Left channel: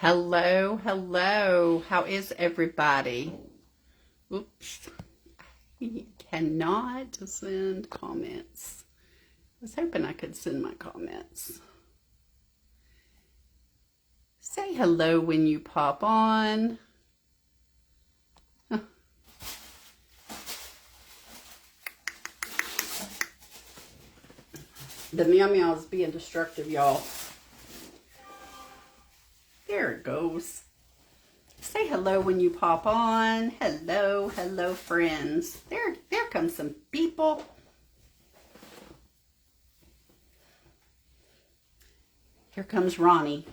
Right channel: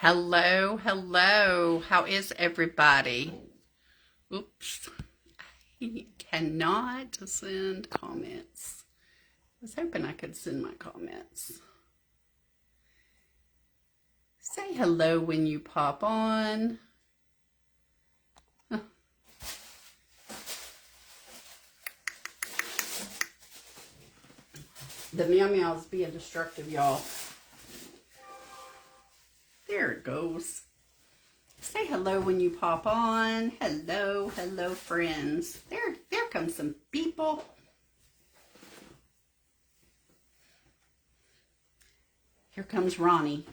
Hello, hello. How is everybody? Oops. I cannot send comments. I was hoping I could send my comments. Say hello when you pop on. The meow meow is being destructive, y'all. There it goes. Say hello when you pop on. Hello, hello, friends. There comes some people. Here comes Ronnie.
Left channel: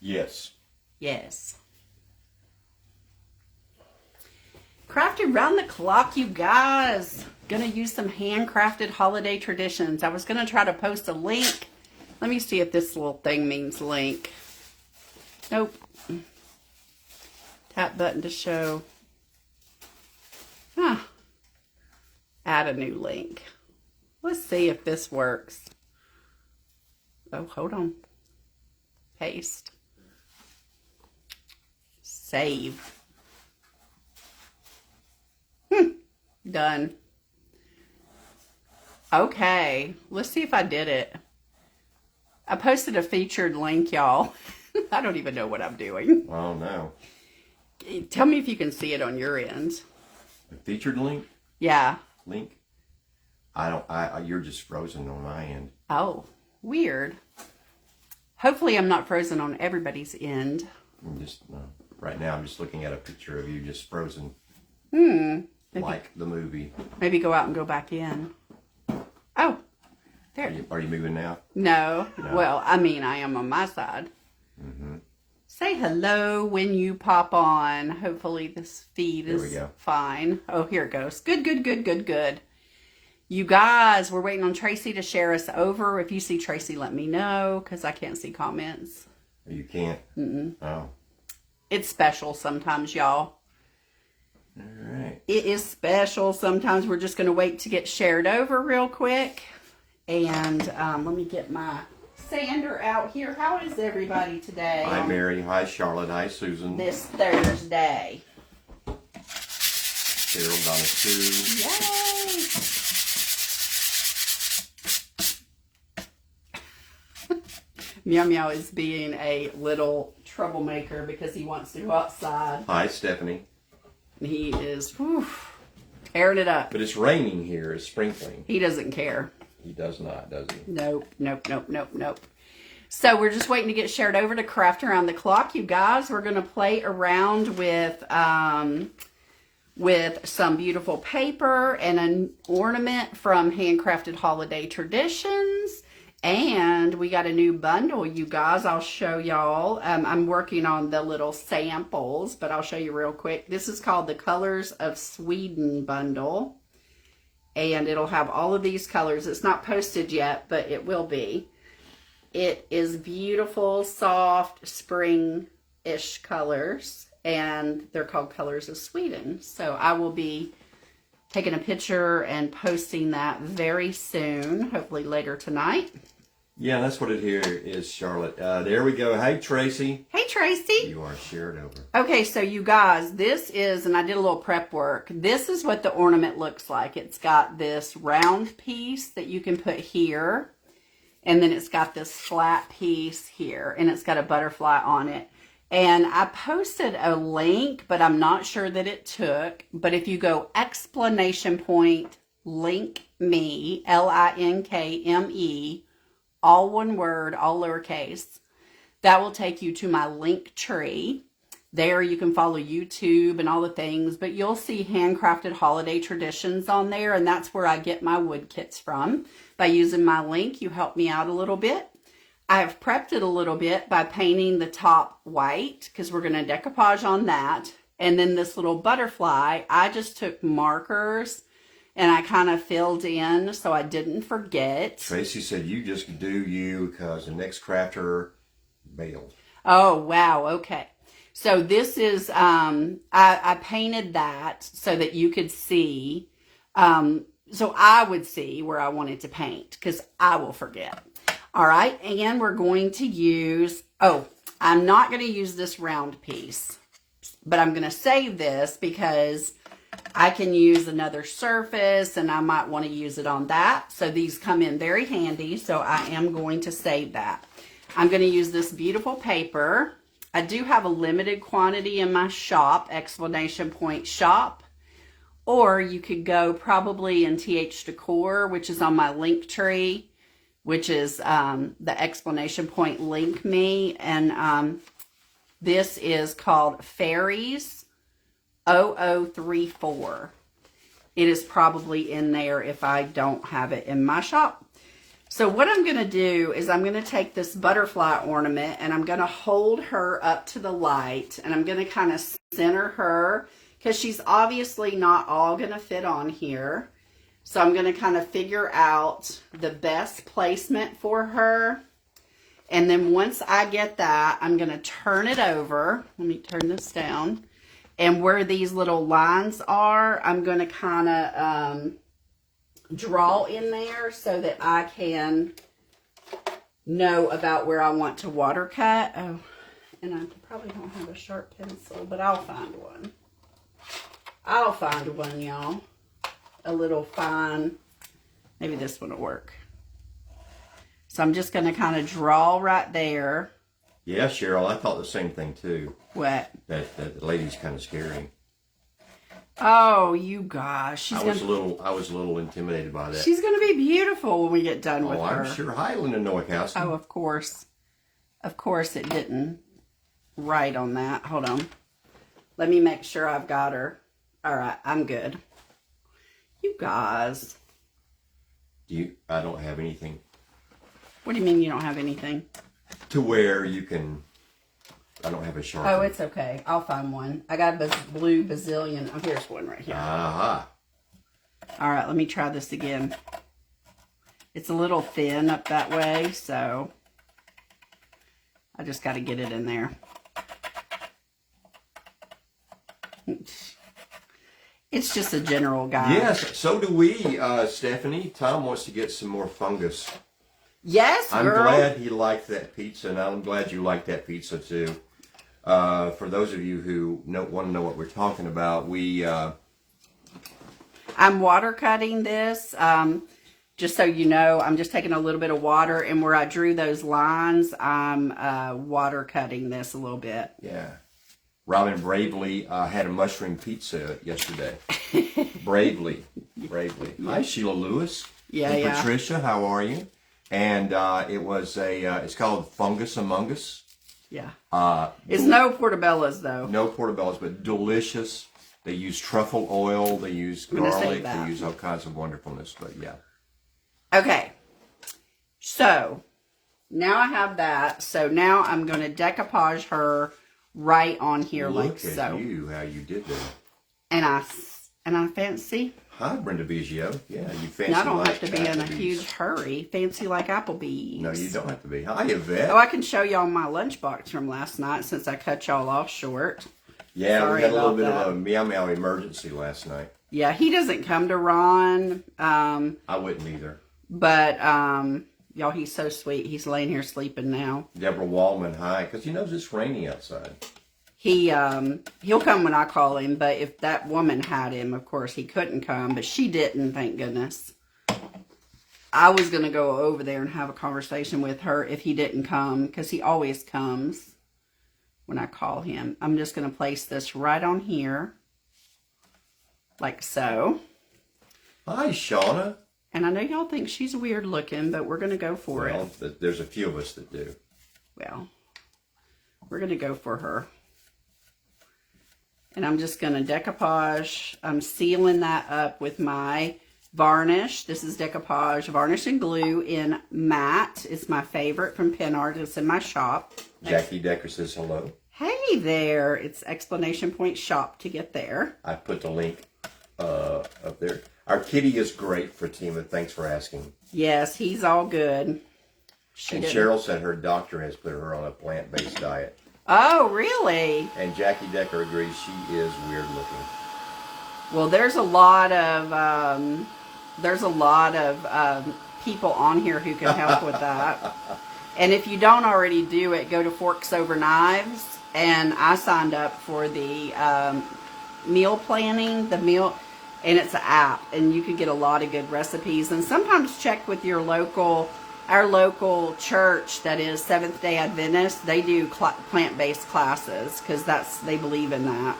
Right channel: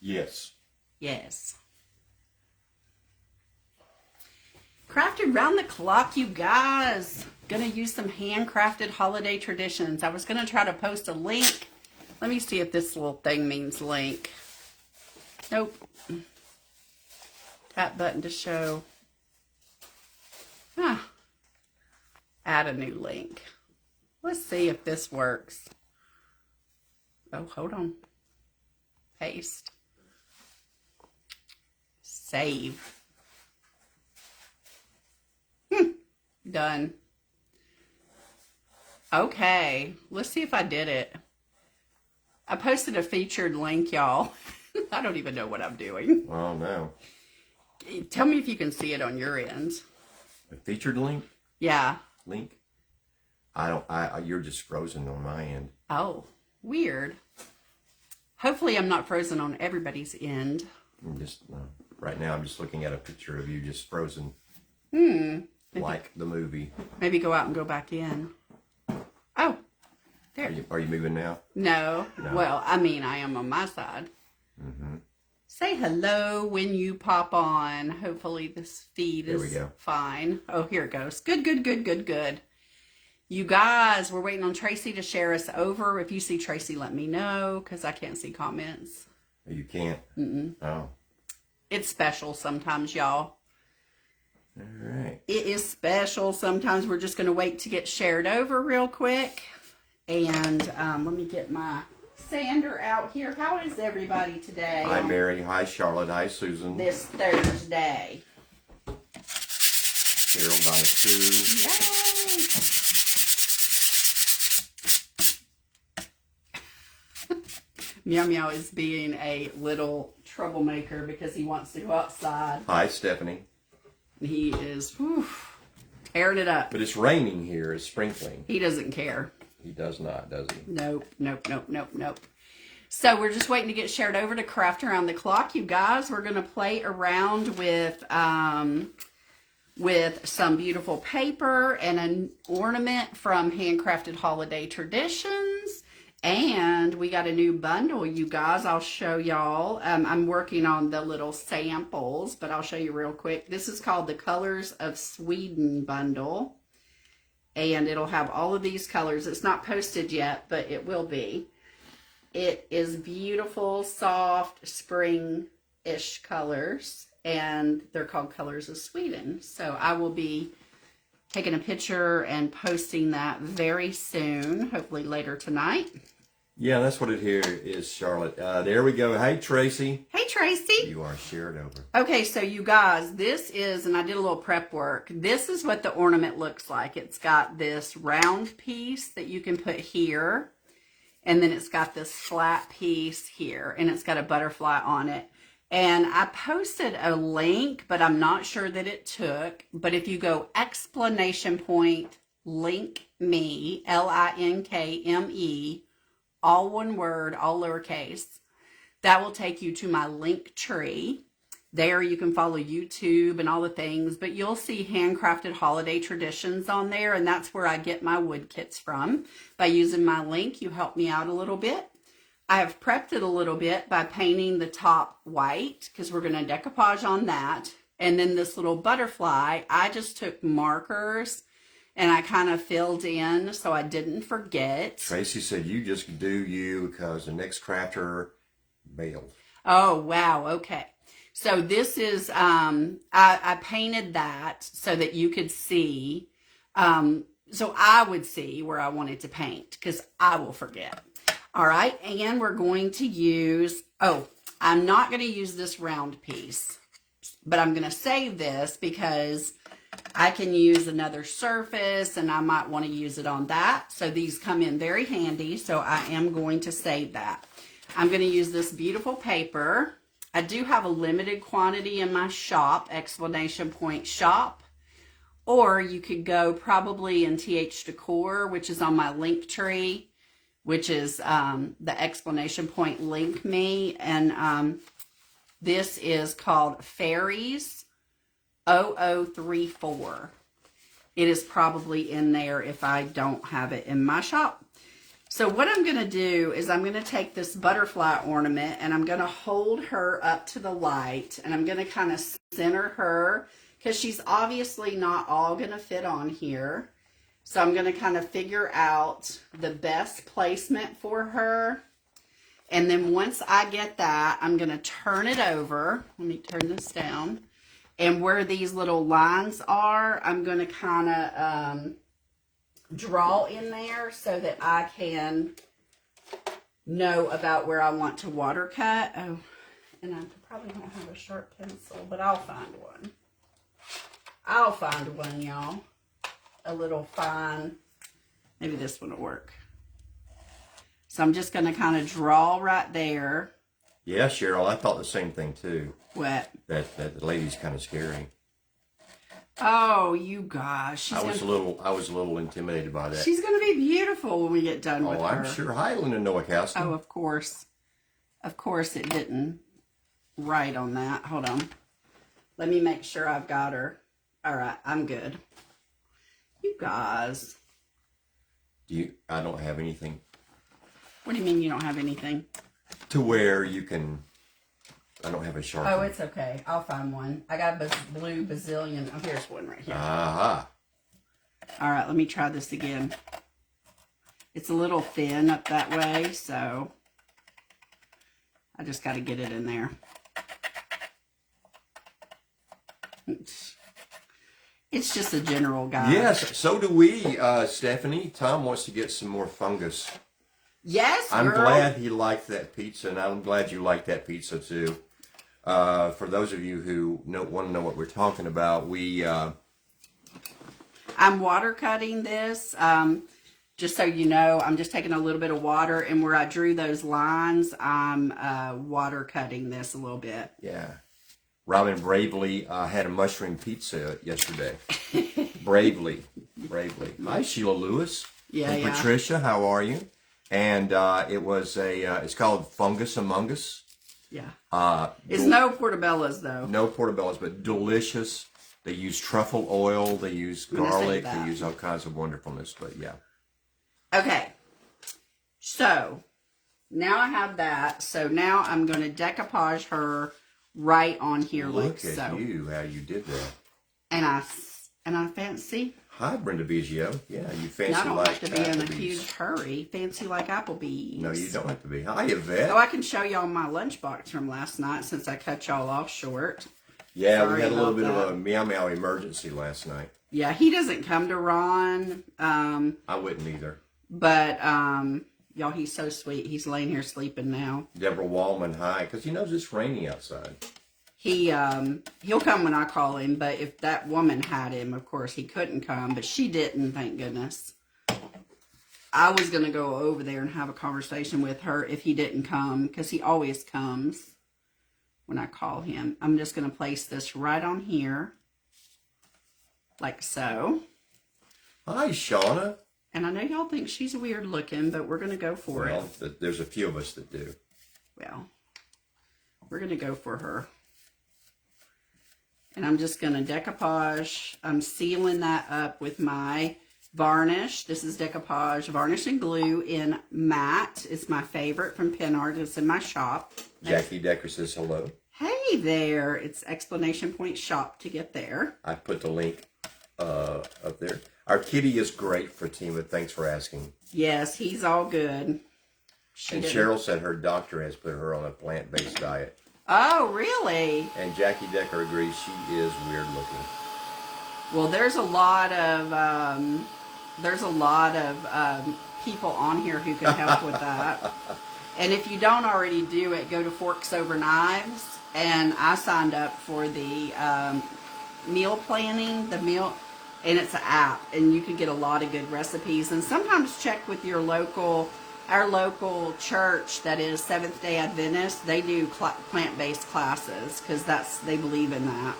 Yes. Yes. Crafted round the clock, you guys. Gonna use some handcrafted holiday traditions. I was gonna try to post a link. Let me see if this little thing means link. Nope. Tap button to show. Add a new link. Let's see if this works. Oh, hold on. Paste. Save. Done. Okay, let's see if I did it. I posted a featured link, y'all. I don't even know what I'm doing. I don't know. Tell me if you can see it on your end. A featured link? Yeah. Link? You're just frozen on my end. Oh, weird. Hopefully I'm not frozen on everybody's end. Right now I'm just looking at a picture of you just frozen. Like the movie. Maybe go out and go back in. Oh, there. Are you moving now? No. Well, I mean, I am on my side. Say hello when you pop on. Hopefully this feed is fine. Oh, here it goes. Good, good, good, good, good. You guys, we're waiting on Tracy to share us over. If you see Tracy, let me know because I can't see comments. You can't? Oh. It's special sometimes, y'all. All right. It is special. Sometimes we're just going to wait to get shared over real quick. And let me get my sander out here. How is everybody today? Hi, Mary. Hi, Charlotte. Hi, Susan. This Thursday. Carol, Donna, Sue. Yay! Meow Meow is being a little troublemaker because he wants to go outside. Hi, Stephanie. He is tearing it up. But it's raining here. It's sprinkling. He doesn't care. He does not, does he? Nope, nope, nope, nope, nope. So we're just waiting to get shared over to Craft Around the Clock, you guys. We're going to play around with some beautiful paper and an ornament from Handcrafted Holiday Traditions. And we got a new bundle, you guys. I'll show y'all. I'm working on the little samples, but I'll show you real quick. This is called the Colors of Sweden bundle. And it'll have all of these colors. It's not posted yet, but it will be. It is beautiful, soft, spring-ish colors. And they're called Colors of Sweden. So I will be taking a picture and posting that very soon, hopefully later tonight. Yeah, that's what it here is, Charlotte. There we go. Hey, Tracy. Hey, Tracy. You are shared over. Okay, so you guys, this is, and I did a little prep work. This is what the ornament looks like. It's got this round piece that you can put here. And then it's got this flat piece here. And it's got a butterfly on it. And I posted a link, but I'm not sure that it took. But if you go ! Link me, LINKME, all one word, all lowercase, that will take you to my link tree. There you can follow YouTube and all the things, but you'll see Handcrafted Holiday Traditions on there, and that's where I get my wood kits from. By using my link, you help me out a little bit. I have prepped it a little bit by painting the top white, because we're going to decoupage on that. And then this little butterfly, I just took markers and I kind of filled in so I didn't forget. Tracy said you just do you because the next crafter bailed. Oh, wow. Okay. So this is, I painted that so that you could see, so I would see where I wanted to paint because I will forget. All right. And we're going to use, I'm not going to use this round piece, but I'm going to save this because I can use another surface and I might want to use it on that. So these come in very handy. So I am going to save that. I'm going to use this beautiful paper. I do have a limited quantity in my shop, exclamation point shop. Or you could go probably in TH Decor, which is on my link tree, which is the exclamation point link me. And this is called Fairies 0034. It is probably in there if I don't have it in my shop. So what I'm going to do is I'm going to take this butterfly ornament and I'm going to hold her up to the light. And I'm going to kind of center her because she's obviously not all going to fit on here. So I'm going to kind of figure out the best placement for her. And then once I get that, I'm going to turn it over. Let me turn this down. And where these little lines are, I'm going to kind of draw in there so that I can know about where I want to water cut. Oh, and I probably don't have a sharp pencil, but I'll find one. I'll find one, y'all. A little fine. Maybe this one will work. So I'm just going to kind of draw right there. Yeah, Cheryl, I thought the same thing too. What? That the lady's kind of scary. Oh, you guys. I was a little intimidated by that. She's going to be beautiful when we get done with her. I'm sure. Hi, Linda Nowakowski. Oh, of course. Of course it didn't write on that. Hold on. Let me make sure I've got her. All right, I'm good. You guys. I don't have anything. What do you mean you don't have anything? To where you can. I don't have a sharp. Oh, it's okay. I'll find one. I got a blue bazillion. Oh, here's one right here. Aha. All right, let me try this again. It's a little thin up that way, so I just got to get it in there. It's just a general guide. Yes, so do we, Stephanie. Tom wants to get some more fungus. Yes, I'm girl. glad he liked that pizza, and I'm glad you liked that pizza too. For those of you who want to know what we're talking about, I'm water cutting this. Just so you know, I'm just taking a little bit of water, and where I drew those lines, I'm water cutting this a little bit. Yeah. Robin bravely had a mushroom pizza yesterday. Bravely. Hi, Sheila Lewis. Yeah, and yeah. Patricia, how are you? And it was it's called Fungus Among Us. Yeah. It's no portobellos, though. No portobellos, but delicious. They use truffle oil. They use garlic. They use all kinds of wonderfulness. But yeah. Okay. So now I have that. So now I'm going to decoupage her right on here. Look like at so. you, how you did that. And I fancy. Hi, Brenda Biggio. Yeah, you fancy And I don't like have to be in a Applebee's. huge hurry. Fancy like Applebee's. No, you don't have to be. Hi, Yvette. Oh, I can show y'all my lunchbox from last night since I cut y'all off short. Yeah, Sorry we had a little bit about of a meow meow emergency last night. Yeah, he doesn't come to Ron. I wouldn't either. But y'all, he's so sweet. He's laying here sleeping now. Deborah Wallman, hi, because he knows it's rainy outside. He'll come when I call him, but if that woman had him, of course, he couldn't come, but she didn't, thank goodness. I was going to go over there and have a conversation with her if he didn't come, because he always comes when I call him. I'm just going to place this right on here, like so. Hi, Shauna. And I know y'all think she's weird looking, but we're going to go for it. Well, there's a few of us that do. Well, we're going to go for her. And I'm just going to decoupage. I'm sealing that up with my varnish. This is decoupage varnish and glue in matte. It's my favorite from Pen Art. It's in my shop. Jackie Decker says hello. Hey there. It's exclamation point shop to get there. I put the link up there. Our kitty is great, Fatima. Thanks for asking. Yes, he's all good. And Cheryl said her doctor has put her on a plant-based diet. Oh, really? And Jackie Decker agrees she is weird looking. Well, there's a lot of people on here who can help with that. And if you don't already do it, go to Forks Over Knives. And I signed up for the meal planning, and it's an app. And you can get a lot of good recipes. And sometimes check with your our local church that is Seventh-day Adventist. They do plant-based classes because they believe in that.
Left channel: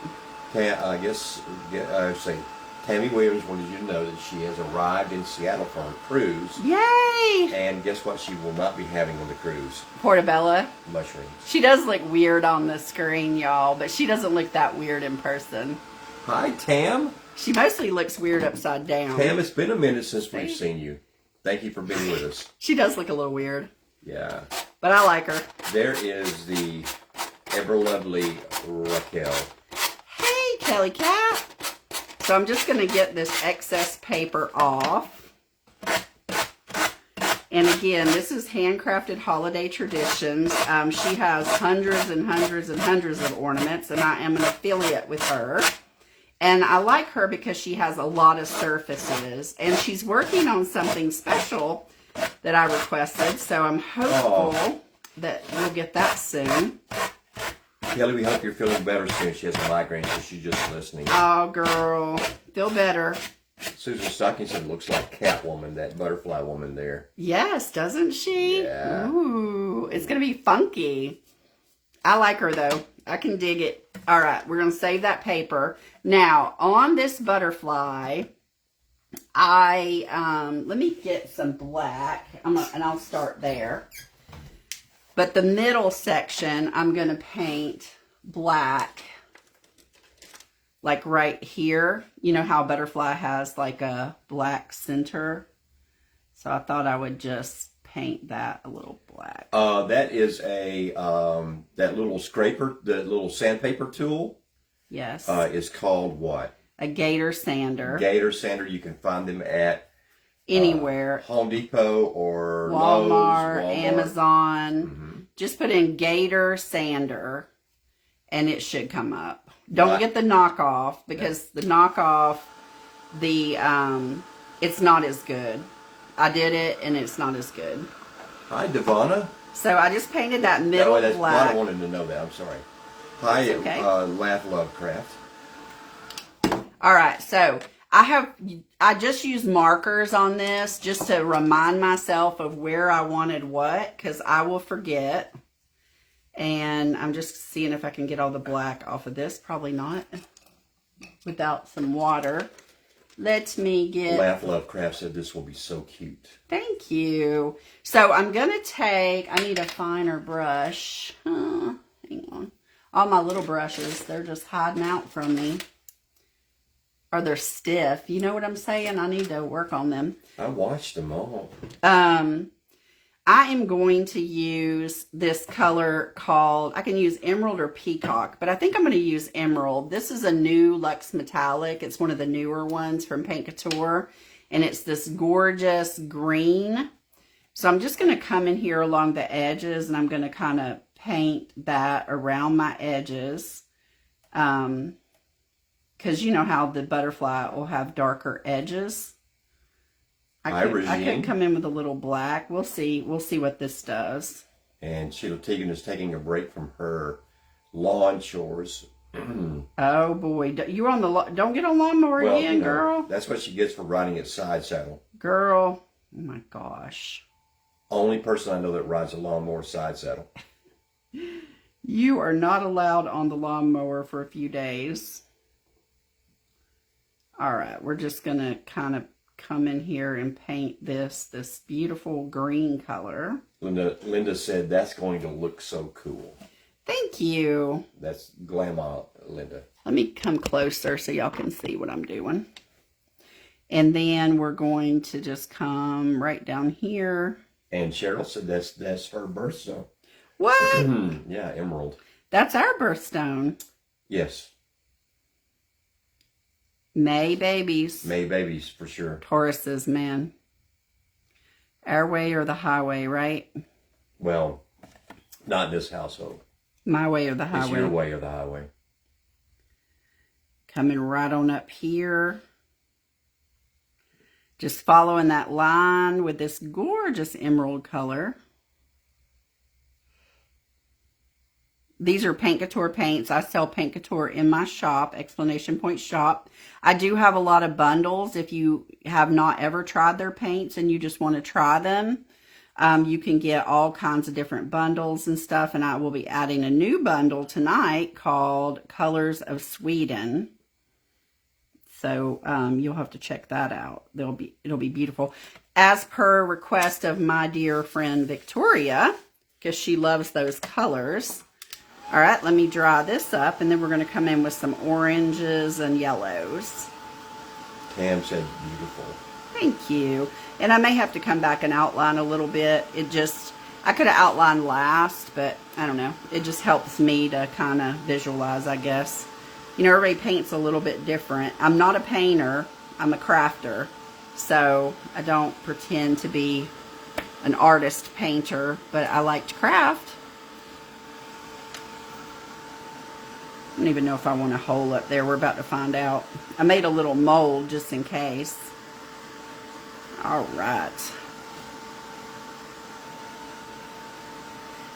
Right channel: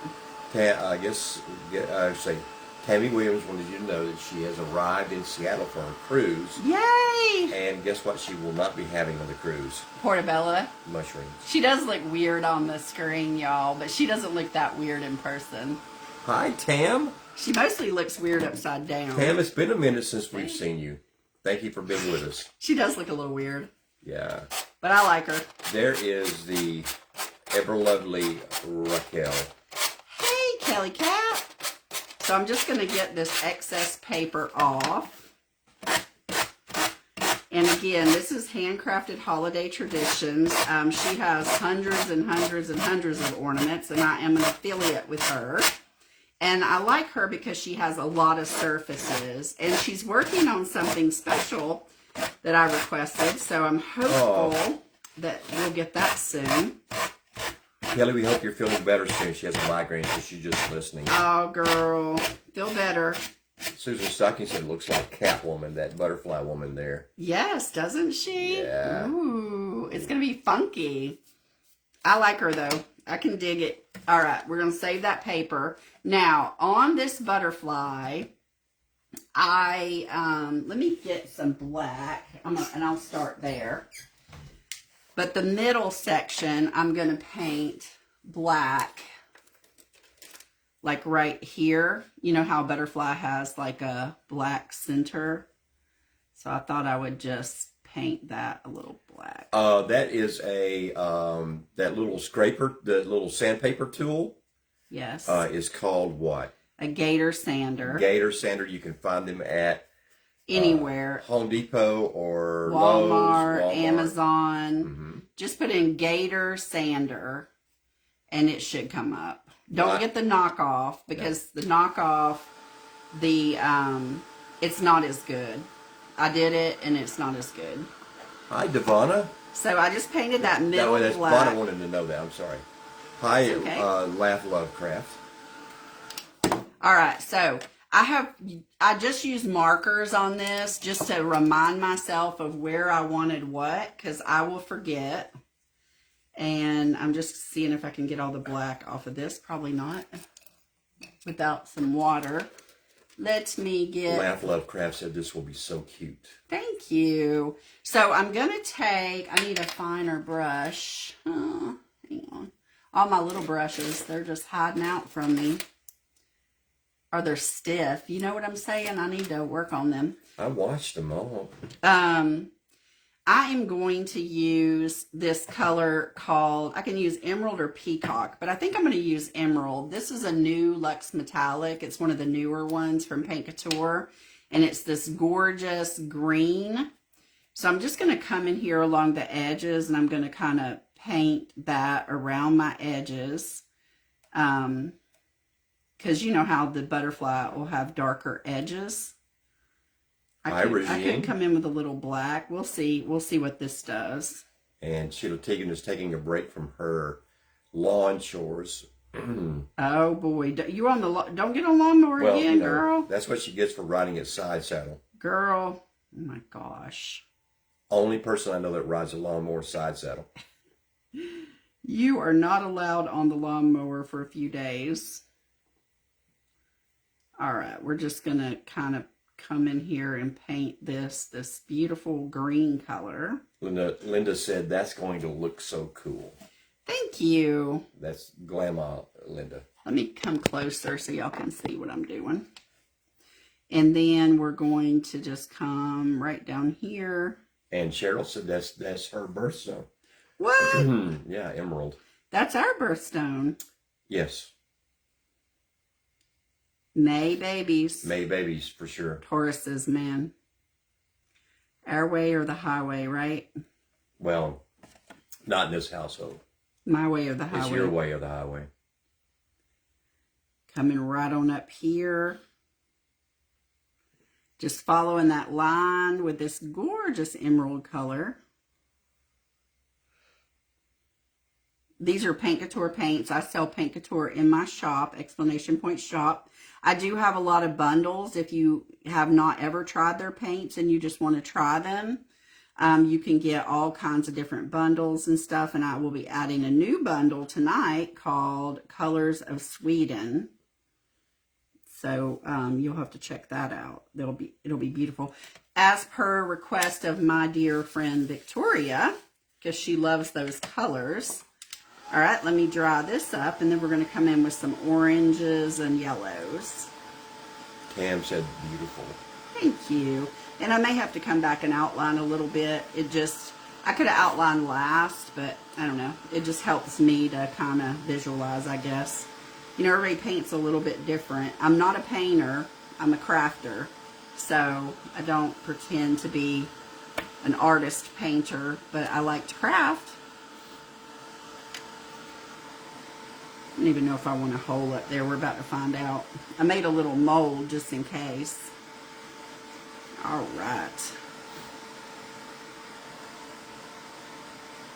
I guess I would say Tammy Williams wanted you to know that she has arrived in Seattle for a cruise. Yay! And guess what she will not be having on the cruise? Portobello. Mushrooms. She does look weird on the screen, y'all, but she doesn't look that weird in person. Hi, Tam. She mostly looks weird upside down. Tam, it's been a minute since we've seen you. Thank you for being with us. She does look a little weird. Yeah. But I like her. There is the ever lovely Raquel. Hey, Kelly Cat. So I'm just going to get this excess paper off. And again, this is Handcrafted Holiday Traditions. She has hundreds and hundreds and hundreds of ornaments, and I am an affiliate with her. And I like her because she has a lot of surfaces. And she's working on something special that I requested. So I'm hopeful that we'll get that soon. Kelly, we hope you're feeling better soon. She has a migraine, so she's just listening. Oh, girl. Feel better. Susan Stockinson looks like Catwoman, that butterfly woman there. Yes, doesn't she? Yeah. Ooh, it's going to be funky. I like her, though. I can dig it. All right, we're going to save that paper. Now, on this butterfly, let me get some black, and I'll start there. But the middle section, I'm going to paint black, like right here. You know how a butterfly has like a black center? So I thought I would just paint that a little black. That is that little scraper, the little sandpaper tool. Yes. Is called what? A gator sander. Gator sander. You can find them at anywhere. Home Depot or Walmart, Lowe's, Amazon. Mm-hmm. Just put in gator sander and it should come up. Don't get the knockoff because the knockoff, it's not as good. I did it and it's not as good. Hi, Devonna. So I just painted that middle black. I wanted to know that. I'm sorry. Hi, okay. Laugh Love Craft. All right, so I just used markers on this just to remind myself of where I wanted what, because I will forget. And I'm just seeing if I can get all the black off of this. Probably not. Without some water. Let me get... Laugh Love Craft said this will be so cute. Thank you. So I'm going to take... I need a finer brush. Hang on. All my little brushes, they're just hiding out from me. Or they're stiff. You know what I'm saying? I need to work on them. I watched them all. I am going to use this color called, I can use emerald or peacock, but I think I'm going to use emerald. This is a new Luxe Metallic. It's one of the newer ones from Paint Couture, and it's this gorgeous green. So I'm just going to come in here along the edges, and I'm going to kind of paint that around my edges. Because you know how the butterfly will have darker edges. I could come in with a little black. We'll see. We'll see what this does. And Sheila Teagan is taking a break from her lawn chores. Oh boy, you're on the don't get on lawnmower again, girl. That's what she gets for riding a side saddle. Girl, oh my gosh. Only person I know that rides a lawnmower side saddle. You are not allowed on the lawnmower for a few days. All right, we're just gonna kind of come in here and paint this beautiful green color. Linda said that's going to look so cool. Thank you. That's glamour, Linda. Let me come closer so y'all can see what I'm doing. And then we're going to just come right down here. And Cheryl said that's her birthstone. What? Yeah, emerald. That's our birthstone. Yes. May babies. May babies, for sure. Tauruses, man. Our way or the highway, right? Well, not in this household. My way or the highway. It's your way or the highway. Coming right on up here. Just following that line with this gorgeous emerald color. these are Paint Couture paints. I sell Paint Couture in my shop, Explanation Point Shop. I do have a lot of bundles. If you have not ever tried their paints and you just want to try them, you can get all kinds of different bundles and stuff. And I will be adding a new bundle tonight called Colors of Sweden. So you'll have to check that out. It'll be beautiful. As per request of my dear friend Victoria, because she loves those colors. All right, let me dry this up, and then we're going to come in with some oranges and yellows. Tam said beautiful. Thank you. And I may have to come back and outline a little bit. I could have outlined last, but I don't know. It just helps me to kind of visualize, I guess. You know, everybody paints a little bit different. I'm not a painter. I'm a crafter. So I don't pretend to be an artist painter, but I like to craft. I don't even know if I want a hole up there. We're about to find out. I made a little mold just in case. All right.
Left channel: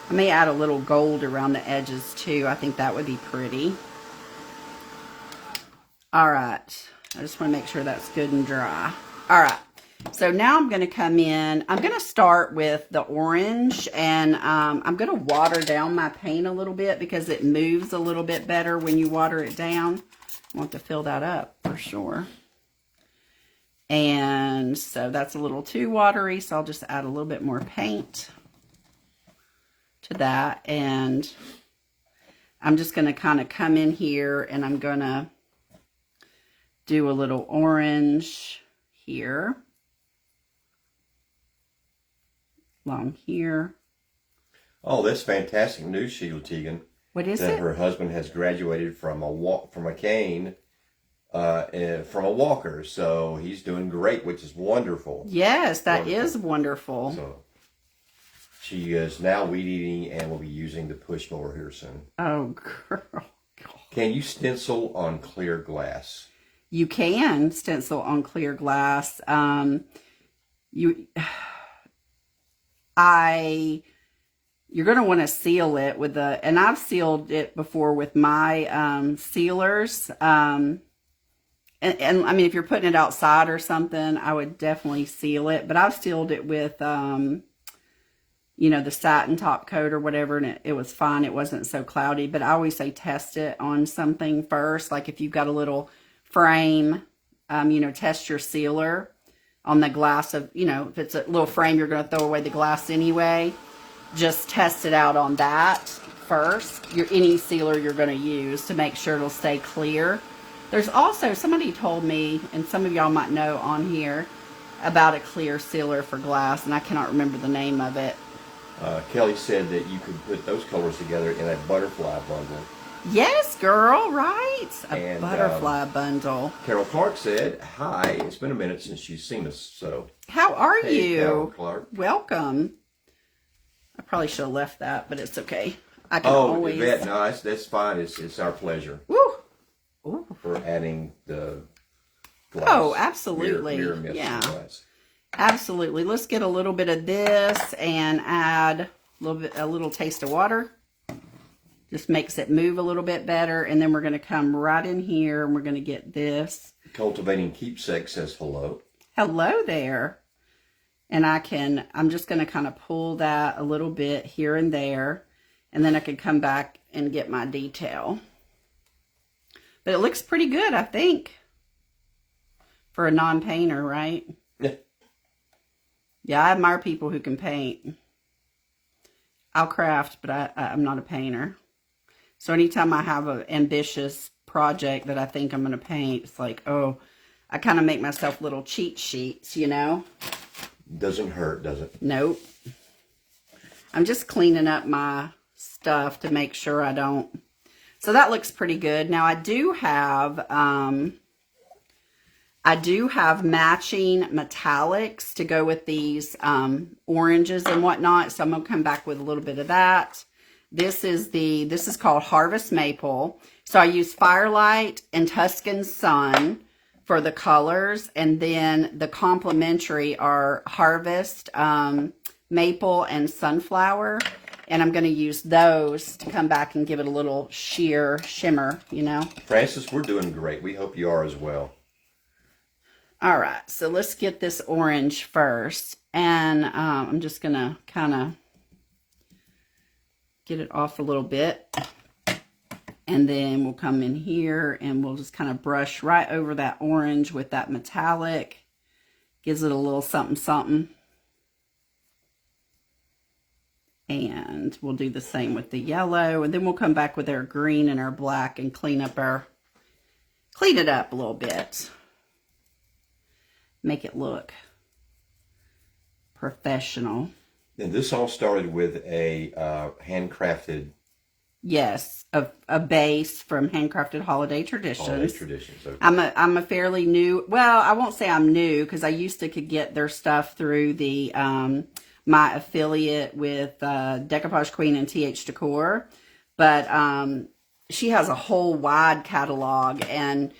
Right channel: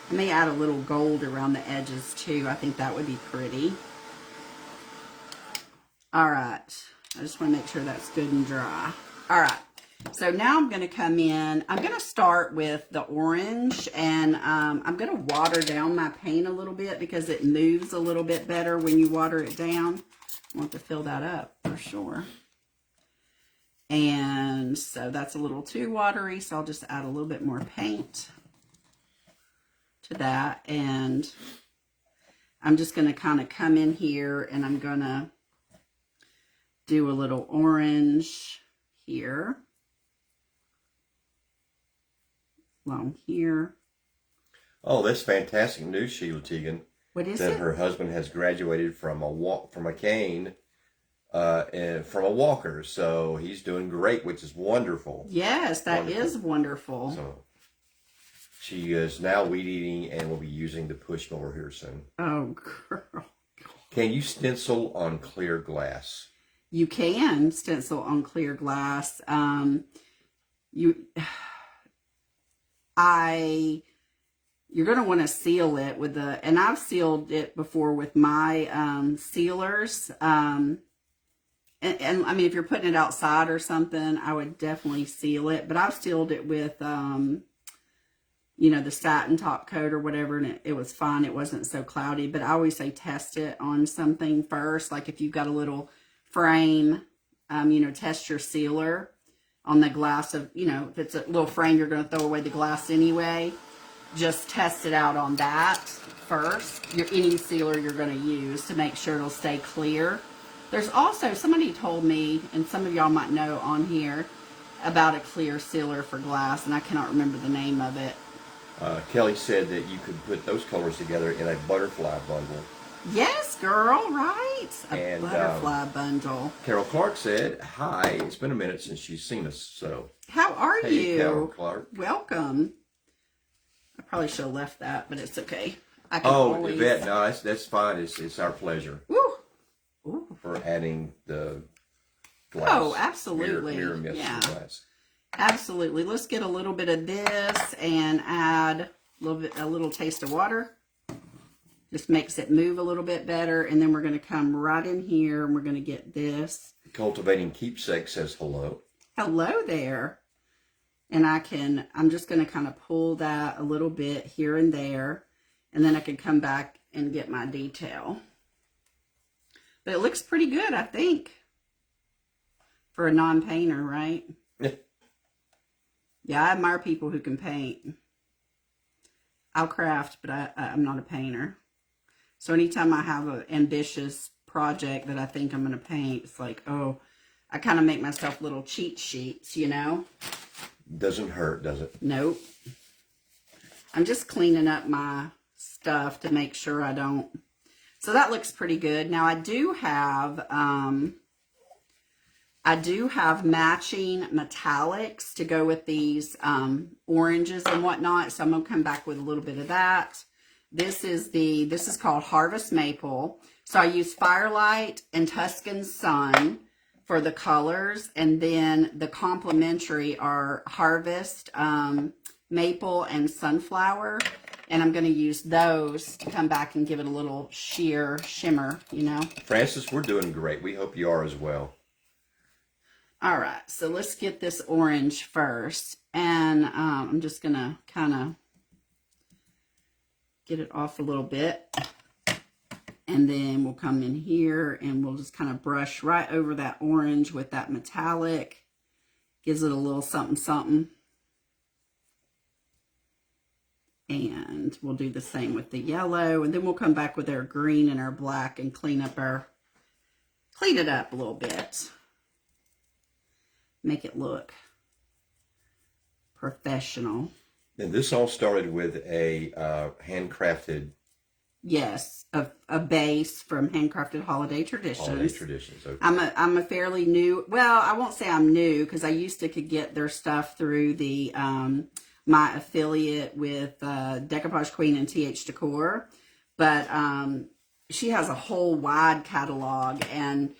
I may add a little gold around the edges too. I think that would be pretty. All right. I just want to make sure that's good and dry. All right. So now I'm going to come in. I'm going to start with the orange, and I'm going to water down my paint a little bit because it moves a little bit better when you water it down. I want to fill that up for sure. And so that's a little too watery, so I'll just add a little bit more paint to that. And I'm just going to kind of come in here, and I'm going to do a little orange here. Along here. Oh, that's fantastic news, Sheila Teagan. What is that it? Her husband has graduated from a cane, and from a walker, so he's doing great, which is wonderful. Yes, that is wonderful. So she is now weed eating and will be using the push mower here soon. Oh, girl. Can you stencil on clear glass? You can stencil on clear glass. You're going to want to seal it with and I've sealed it before with my sealers. And I mean, if you're putting it outside or something, I would definitely seal it. But I've sealed it with, you know, the satin top coat or whatever, and it was fine. It wasn't so cloudy. But I always say test it on something first. Like if you've got a little frame, you know, test your sealer on the glass of, you know, if it's a little frame, you're going to throw away the glass anyway. Just test it out on that first. Any sealer you're going to use to make sure it'll stay clear. There's also, somebody told me, and some of y'all might know on here, about a clear sealer for glass, and I cannot remember the name of it. Kelly said that you could put those colors together in a butterfly bundle. Yes, girl, right? A butterfly bundle. Carol Clark said, hi, it's been a minute since she's seen us, so. How are Hey, you? Carol Clark. Welcome. I probably should have left that, but it's okay. I can Oh, always... Yvette, no, that's fine. It's our pleasure. Woo. Ooh. For adding the glass. Oh, absolutely. Mirror mist yeah. glass. Absolutely. Let's get a little bit of this and add a little taste of water. Just makes it move a little bit better. And then we're going to come right in here and we're going to get this. Cultivating Keepsake says hello. Hello there. And I'm just going to kind of pull that a little bit here and there. And then I can come back and get my detail. But it looks pretty good, I think. For a non-painter, right? Yeah. Yeah, I admire people who can paint. I'll craft, but I'm not a painter. So anytime I have an ambitious project that I think I'm going to paint, it's like, oh, I kind of make myself little cheat sheets, you know? Doesn't hurt, does it? Nope. I'm just cleaning up my stuff to make sure I don't. So that looks pretty good. Now I do have matching metallics to go with these oranges and whatnot. So I'm gonna come back with a little bit of that. This is called Harvest Maple. So I use Firelight and Tuscan Sun for the colors, and then the complementary are Harvest Maple and Sunflower. And I'm going to use those to come back and give it a little sheer shimmer, you know. Francis, we're doing great. We hope you are as well. All right, so let's get this orange first. And I'm just going to kind of get it off a little bit. And then we'll come in here and we'll just kind of brush right over that orange with that metallic. Gives it a little something, something. And we'll do the same with the yellow. And then we'll come back with our green and our black and clean it up a little bit. Make it look professional. And this all started with a handcrafted. Yes, a base from Handcrafted Holiday Traditions. Holiday Traditions. Okay. I'm a fairly new. Well, I won't say I'm new because I used to could get their stuff through the my affiliate with Decoupage Queen and TH Decor, but she has a whole wide catalog, and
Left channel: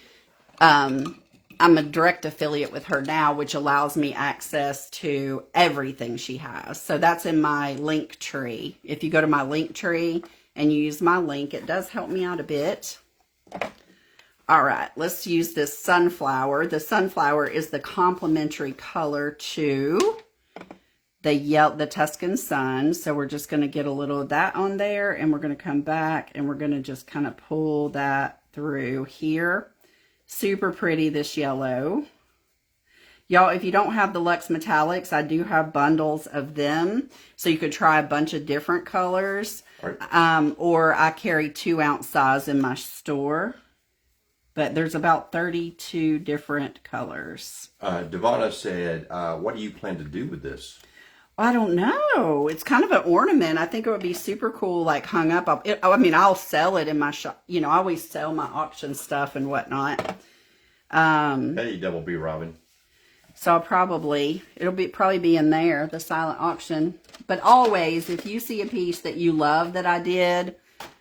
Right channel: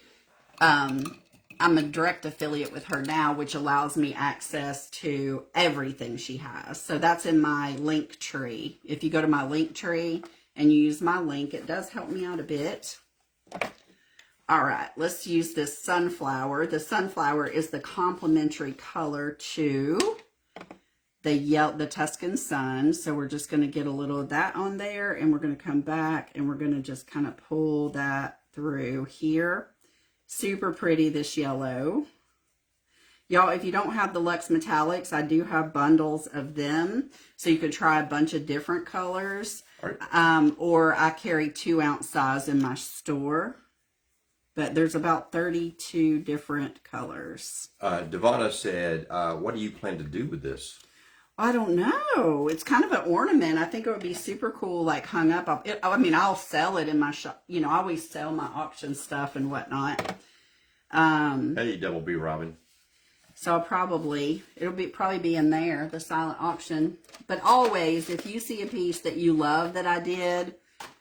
I'm a direct affiliate with her now, which allows me access to everything she has. So that's in my link tree. If you go to my link tree and use my link, it does help me out a bit. All right, let's use this sunflower. The sunflower is the complementary color to the Tuscan Sun. So we're just going to get a little of that on there, and we're going to come back and we're going to just kind of pull that through here. Super pretty, this yellow. Y'all, if you don't have the Luxe Metallics, I do have bundles of them. So you could try a bunch of different colors. Right. Or I carry 2-ounce size in my store. But there's about 32 different colors. Devonna said, what do you plan to do with this? I don't know. It's kind of an ornament. I think it would be super cool, like hung up. I'll sell it in my shop. You know, I always sell my auction stuff and whatnot. Hey, Double B Robin. So it'll probably be in there, the silent auction. But always, if you see a piece that you love that I did,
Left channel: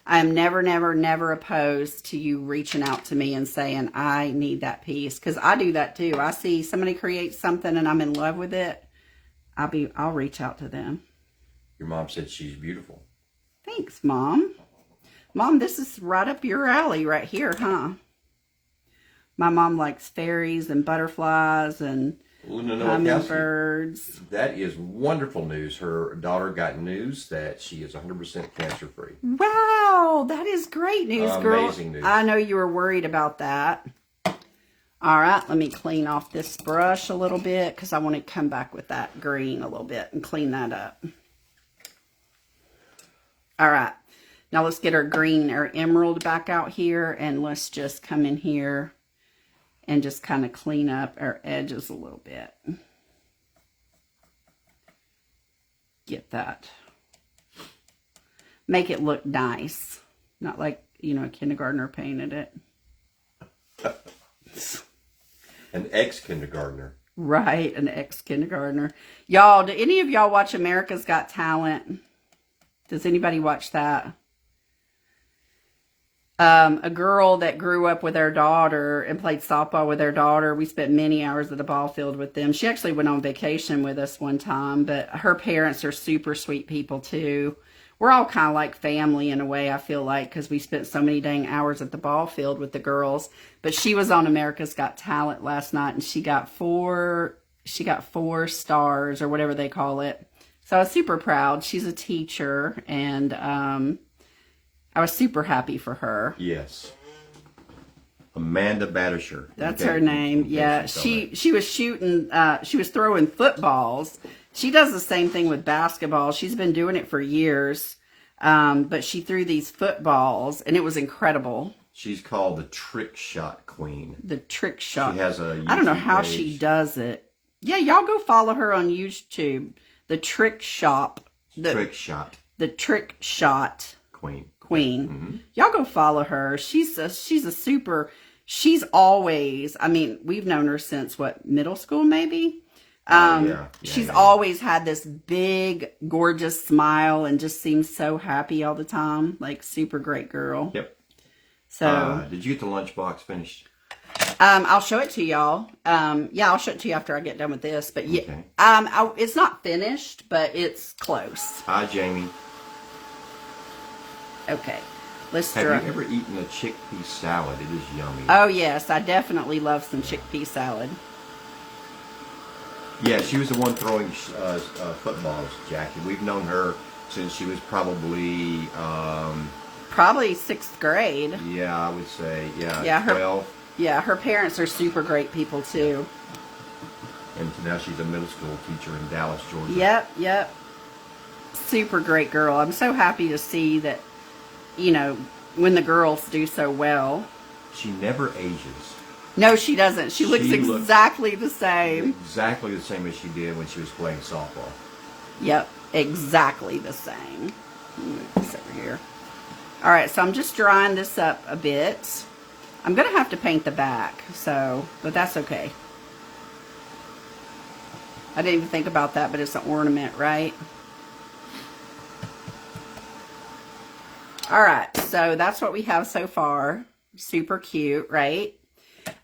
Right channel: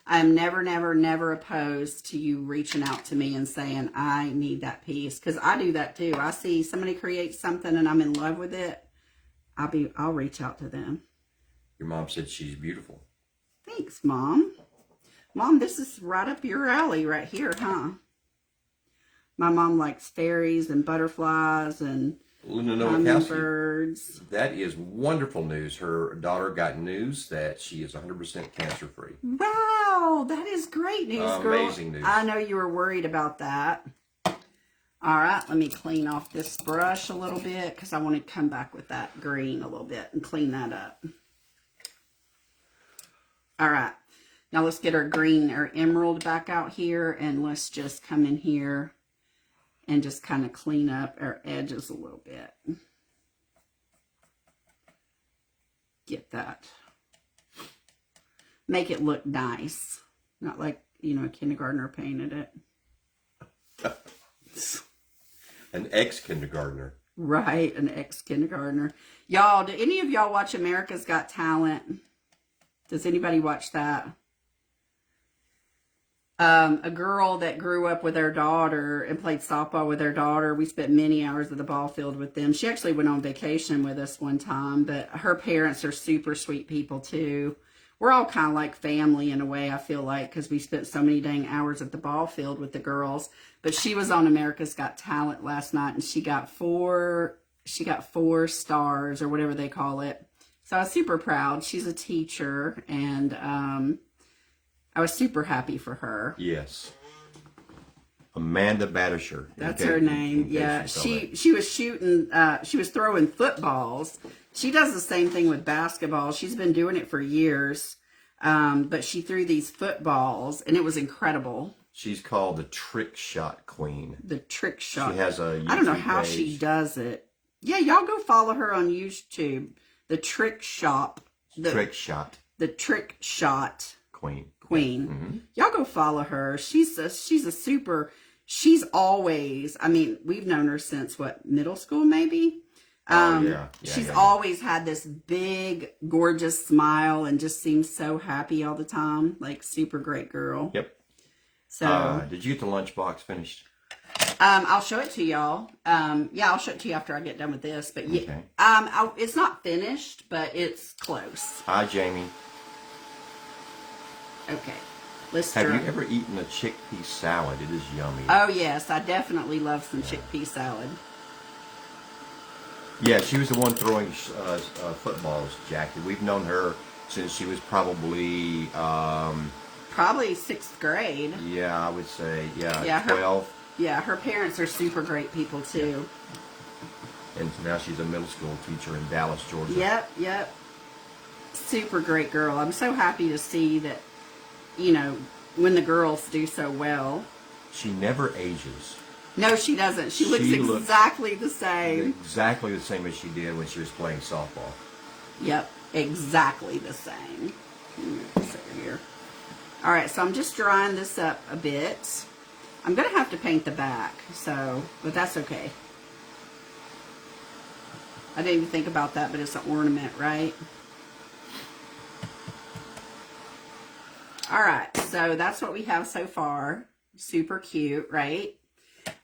I'm never opposed to you reaching out to me and saying, I need that piece. Because I do that too. I see somebody create something and I'm in love with it. I'll reach out to them. Your mom said she's beautiful. Thanks, Mom. Mom, this is right up your alley right here, huh? My mom likes fairies and butterflies and hummingbirds. That is wonderful news. Her daughter got news that she is 100% cancer-free. Wow, that is great news, girl. Amazing news. I know you were worried about that. All right, let me clean off this brush a little bit because I want to come back with that green a little bit and clean that up. All right, now let's get our green, our emerald back out here, and let's just come in here and just kind of clean up our edges a little bit. Get that. Make it look nice. Not like, you know, a kindergartner painted it. An ex-kindergartner. Right, an ex-kindergartner. Y'all, do any of y'all watch America's Got Talent? Does anybody watch that? A girl that grew up with her daughter and played softball with her daughter. We spent many hours at the ball field with them. She actually went on vacation with us one time, but her parents are super sweet people too. We're all kind of like family in a way, I feel like, because we spent so many dang hours at the ball field with the girls. But she was on America's Got Talent last night, and she got four stars or whatever they call it. So I was super proud. She's a teacher, and I was super happy for her. Yes. Amanda Battersher. That's her name. Yeah, she was shooting. She was throwing footballs. She does the same thing with basketball. She's been doing it for years. But she threw these footballs, and it was incredible. She's called the Trick Shot Queen. The Trick Shot. She has a YouTube I don't know how page. she does it. Yeah, y'all go follow her on YouTube. The Trick Shop. Trick Shot. The Trick Shot Queen. Mm-hmm. Y'all go follow her. She's always, I mean, we've known her since what, middle school maybe? She's always had this big, gorgeous smile and just seems so happy all the time. Like, super great girl. Yep. So, did you get the lunchbox finished? I'll show it to y'all. Yeah, I'll show it to you after I get done with this. But yeah, okay. it's not finished, but it's close. Hi, Jamie. Okay. Let's Have try. you ever eaten a chickpea salad? It is yummy. Oh, yes. I definitely love some chickpea salad. Yeah, she was the one throwing footballs, Jackie. We've known her since she was probably, Probably 6th grade. yeah, I would say, Yeah, 12. Her parents are super great people, too. And now she's a middle school teacher in Dallas, Georgia. Yep. Super great girl. I'm so happy to see that, when the girls do so well. She never ages. No, she doesn't. She looks She exactly the same. Exactly the same as she did when she was playing softball. Yep, exactly the same. This over here. All right, so I'm just drying this up a bit. I'm going to have to paint the back, but that's okay. I didn't even think about that, but it's an ornament, right? All right, so that's what we have so far. Super cute, right?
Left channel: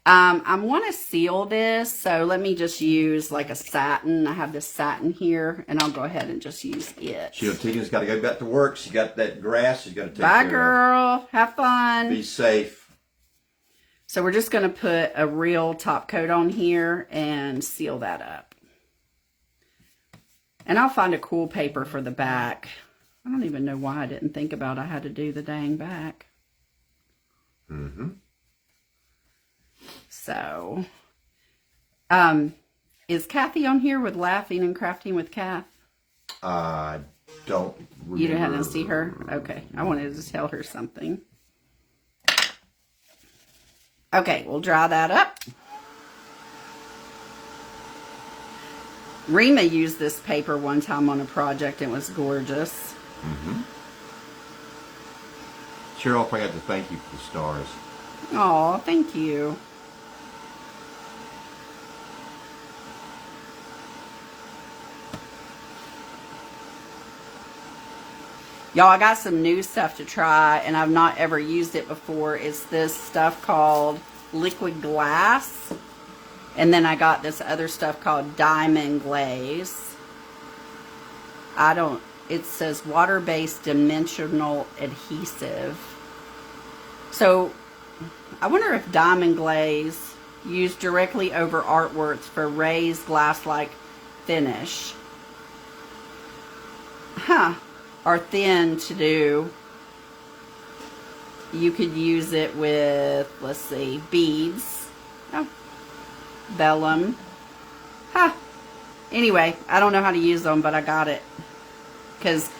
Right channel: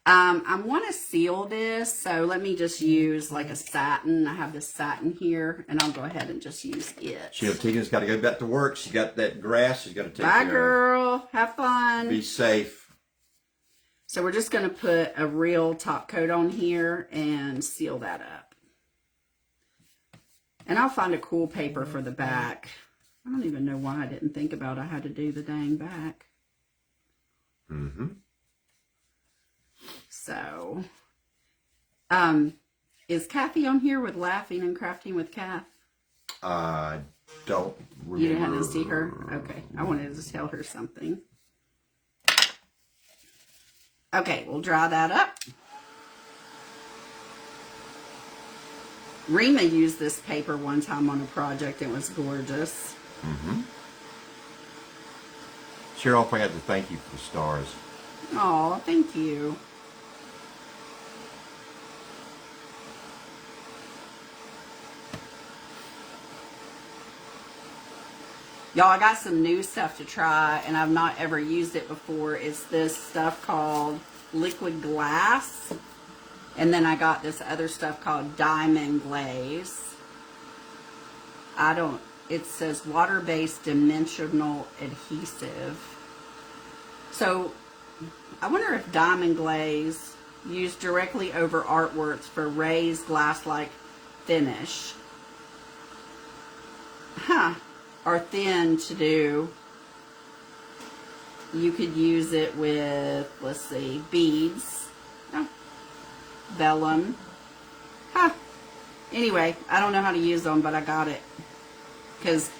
I want to seal this, so let me just use like a satin. I have this satin here, and I'll go ahead and just use it. Sheila Tegan's got to go back to work. She got that grass she's going to take Bye, care girl. Have fun. of. Be safe. So we're just going to put a real top coat on here and seal that up. And I'll find a cool paper for the back. I don't even know why I didn't think about I had to do the dang back. Mm-hmm. So, is Kathy on here with Laughing and Crafting with Kath? Don't remember. You didn't see her? Okay. I wanted to tell her something. Okay, we'll dry that up. Rima used this paper one time on a project. It was gorgeous. Mm-hmm. Cheryl, I forgot to thank you for the stars. Oh, thank you. Y'all, I got some new stuff to try, and I've not ever used it before. It's this stuff called liquid glass. And then I got this other stuff called diamond glaze. It says water-based dimensional adhesive. So, I wonder if diamond glaze used directly over artworks for raised glass-like finish. Huh. Are thin to do. You could use it with, let's see, beads. Oh, vellum. Huh. Anyway, I don't know how to use them, but I got it. Because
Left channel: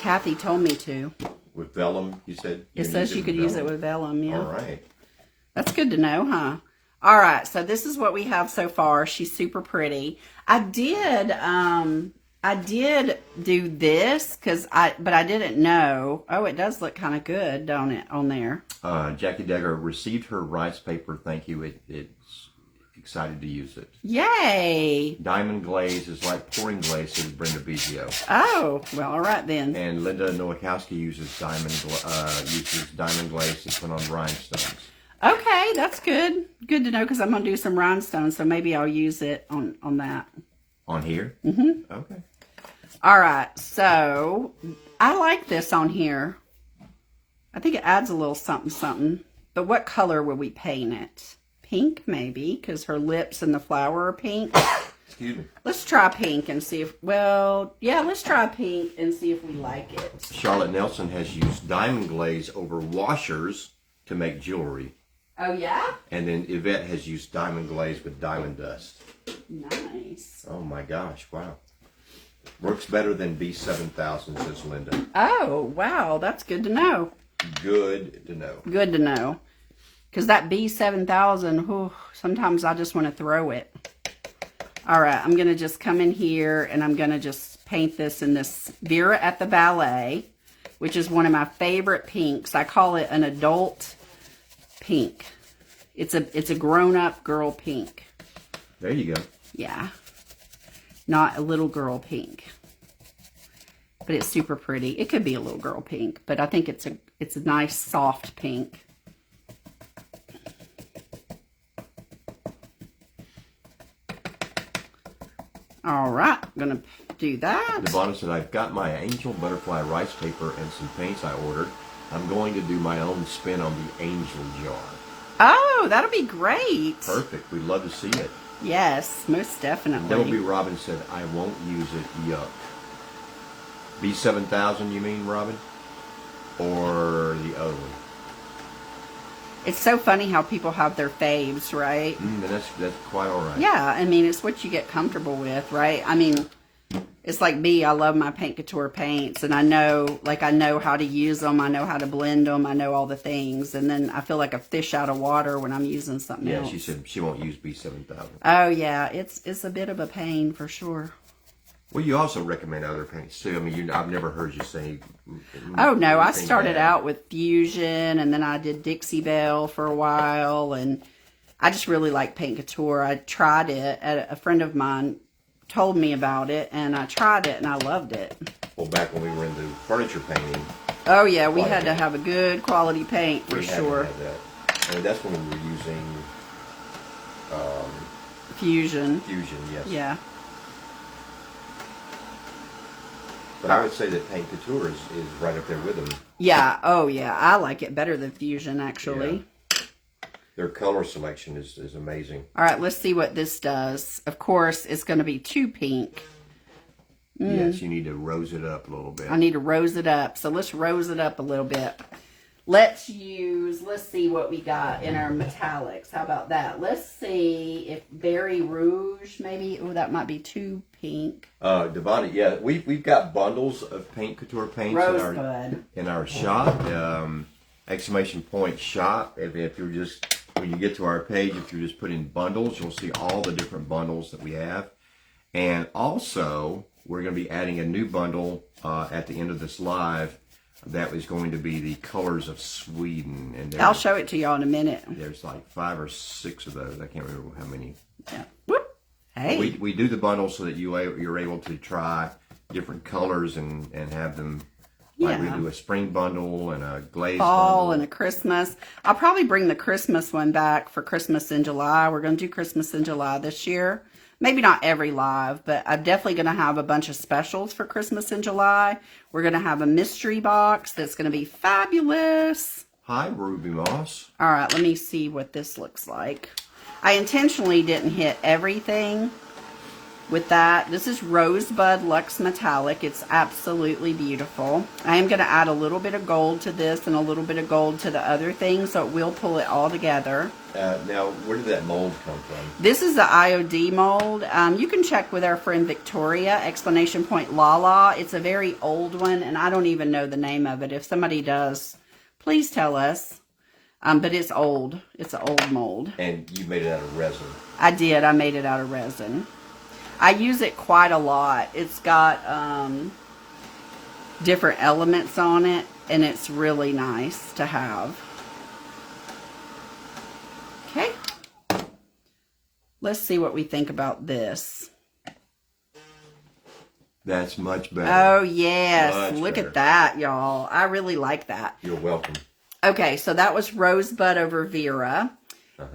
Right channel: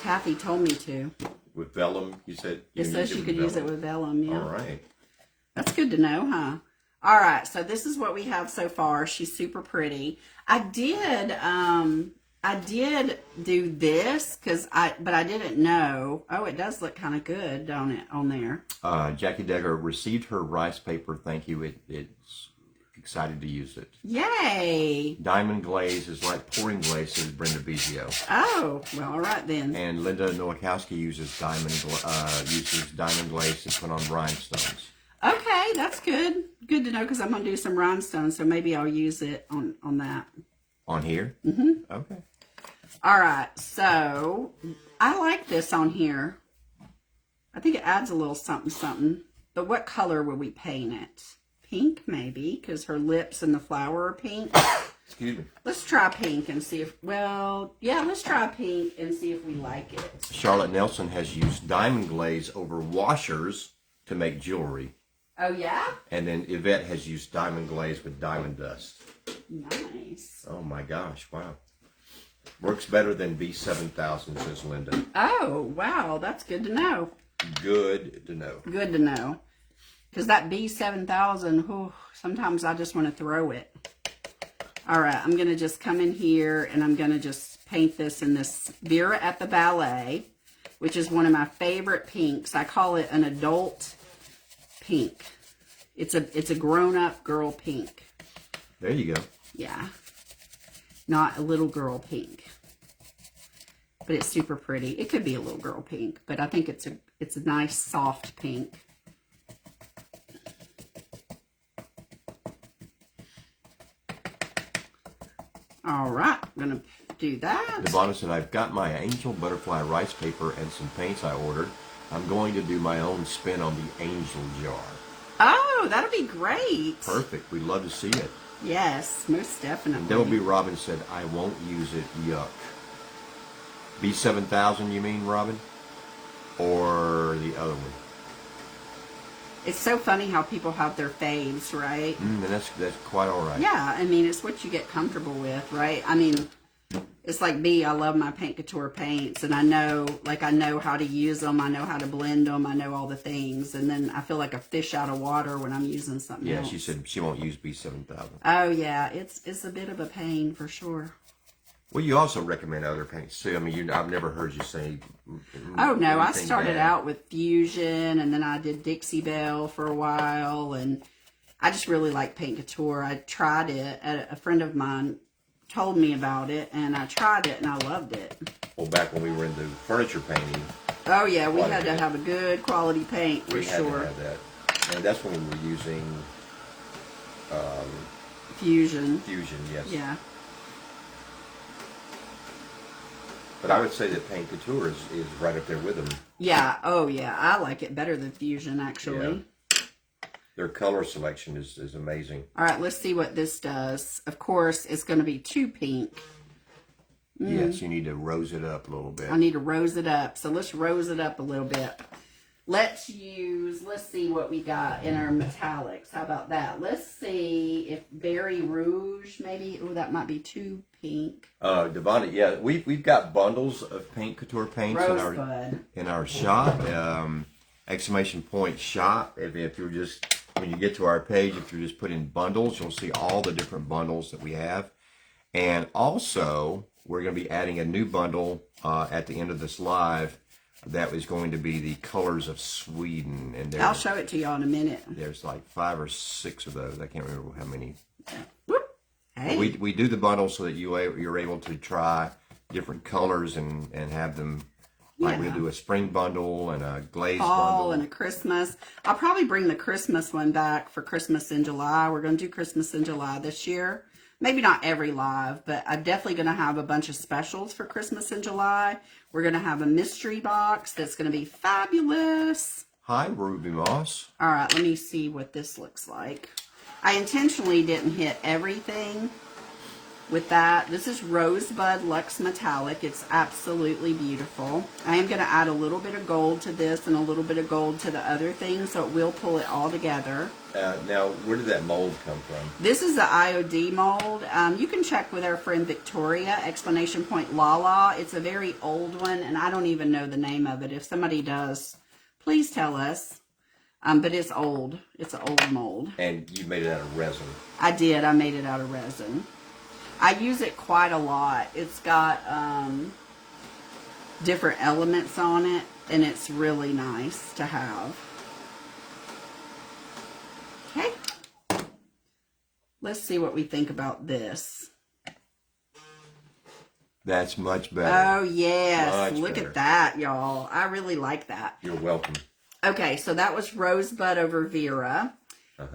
Kathy told me to. With vellum, you said? It says you could use it with vellum, yeah. All right. That's good to know, huh? All right, so this is what we have so far. She's super pretty. I did do this but I didn't know. Oh, it does look kind of good, don't it, on there? Jackie Degger received her rice paper. Thank you. It's excited to use it. Yay! Diamond glaze is like pouring glaze, says Brenda Biggio. Oh, well, all right then. And Linda Nowakowski uses diamond glaze to put on rhinestones. Okay, that's good. Good to know because I'm gonna do some rhinestones, so maybe I'll use it on that. On here? Mm-hmm. Okay. All right, so I like this on here. I think it adds a little something. But what color would we paint it? Pink, maybe, because her lips and the flower are pink. Excuse me. Let's try pink and see if, let's try pink and see if we like it. Charlotte Nelson has used diamond glaze over washers to make jewelry. Oh, yeah? And then Yvette has used diamond glaze with diamond dust. Nice. Oh my gosh, wow. Works better than B7000, says Linda. Oh, wow, that's good to know. Good to know. Good to know. Because that B7000, sometimes I just want to throw it. All right, I'm going to just come in here and I'm going to just paint this in this Vera at the Ballet, which is one of my favorite pinks. I call it an adult pink. It's a grown-up girl pink. There you go. Yeah. Not a little girl pink. But it's super pretty. It could be a little girl pink, but I think it's a nice soft pink. All right, I'm going to do that. Devonna said, I've got my angel butterfly rice paper and some paints I ordered. I'm going to do my own spin on the angel jar. Oh, that'll be great. Perfect. We'd love to see it. Yes, most definitely. WB Robin said, I won't use it. Yuck. B7000, you mean, Robin? Or the other one? It's so funny how people have their faves, right? And that's quite all right. Yeah, I mean, it's what you get comfortable with, right? I mean, it's like me. I love my Paint Couture paints, and I know how to use them. I know how to blend them. I know all the things, and then I feel like a fish out of water when I'm using something else. Yeah, she said she won't use B7000. Oh, yeah, it's a bit of a pain for sure. Well, you also recommend other paints too. I mean, I've never heard you say. Oh no, I anything started bad. out with Fusion, and then I did Dixie Belle for a while, and I just really like Paint Couture. I tried it. A friend of mine told me about it, and I tried it, and I loved it. Well, back when we were into furniture painting. Oh yeah, we had to have a good quality paint for sure. We had to have that. And that's when we were using Fusion. Fusion, yes. Yeah. But I would say that Paint Couture is right up there with them. Yeah. Oh yeah, I like it better than Fusion actually. Yeah. Their color selection is amazing. All right, let's see what this does. Of course, it's going to be too pink. Yes, you need to rose it up a little bit. I need to rose it up. So let's rose it up a little bit. Let's see what we got in our metallics. How about that? Let's see if Berry Rouge, maybe. Oh, that might be too pink. Devonna, yeah, we've got bundles of Paint Couture paints in our shop. Exclamation point shop. If you're just, when you get to our page, if you just put in bundles, you'll see all the different bundles that we have. And also, we're going to be adding a new bundle at the end of this live. That was going to be the colors of Sweden, and I'll show it to y'all in a minute. There's like 5 or 6 of those. I can't remember how many. Whoop. Hey. We do the bundle so that you're able to try different colors and have them. Like we do a spring bundle and a glaze fall bundle. and a Christmas. I'll probably bring the Christmas one back for Christmas in July. We're going to do Christmas in July this year. Maybe not every live, but I'm definitely going to have a bunch of specials for Christmas in July. We're going to have a mystery box that's going to be fabulous. Hi, Ruby Moss. All right, let me see what this looks like. I intentionally didn't hit everything with that. This is Rosebud Luxe Metallic. It's absolutely beautiful. I am going to add a little bit of gold to this and a little bit of gold to the other thing, so it will pull it all together. Now, where did that mold come from? This is the IOD mold. You can check with our friend Victoria, exclamation point Lala. It's a very old one, and I don't even know the name of it. If somebody does, please tell us. But it's old. It's an old mold. And you made it out of resin. I did. I made it out of resin. I use it quite a lot. It's got different elements on it, and it's really nice to have. Okay. Let's see what we think about this. That's much better. Oh, yes. Much Look better. at that, y'all. I really like that. You're welcome. Okay, so that was Rosebud over Vera.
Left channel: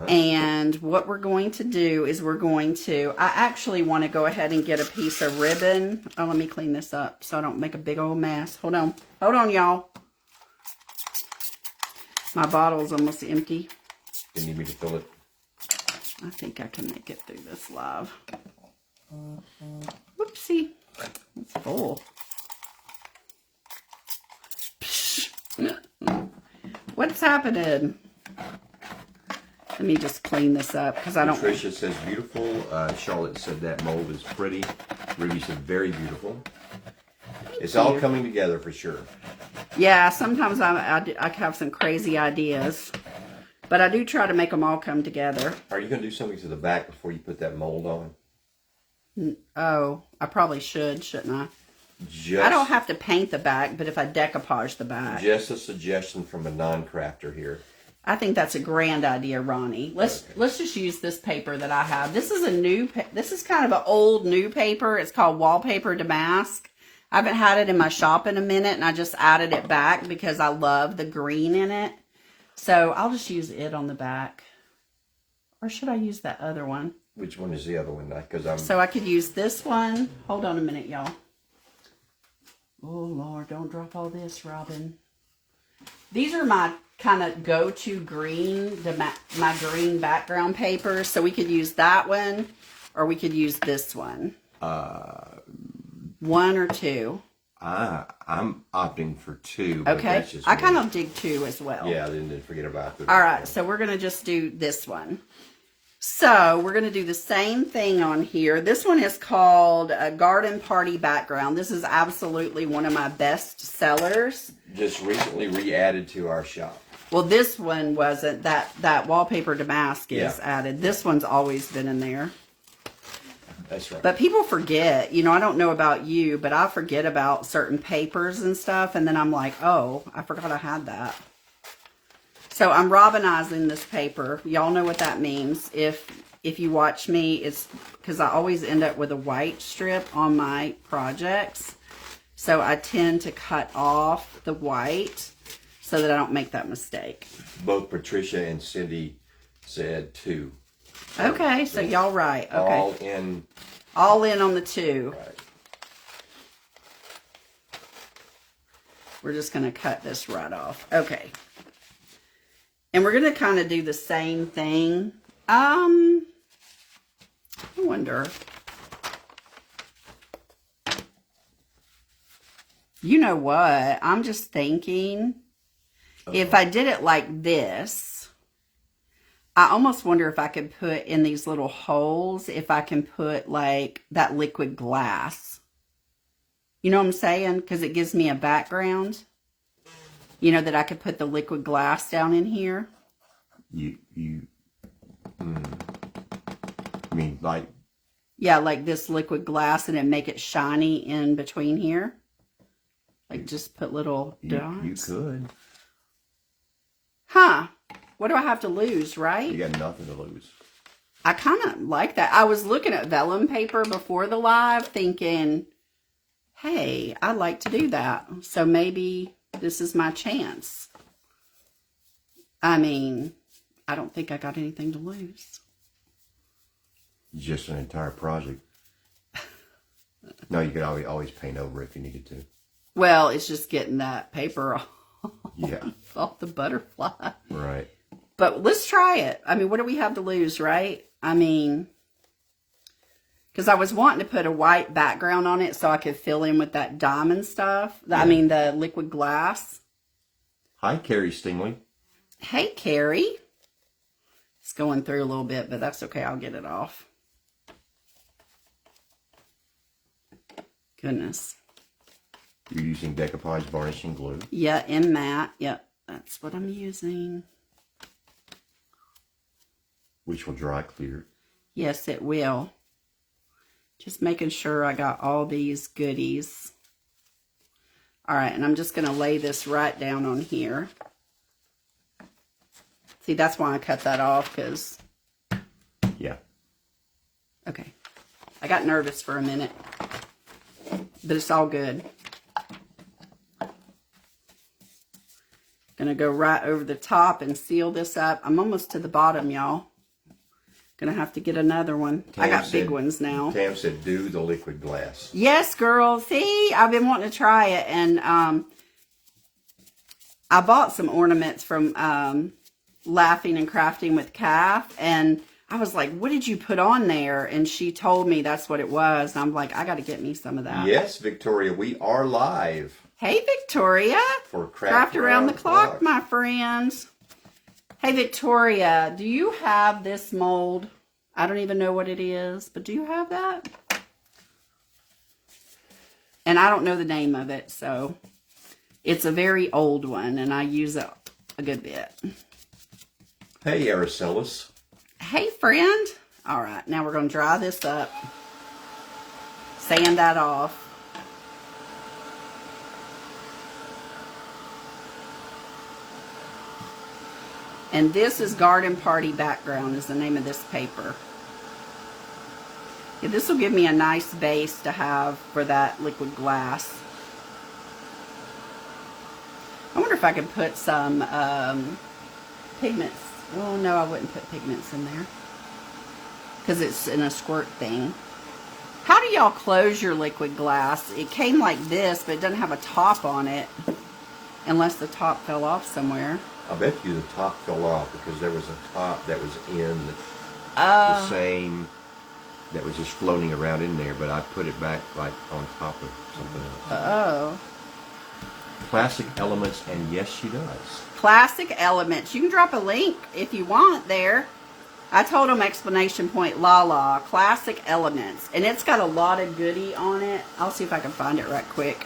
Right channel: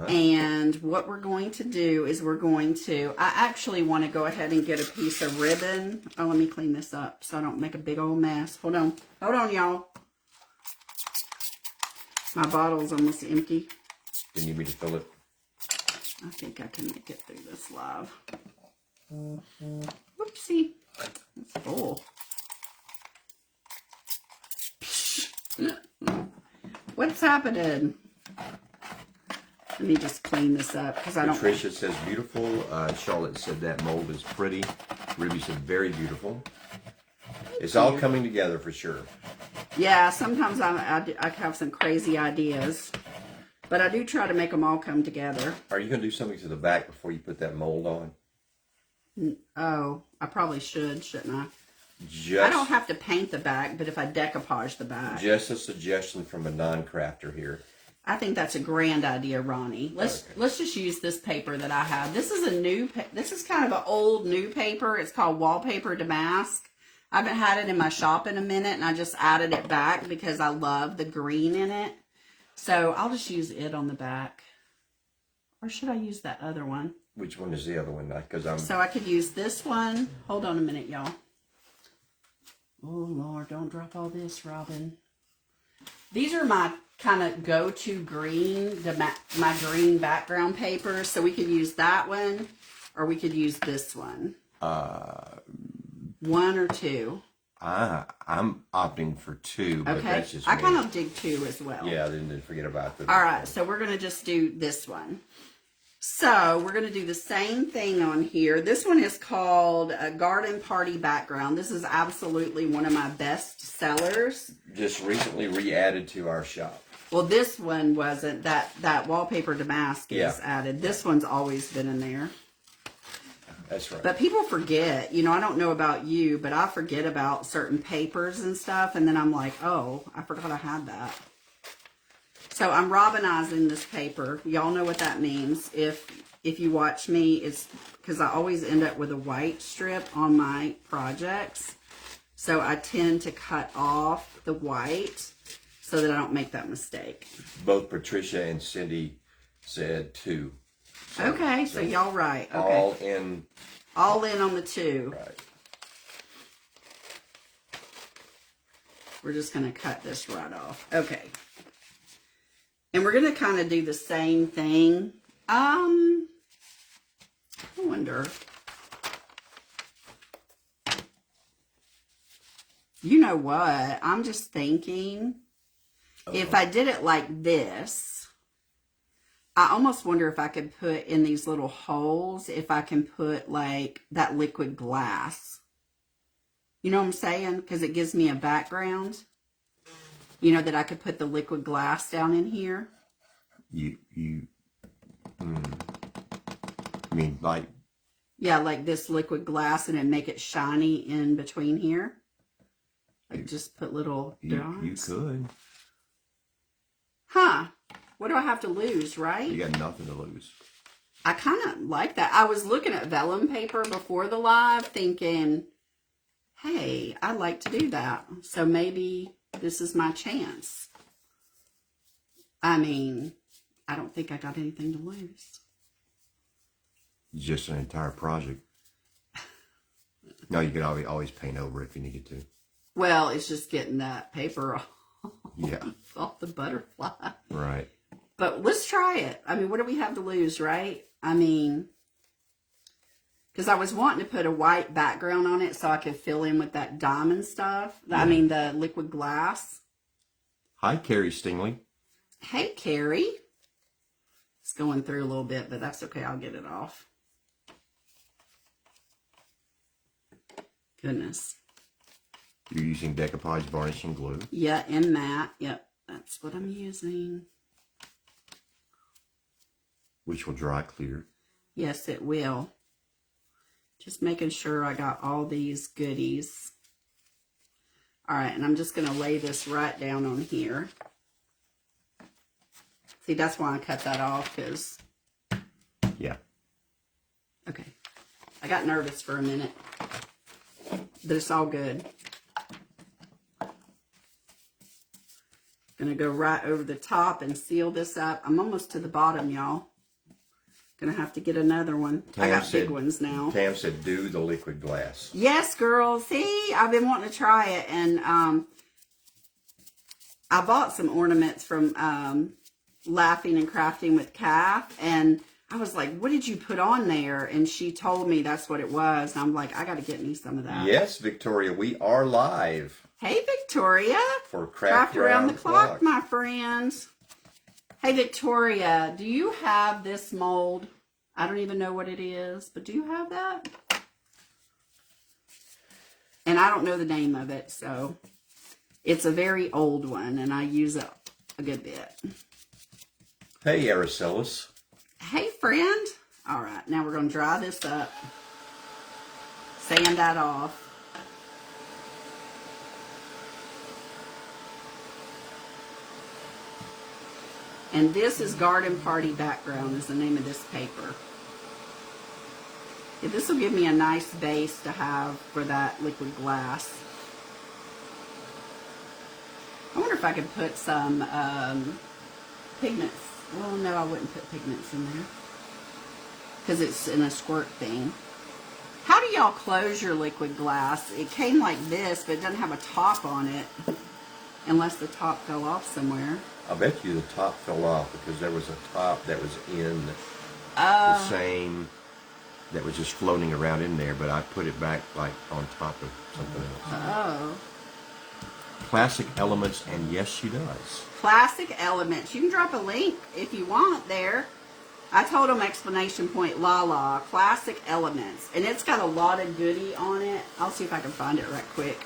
And what we're going to do is I actually want to go ahead and get a piece of ribbon. Oh, let me clean this up so I don't make a big old mess. Hold on, y'all. My bottle's almost empty. You need me to fill it? I think I can make it through this live. Whoopsie. It's full. What's happening? Let me just clean this up because I don't. Patricia says beautiful. Charlotte said that mold is pretty. Ruby said very beautiful. It's all coming together for sure. Yeah, sometimes I have some crazy ideas, but I do try to make them all come together. Are you going to do something to the back before you put that mold on? Oh, I probably shouldn't I? I don't have to paint the back, but if I decoupage the back. Just a suggestion from a non-crafter here. I think that's a grand idea, Ronnie. Let's just use this paper that I have. This is kind of an old new paper. It's called Wallpaper Damask. I haven't had it in my shop in a minute, and I just added it back because I love the green in it. So I'll just use it on the back. Or should I use that other one? Which one is the other one? Because So I could use this one. Hold on a minute, y'all. Oh, Lord, don't drop all this, Robin. These are my kind of go-to green, my green background papers. So we could use that one, or we could use this one. One or two. I'm opting for two. Okay. I kind of dig two as well. Yeah, I didn't forget about that. All right, so we're going to just do this one. So we're going to do the same thing on here. This one is called a Garden Party Background. This is absolutely one of my best sellers. Just recently re-added to our shop. Well, this one wasn't. That wallpaper damask is added. This one's always been in there. That's right. But people forget. You know, I don't know about you, but I forget about certain papers and stuff. And then I'm like, oh, I forgot I had that. So I'm Robinizing this paper. Y'all know what that means. If you watch me, it's because I always end up with a white strip on my projects. So I tend to cut off the white so that I don't make that mistake. Both Patricia and Cindy said two. Okay, so y'all right. Okay. All in on the two. Right. We're just going to cut this right off. Okay. And we're going to kind of do the same thing. I wonder. You know what? I'm just thinking, if I did it like this, I almost wonder if I could put in these little holes, if I can put like that liquid glass. You know what I'm saying? Because it gives me a background. You know, that I could put the liquid glass down in here. You mean like? Yeah, like this liquid glass, and then make it shiny in between here. Like just put little dots. You could. Huh. What do I have to lose, right? You got nothing to lose. I kind of like that. I was looking at vellum paper before the live thinking, hey, I'd like to do that. So maybe this is my chance. I mean, I don't think I got anything to lose. Just an entire project. No, you could always paint over if you needed to. Well, it's just getting that paper off the butterfly. Right. But let's try it. I mean, what do we have to lose, right? I mean, because I was wanting to put a white background on it so I could fill in with that diamond stuff. Yeah. I mean, the liquid glass. Hi, Carrie Stingley. Hey, Carrie. It's going through a little bit, but that's okay. I'll get it off. Goodness. You're using decoupage varnishing glue. Yeah, and matte. Yep, that's what I'm using. Which will dry clear. Yes, it will. Just making sure I got all these goodies. All right, and I'm just going to lay this right down on here. See, that's why I cut that off, because... Yeah. Okay. I got nervous for a minute. But it's all good. Gonna go right over the top and seal this up. I'm almost to the bottom, y'all. Gonna have to get another one. I got big ones now. Tam said, do the liquid glass. Yes, girl. See, I've been wanting to try it. And I bought some ornaments from Laughing and Crafting with Calf. And I was like, what did you put on there? And she told me that's what it was. And I'm like, I got to get me some of that. Yes, Victoria, we are live. Hey, Victoria. For Craft Around the Clock, my friends. Hey, Victoria, do you have this mold? I don't even know what it is, but do you have that? And I don't know the name of it, so it's a very old one, and I use it a good bit. Hey, Araceli. Hey, friend. All right, now we're going to dry this up. Sand that off. And this is Garden Party Background is the name of this paper. Yeah, this will give me a nice base to have for that liquid glass. I wonder if I could put some pigments. Oh, no, I wouldn't put pigments in there. because it's in a squirt thing. How do y'all close your liquid glass? It came like this, but it doesn't have a top on it. Unless the top fell off somewhere. I bet you the top fell off because there was a top that was in the same, that was just floating around in there, but I put it back like on top of something else. Oh. Classic Elements, and yes, she does. Classic Elements. You can drop a link if you want there. I told them exclamation point la Classic Elements. And it's got a lot of goodie on it. I'll see if I can find it right quick.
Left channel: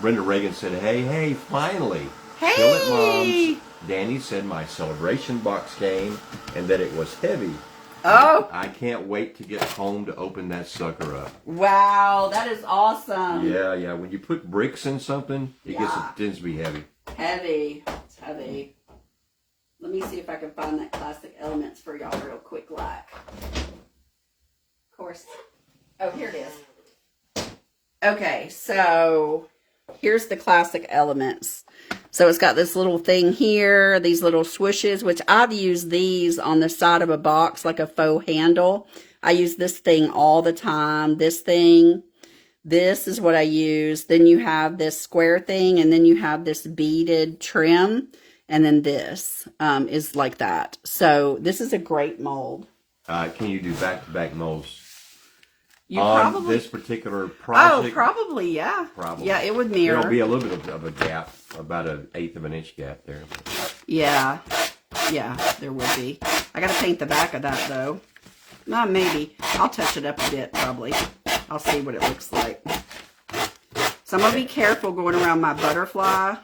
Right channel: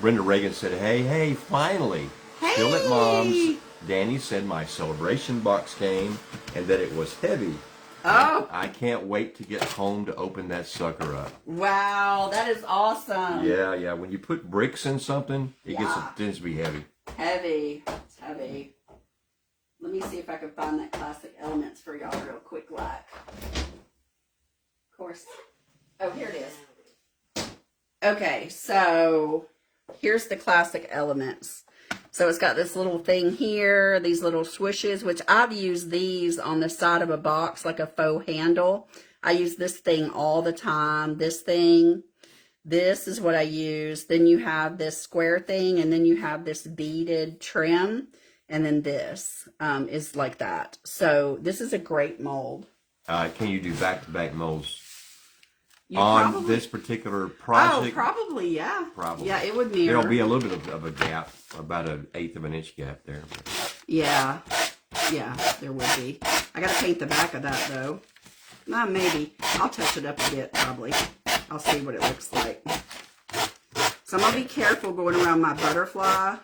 Brenda Reagan said, hey, finally. Hey! Still at Mom's. Danny said my celebration box came and that it was heavy. Oh! I can't wait to get home to open that sucker up. Wow, that is awesome. Yeah. When you put bricks in something, it tends to be heavy. Heavy. It's heavy. Let me see if I can find that Classic Elements for y'all real quick, like. Of course. Oh, here it is. Okay, so here's the Classic Elements. So it's got this little thing here, these little swooshes, which I've used these on the side of a box like a faux handle. I use this thing all the time. This thing, this is what I use. Then you have this square thing, and then you have this beaded trim. And then this is like that. So this is a great mold. Can you do back-to-back molds? Probably, this particular project? Oh, probably, yeah. Probably. Yeah, it would mirror. There'll be a little bit of a gap, about 1/8 of an inch gap there. Yeah, there will be. I got to paint the back of that, though. Maybe. I'll touch it up a bit, probably. I'll see what it looks like. So I'm going to be careful going around my butterfly.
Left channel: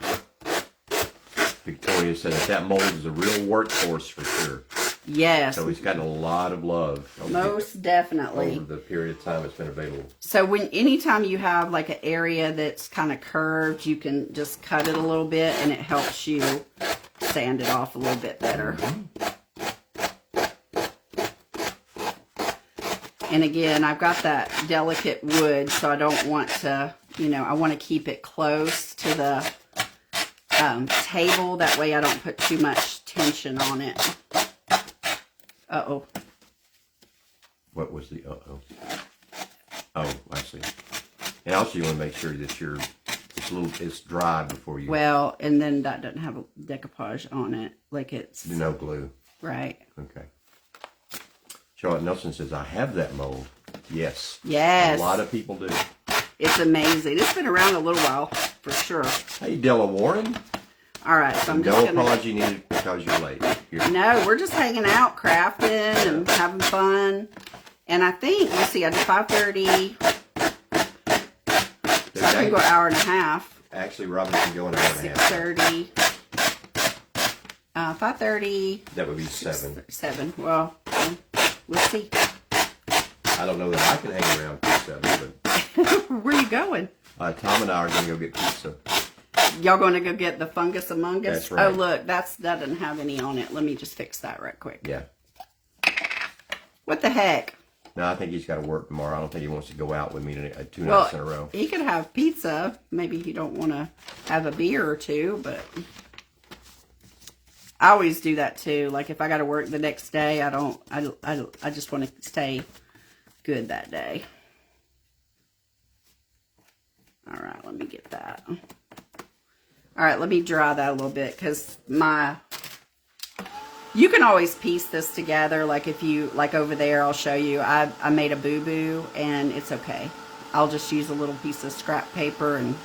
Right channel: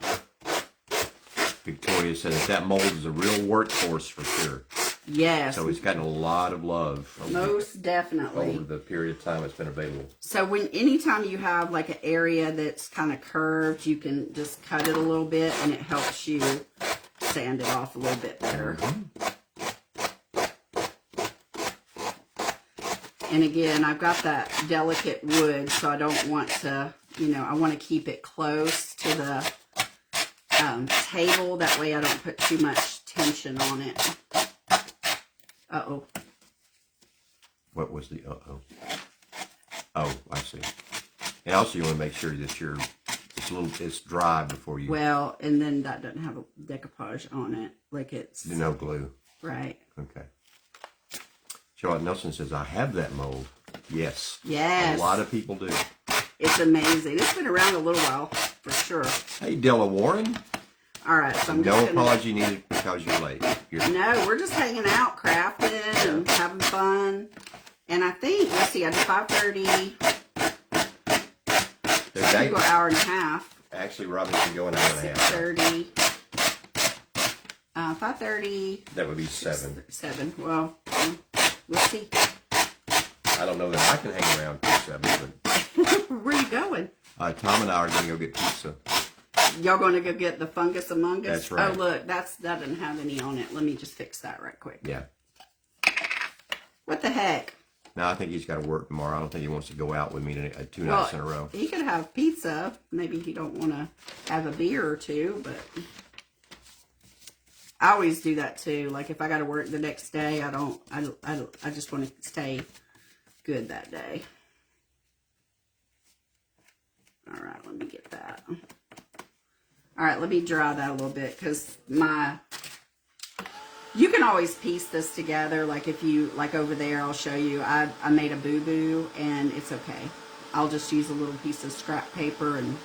Victoria says that mold is a real workhorse for sure. Yes. So it's gotten a lot of love. Most definitely. Over the period of time it's been available. So anytime you have like an area that's kind of curved, you can just cut it a little bit and it helps you sand it off a little bit better. And again, I've got that delicate wood, so I don't want to, I want to keep it close to the table. That way I don't put too much tension on it. Uh-oh. What was the uh-oh? Oh, I see. And also you want to make sure that it's dry before you... Well, and then that doesn't have a decoupage on it. Like it's... No glue. Right. Okay. Charlotte Nelson says, I have that mold. Yes. Yes. A lot of people do. It's amazing. It's been around a little while, for sure. Hey, Della Warren. All right, so I'm no just gonna... apology needed because you're late. No, we're just hanging out, crafting, and having fun. And I think, let's see, I did 5:30. So I can go an hour and a half. Actually, Robin can go an hour and a half. 6:30. 5:30. That would be 7. 7. Well, we'll see. I don't know that I can hang around till 7. But... Where are you going? Tom and I are going to go get pizza. Y'all going to go get the fungus among us? That's right. Oh, look, that doesn't have any on it. Let me just fix that right quick. Yeah. What the heck? No, I think he's got to work tomorrow. I don't think he wants to go out with me 2 nights in a row. He could have pizza. Maybe he don't want to have a beer or two, but I always do that too. Like if I got to work the next day, I just want to stay good that day. All right, let me get that. All right, let me dry that a little bit because you can always piece this together. Like if you, like over there, I'll show you. I made a boo-boo and it's okay. I'll just use a little piece of scrap paper and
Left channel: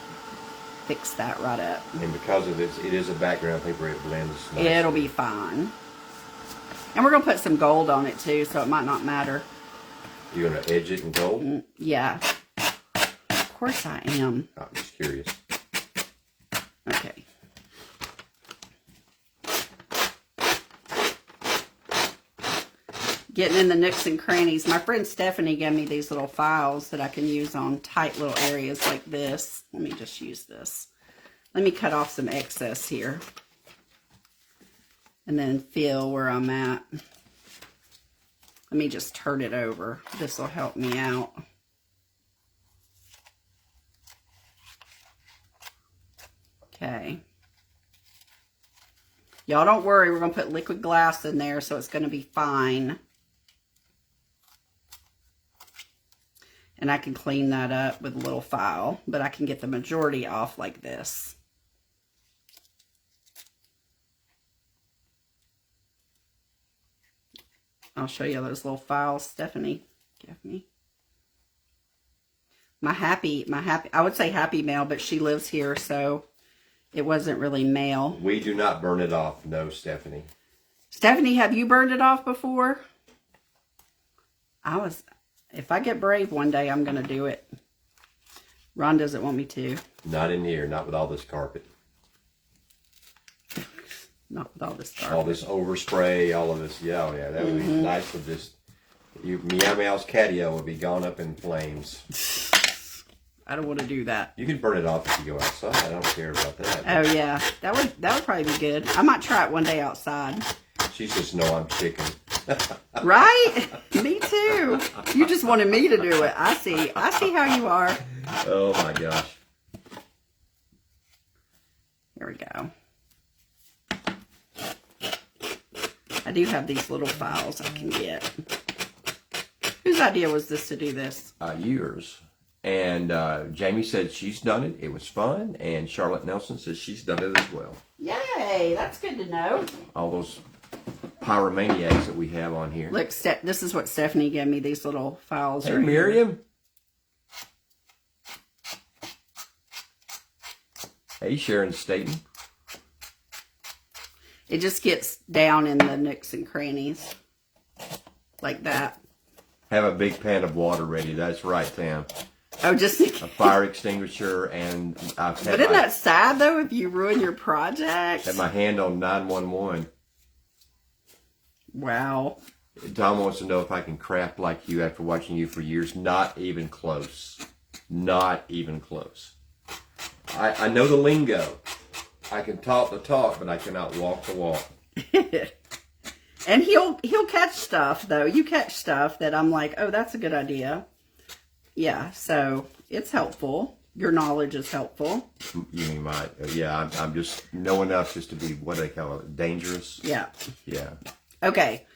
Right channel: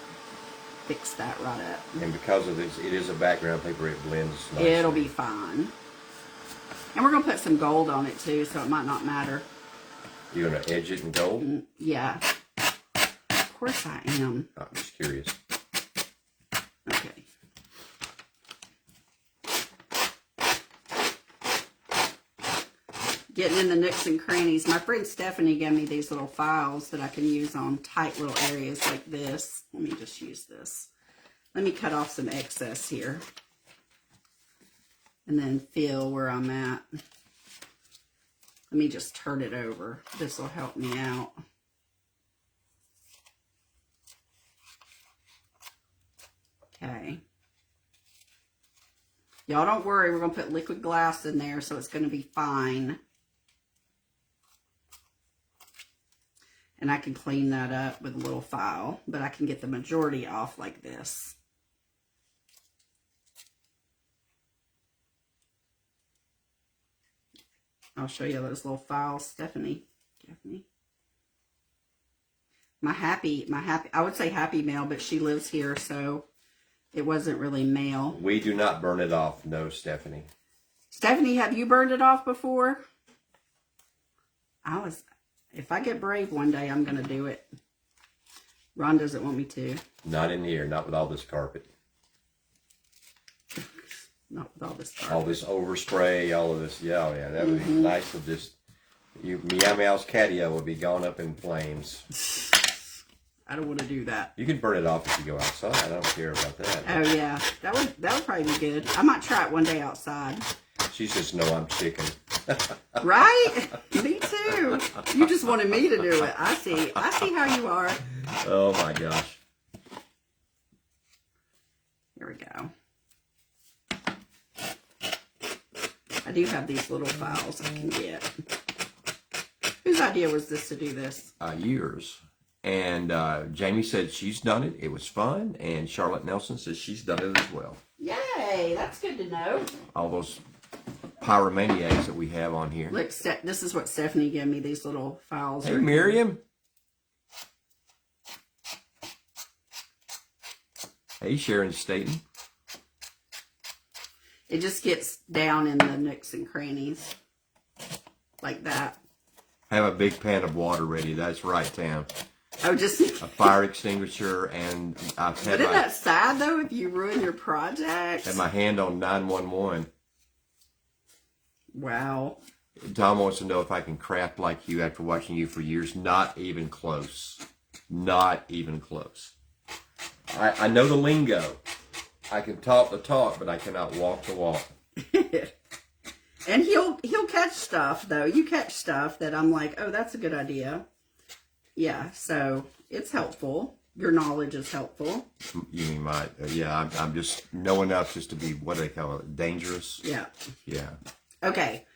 fix that right up. And because of this, it is a background paper, it blends nicely. It'll be fine. And we're going to put some gold on it too, so it might not matter. You're going to edge it in gold? Yeah. Of course I am. I'm just curious. Okay. Getting in the nooks and crannies. My friend Stephanie gave me these little files that I can use on tight little areas like this. Let me just use this. Let me cut off some excess here. And then feel where I'm at. Let me just turn it over. This will help me out. Okay. Y'all don't worry, we're going to put liquid glass in there, so it's going to be fine. And I can clean that up with a little file, but I can get the majority off like this. I'll show you those little files Stephanie gave me. My happy, I would say happy mail, but she lives here, so it wasn't really mail. We do not burn it off, no, Stephanie. Stephanie, have you burned it off before? If I get brave one day, I'm going to do it. Ron doesn't want me to. Not in here, not with all this carpet. Not with all this carpet. All this overspray, all of this. Yeah, that would be nice to just... Meow Meow's catio would be gone up in flames. I don't want to do that. You can burn it off if you go outside. I don't care about that. Oh, yeah. That would probably be good. I might try it one day outside. She says, no, I'm chicken. Right? Me too. You just wanted me to do it. I see how you are. Oh, my gosh. Here we go. I do have these little files I can get. Whose idea was this to do this? Yours. And Jamie said she's done it. It was fun. And Charlotte Nelson says she's done it as well. Yay! That's good to know. All those pyromaniacs that we have on here. Look, this is what Stephanie gave me, these little files. Hey, Miriam. Hey, Sharon Staten. It just gets down in the nooks and crannies. Like that. Have a big pan of water ready. That's right, Tam. Oh, just... a fire extinguisher and... But isn't that sad, though, if you ruin your project? Had my hand on 911. Wow. Tom wants to know if I can craft like you after watching you for years. Not even close. Not even close. I know the lingo. I can talk the talk, but I cannot walk the walk. And he'll catch stuff, though. You catch stuff that I'm like, oh, that's a good idea. Yeah, so it's helpful. Your knowledge is helpful. You mean my... yeah, I'm just know enough just to be, what do they call it, dangerous? Yeah. Yeah. Okay,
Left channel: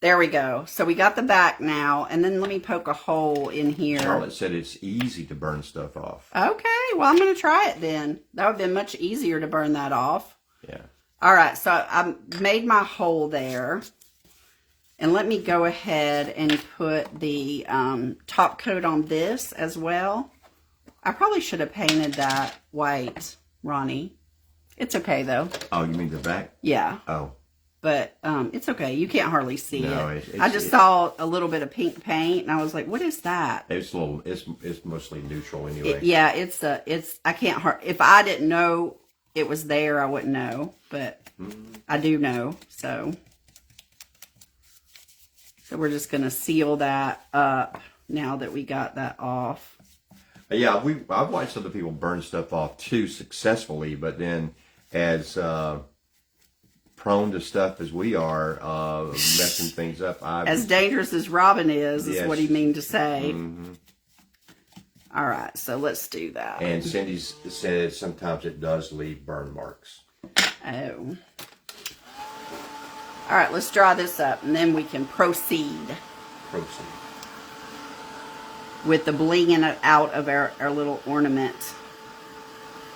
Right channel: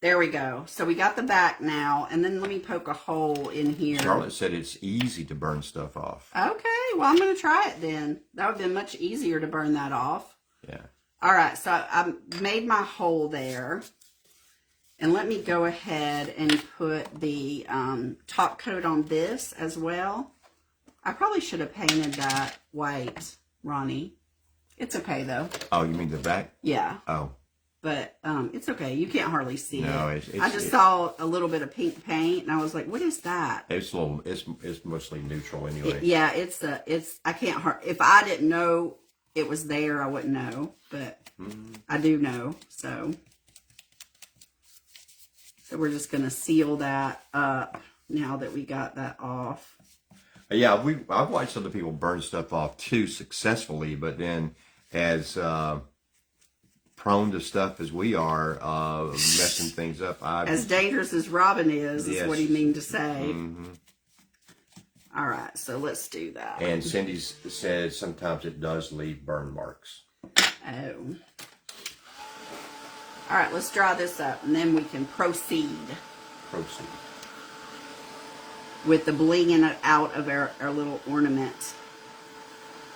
there we go. So we got the back now, and then let me poke a hole in here. Charlotte said it's easy to burn stuff off. Okay, well, I'm going to try it then. That would have been much easier to burn that off. Yeah. All right, so I made my hole there. And let me go ahead and put the top coat on this as well. I probably should have painted that white, Ronnie. It's okay, though. Oh, you mean the back? Yeah. Oh. But it's okay. You can't hardly see it. I just saw a little bit of pink paint, and I was like, "What is that?" It's a little. It's mostly neutral anyway. Yeah, I can't. If I didn't know it was there, I wouldn't know. But I do know. So we're just gonna seal that up now that we got that off. Yeah, I've watched other people burn stuff off too successfully, but then as prone to stuff as we are, messing things up. As dangerous as Robin is yes. what he mean to say. Mm-hmm. All right, so let's do that. And Cindy said sometimes it does leave burn marks. Oh. All right, let's dry this up, and then we can proceed. With the blinging out of our little ornament.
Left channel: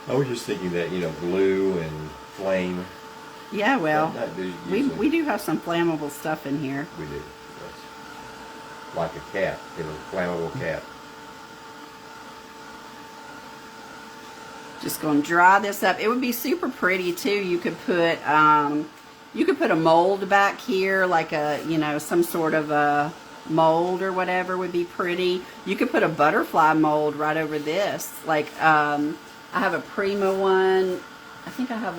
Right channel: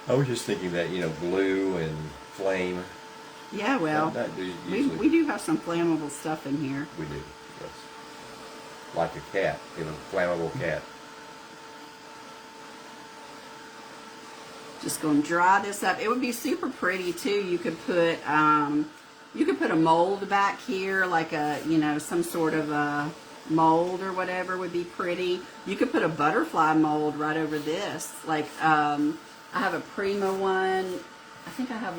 I was just thinking that, glue and flame. Yeah, well, we do have some flammable stuff in here. We do, yes. Like a cat, flammable cat. Just going to dry this up. It would be super pretty, too. You could put a mold back here, like some sort of a mold or whatever would be pretty. You could put a butterfly mold right over this. Like, I have a Prima one. I think I have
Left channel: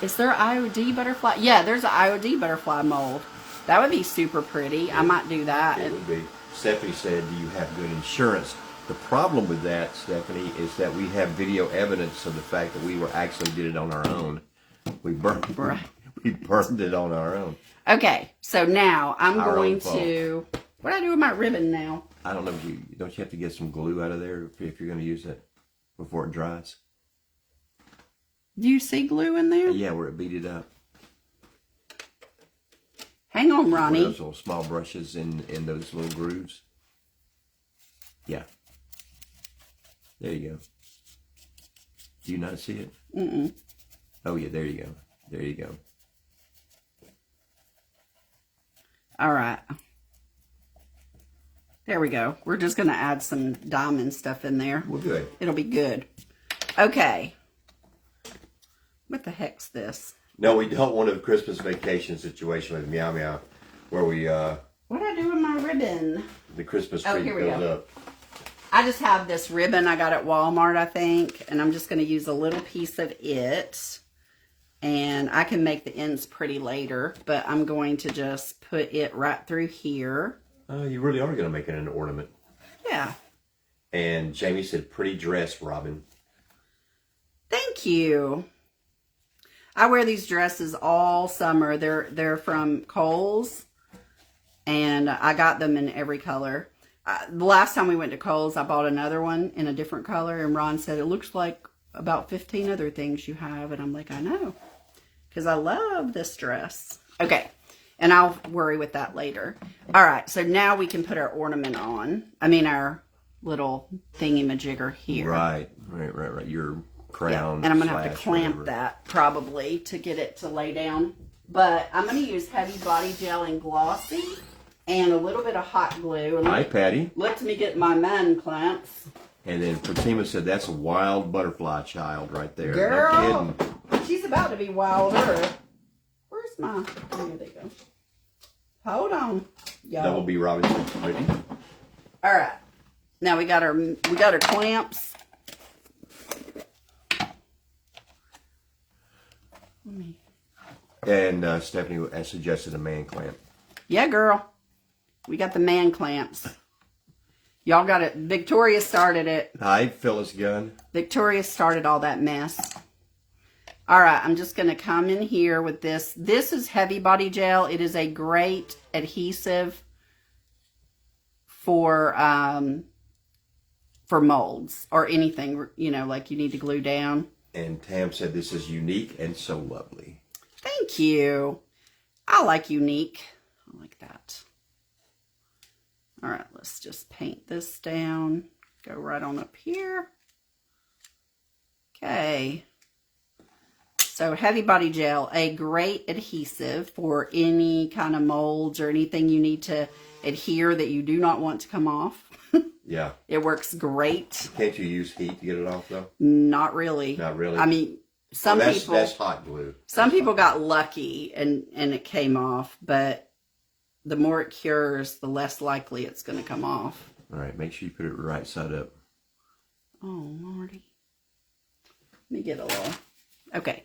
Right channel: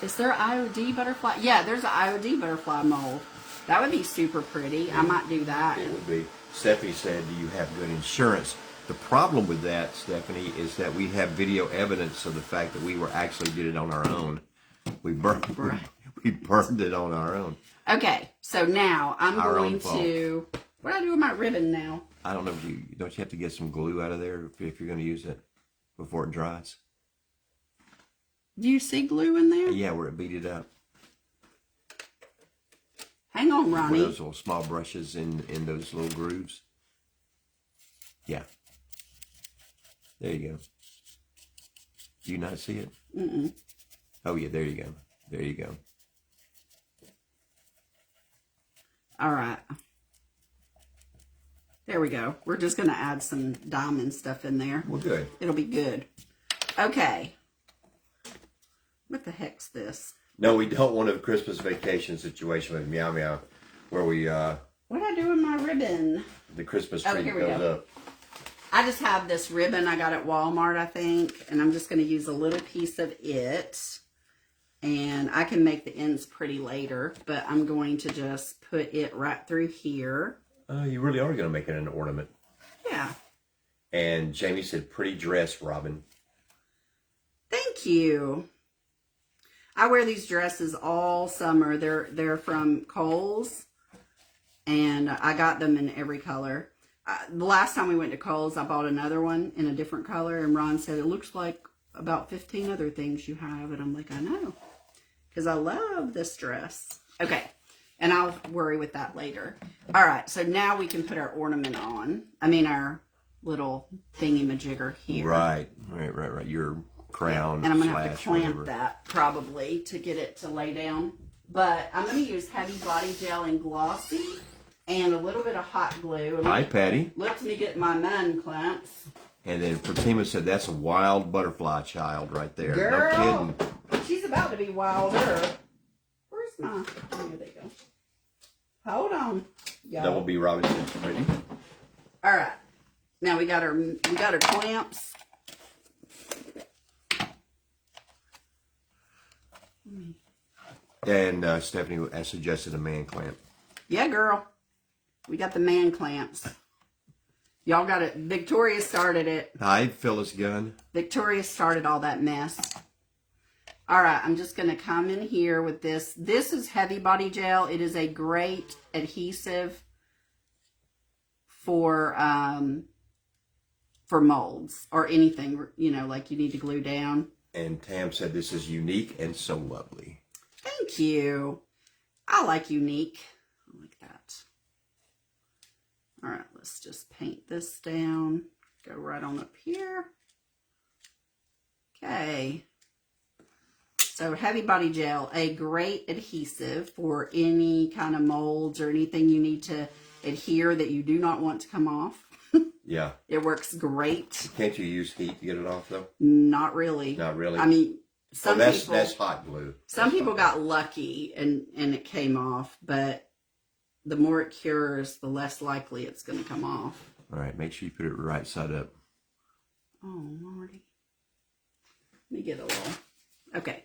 is there IOD butterfly? Yeah, there's an IOD butterfly mold. That would be super pretty. Yeah, I might do that. It would be. Stephanie said, do you have good insurance? The problem with that, Stephanie, is that we have video evidence of the fact that we actually did it on our own. We burned it on our own. Okay, so now I'm going to... What do I do with my ribbon now? I don't know if don't you have to get some glue out of there if you're going to use it before it dries? Do you see glue in there? Yeah, where it beat it up. them, Ronnie. Those little small brushes in those little grooves. Yeah. There you go. Do you not see it? Mm-mm. Oh, yeah, there you go. There you go. All right. There we go. We're just going to add some diamond stuff in there. Well, good. It'll be good. Okay. What the heck's this? No, we don't want a Christmas vacation situation with Meow Meow where we, what did I do with my ribbon? the Christmas tree here we goes go. up. I just have this ribbon I got at Walmart, I think, and I'm just going to use a little piece of it. And I can make the ends pretty later, but I'm going to just put it right through here. You really are going to make it an ornament. Yeah. And Jamie said, pretty dress, Robin. Thank you. I wear these dresses all summer. They're from Kohl's, and I got them in every color. The last time we went to Kohl's, I bought another one in a different color, and Ron said, it looks like about 15 other things you have. And I'm like, I know, because I love this dress. Okay, and I'll worry with that later. All right, so now we can put our ornament on. I mean, our little thingy-majigger here. Right. Your crown. Yeah. And I'm going to have to clamp whatever. that probably to get it to lay down. But I'm going to use Heavy Body Gel and Glossy and a little bit of hot glue. Hi, Patty. Let me get my man clamps. And then Fatima said, that's a wild butterfly child right there. Girl, No kidding. she's about to be wilder. Where's my... Oh, there you go. Hold on, y'all. That will be Robin's pretty. All right. Now we got our clamps. And Stephanie has suggested a man clamp. Yeah, girl. We got the man clamps. Y'all got it. Victoria started it. Hi, Phyllis Gunn. Victoria started all that mess. All right, I'm just going to come in here with this. This is Heavy Body Gel. It is a great adhesive for molds or anything, you know, like you need to glue down. And Tam said this is unique and so lovely. Thank you. I like unique. I like that. All right, let's just paint this down. Go right on up here. Okay. So Heavy Body Gel, a great adhesive for any kind of molds or anything you need to adhere that you do not want to come off. Yeah. It works great. Can't you use heat to get it off, though? Not really. Not really? I mean, some people... That's hot glue. Some people got lucky and it came off, but the more it cures, the less likely it's going to come off. All right, make sure you put it right side up. Oh, Lordy. Let me get a little... Okay.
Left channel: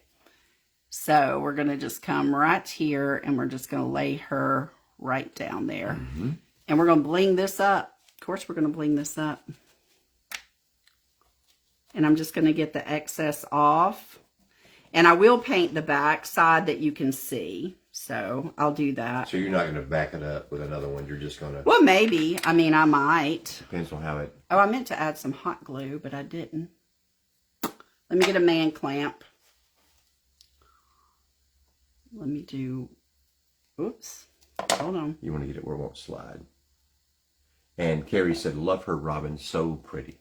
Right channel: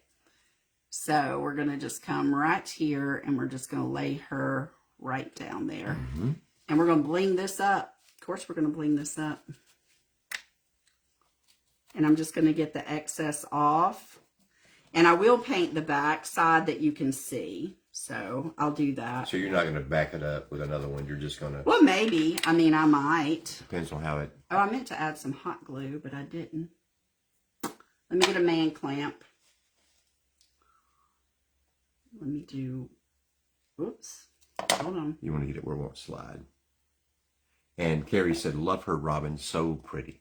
So we're going to just come right here and we're just going to lay her right down there. Mm-hmm. And we're going to bling this up. Of course, we're going to bling this up. And I'm just going to get the excess off. And I will paint the back side that you can see. So I'll do that. So you're not going to back it up with another one. You're just going to... Well, maybe. I mean, I might. Depends on how it... Oh, I meant to add some hot glue, but I didn't. Let me get a man clamp. Let me do... Oops. Hold on. You want to get it where it won't slide. And Carrie said, love her, Robin. So pretty.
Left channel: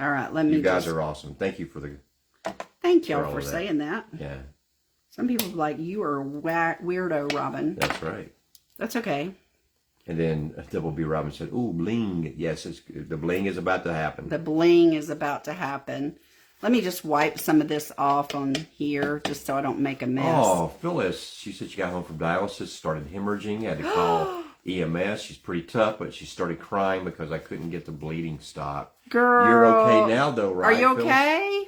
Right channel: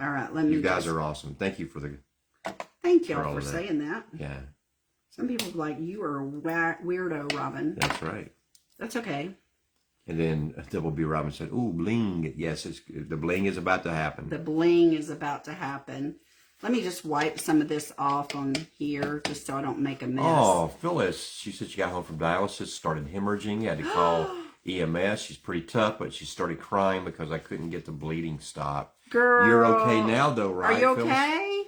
All right, let me You guys are awesome. Thank you for the... Thank y'all for saying that. Yeah. Some people are like, you are a weirdo, Robin. That's right. That's okay. And then Double B Robin said, ooh, bling. Yes, the bling is about to happen. The bling is about to happen. Let me just wipe some of this off on here just so I don't make a mess. Oh, Phyllis, she said she got home from dialysis, started hemorrhaging, had to call EMS. She's pretty tough, but she started crying because I couldn't get the bleeding stopped. Girl. You're okay now, though, right? Are you Phyllis? okay?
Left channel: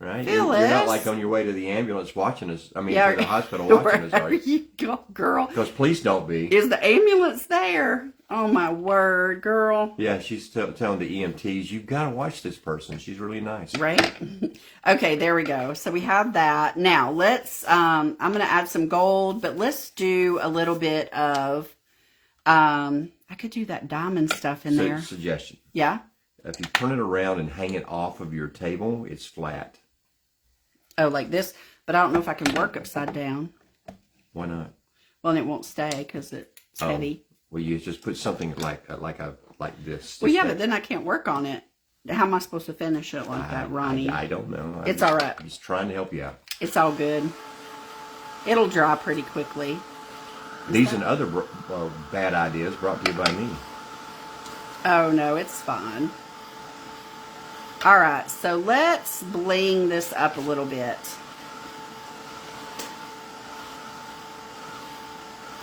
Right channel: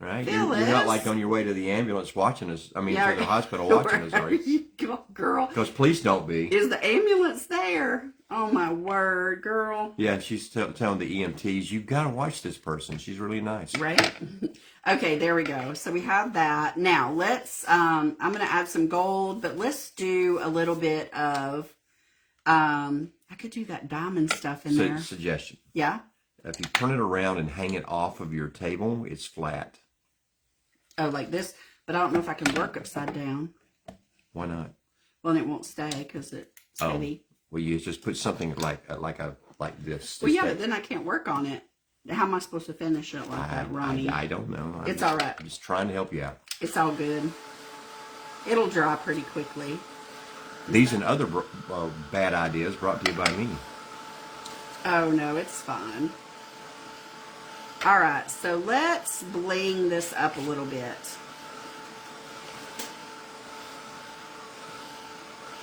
Right? You're not like on your way to the ambulance watching us. I mean, to the hospital watching us, are you? You go, girl. Because please don't be. Is the ambulance there? Oh, my word, girl. Yeah, she's telling the EMTs, you've got to watch this person. She's really nice. Right? Okay, there we go. So we have that. Now, let's, I'm going to add some gold, but let's do a little bit of, I could do that diamond stuff in there. Suggestion. Yeah? If you turn it around and hang it off of your table, it's flat. Oh, like this? But I don't know if I can work upside down. Why not? Well, and it won't stay because it It's heavy. Well, you just put something like this. Well, yeah, but then I can't work on it. How am I supposed to finish it like that, Ronnie? I don't know. It's all right. I'm just trying to help you out. It's all good. It'll dry pretty quickly. These and other bad ideas brought to you by me. Oh, no, it's fine. All right, so let's bling this up a little bit.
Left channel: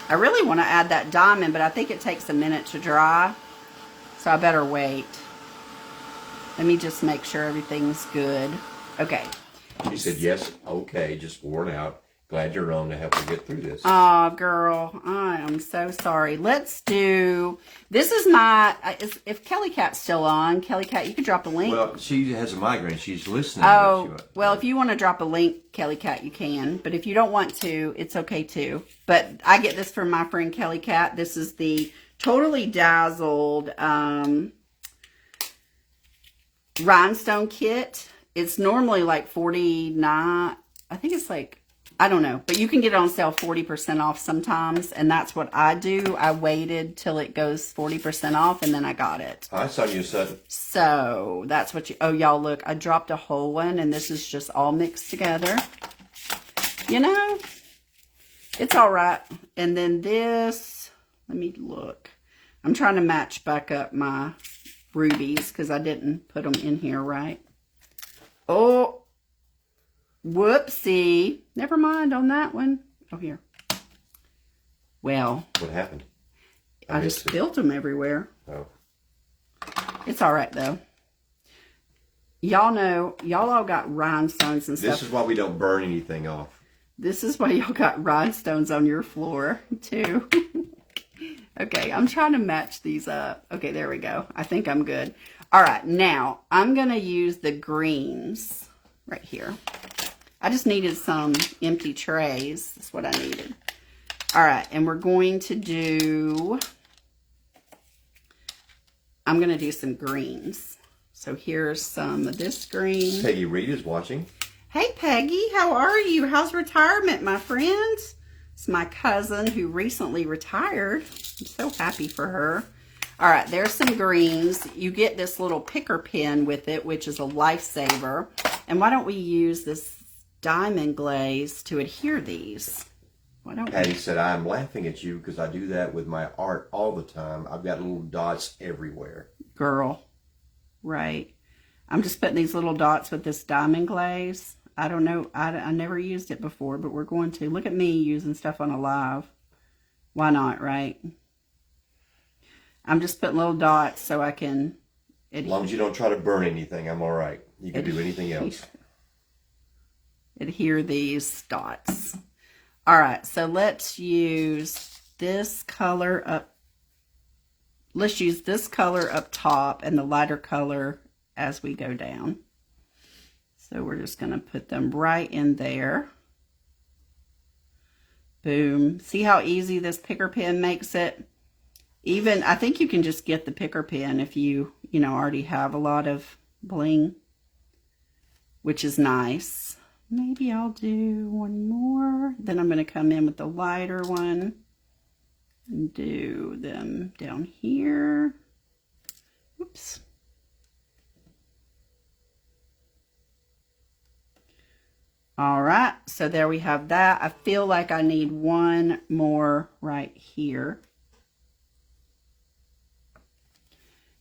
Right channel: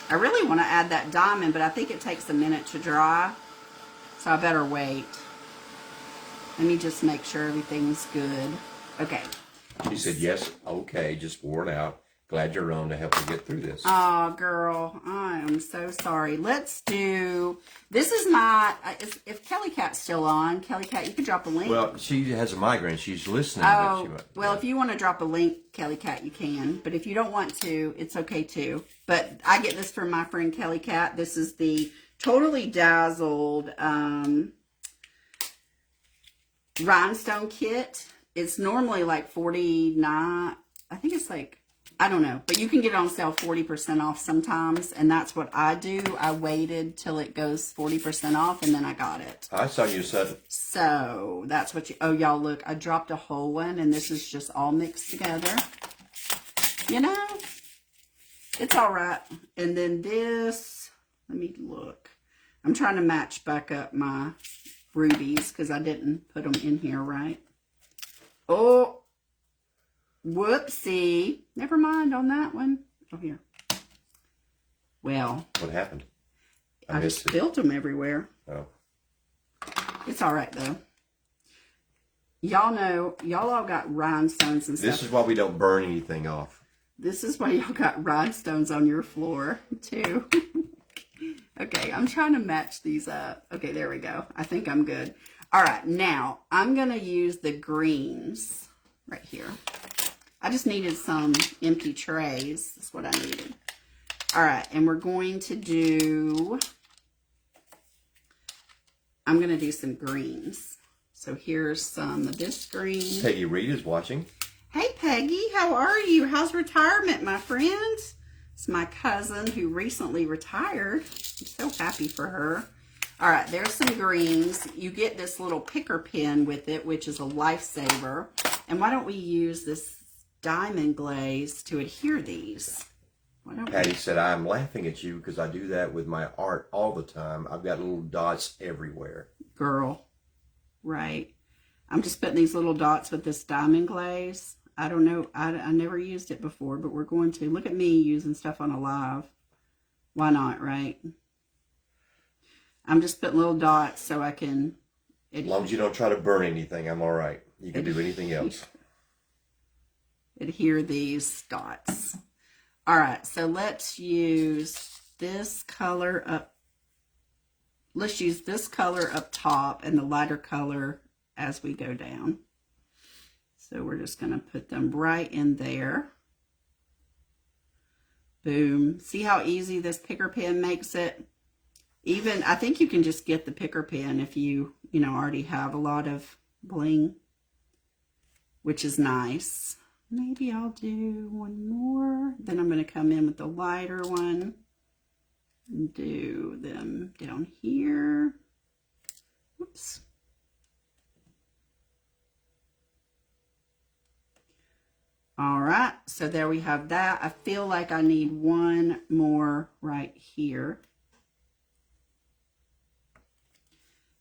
I really want to add that diamond, but I think it takes a minute to dry, so I better wait. Let me just make sure everything's good. Okay. She said, yes, okay, just worn out. Glad you're on to help me get through this. Oh, girl, I am so sorry. Let's do, this is my, if Kelly Cat's still on, Kelly Cat, you could drop a link. Well, she has a migraine. She's listening. Oh, well, if you want to drop a link, Kelly Cat, you can. But if you don't want to, it's okay too. But I get this from my friend Kelly Cat. This is the Totally Dazzled rhinestone kit. It's normally like $49. I think it's like, I don't know, but you can get it on sale 40% off sometimes, and that's what I do. I waited till it goes 40% off, and then I got it. I saw you said. So that's what you, oh, y'all look, I dropped a whole one, and this is just all mixed together. You know, it's all right. And then this, let me look. I'm trying to match back up my rubies because I didn't put them in here right. Oh, whoopsie. Never mind on that one. Oh, here. Well. What happened? I just spilled them everywhere. Oh. It's all right, though. Y'all know, y'all all got rhinestones and stuff. This is why we don't burn anything off. This is why y'all got rhinestones on your floor, too. Okay, I'm trying to match these up. Okay, there we go. I think I'm good. All right, now I'm going to use the greens right here. I just needed some empty trays. That's what I needed. All right, and we're going to do, I'm going to do some greens. So here's some of this green. Peggy Reed is watching. Hey, Peggy, how are you? How's retirement, my friend? It's my cousin who recently retired. I'm so happy for her. All right, there's some greens. You get this little picker pen with it, which is a lifesaver. And why don't we use this diamond glaze to adhere these? Why don't Patty said, I'm laughing at you because I do that with my art all the time. I've got little dots everywhere. Girl, right. I'm just putting these little dots with this diamond glaze. I don't know. I never used it before, but we're going to. Look at me using stuff on a live. Why not, right? I'm just putting little dots so I can... As long as you don't try to burn anything, I'm all right. You can do anything else. Adhere these dots. All right, so let's use this color up. Let's use this color up top and the lighter color as we go down. So we're just going to put them right in there. Boom. See how easy this picker pen makes it? Even, I think you can just get the picker pen if you already have a lot of bling, which is nice. Maybe I'll do one more. Then I'm going to come in with the lighter one and do them down here. Oops. All right, so there we have that. I feel like I need one more right here.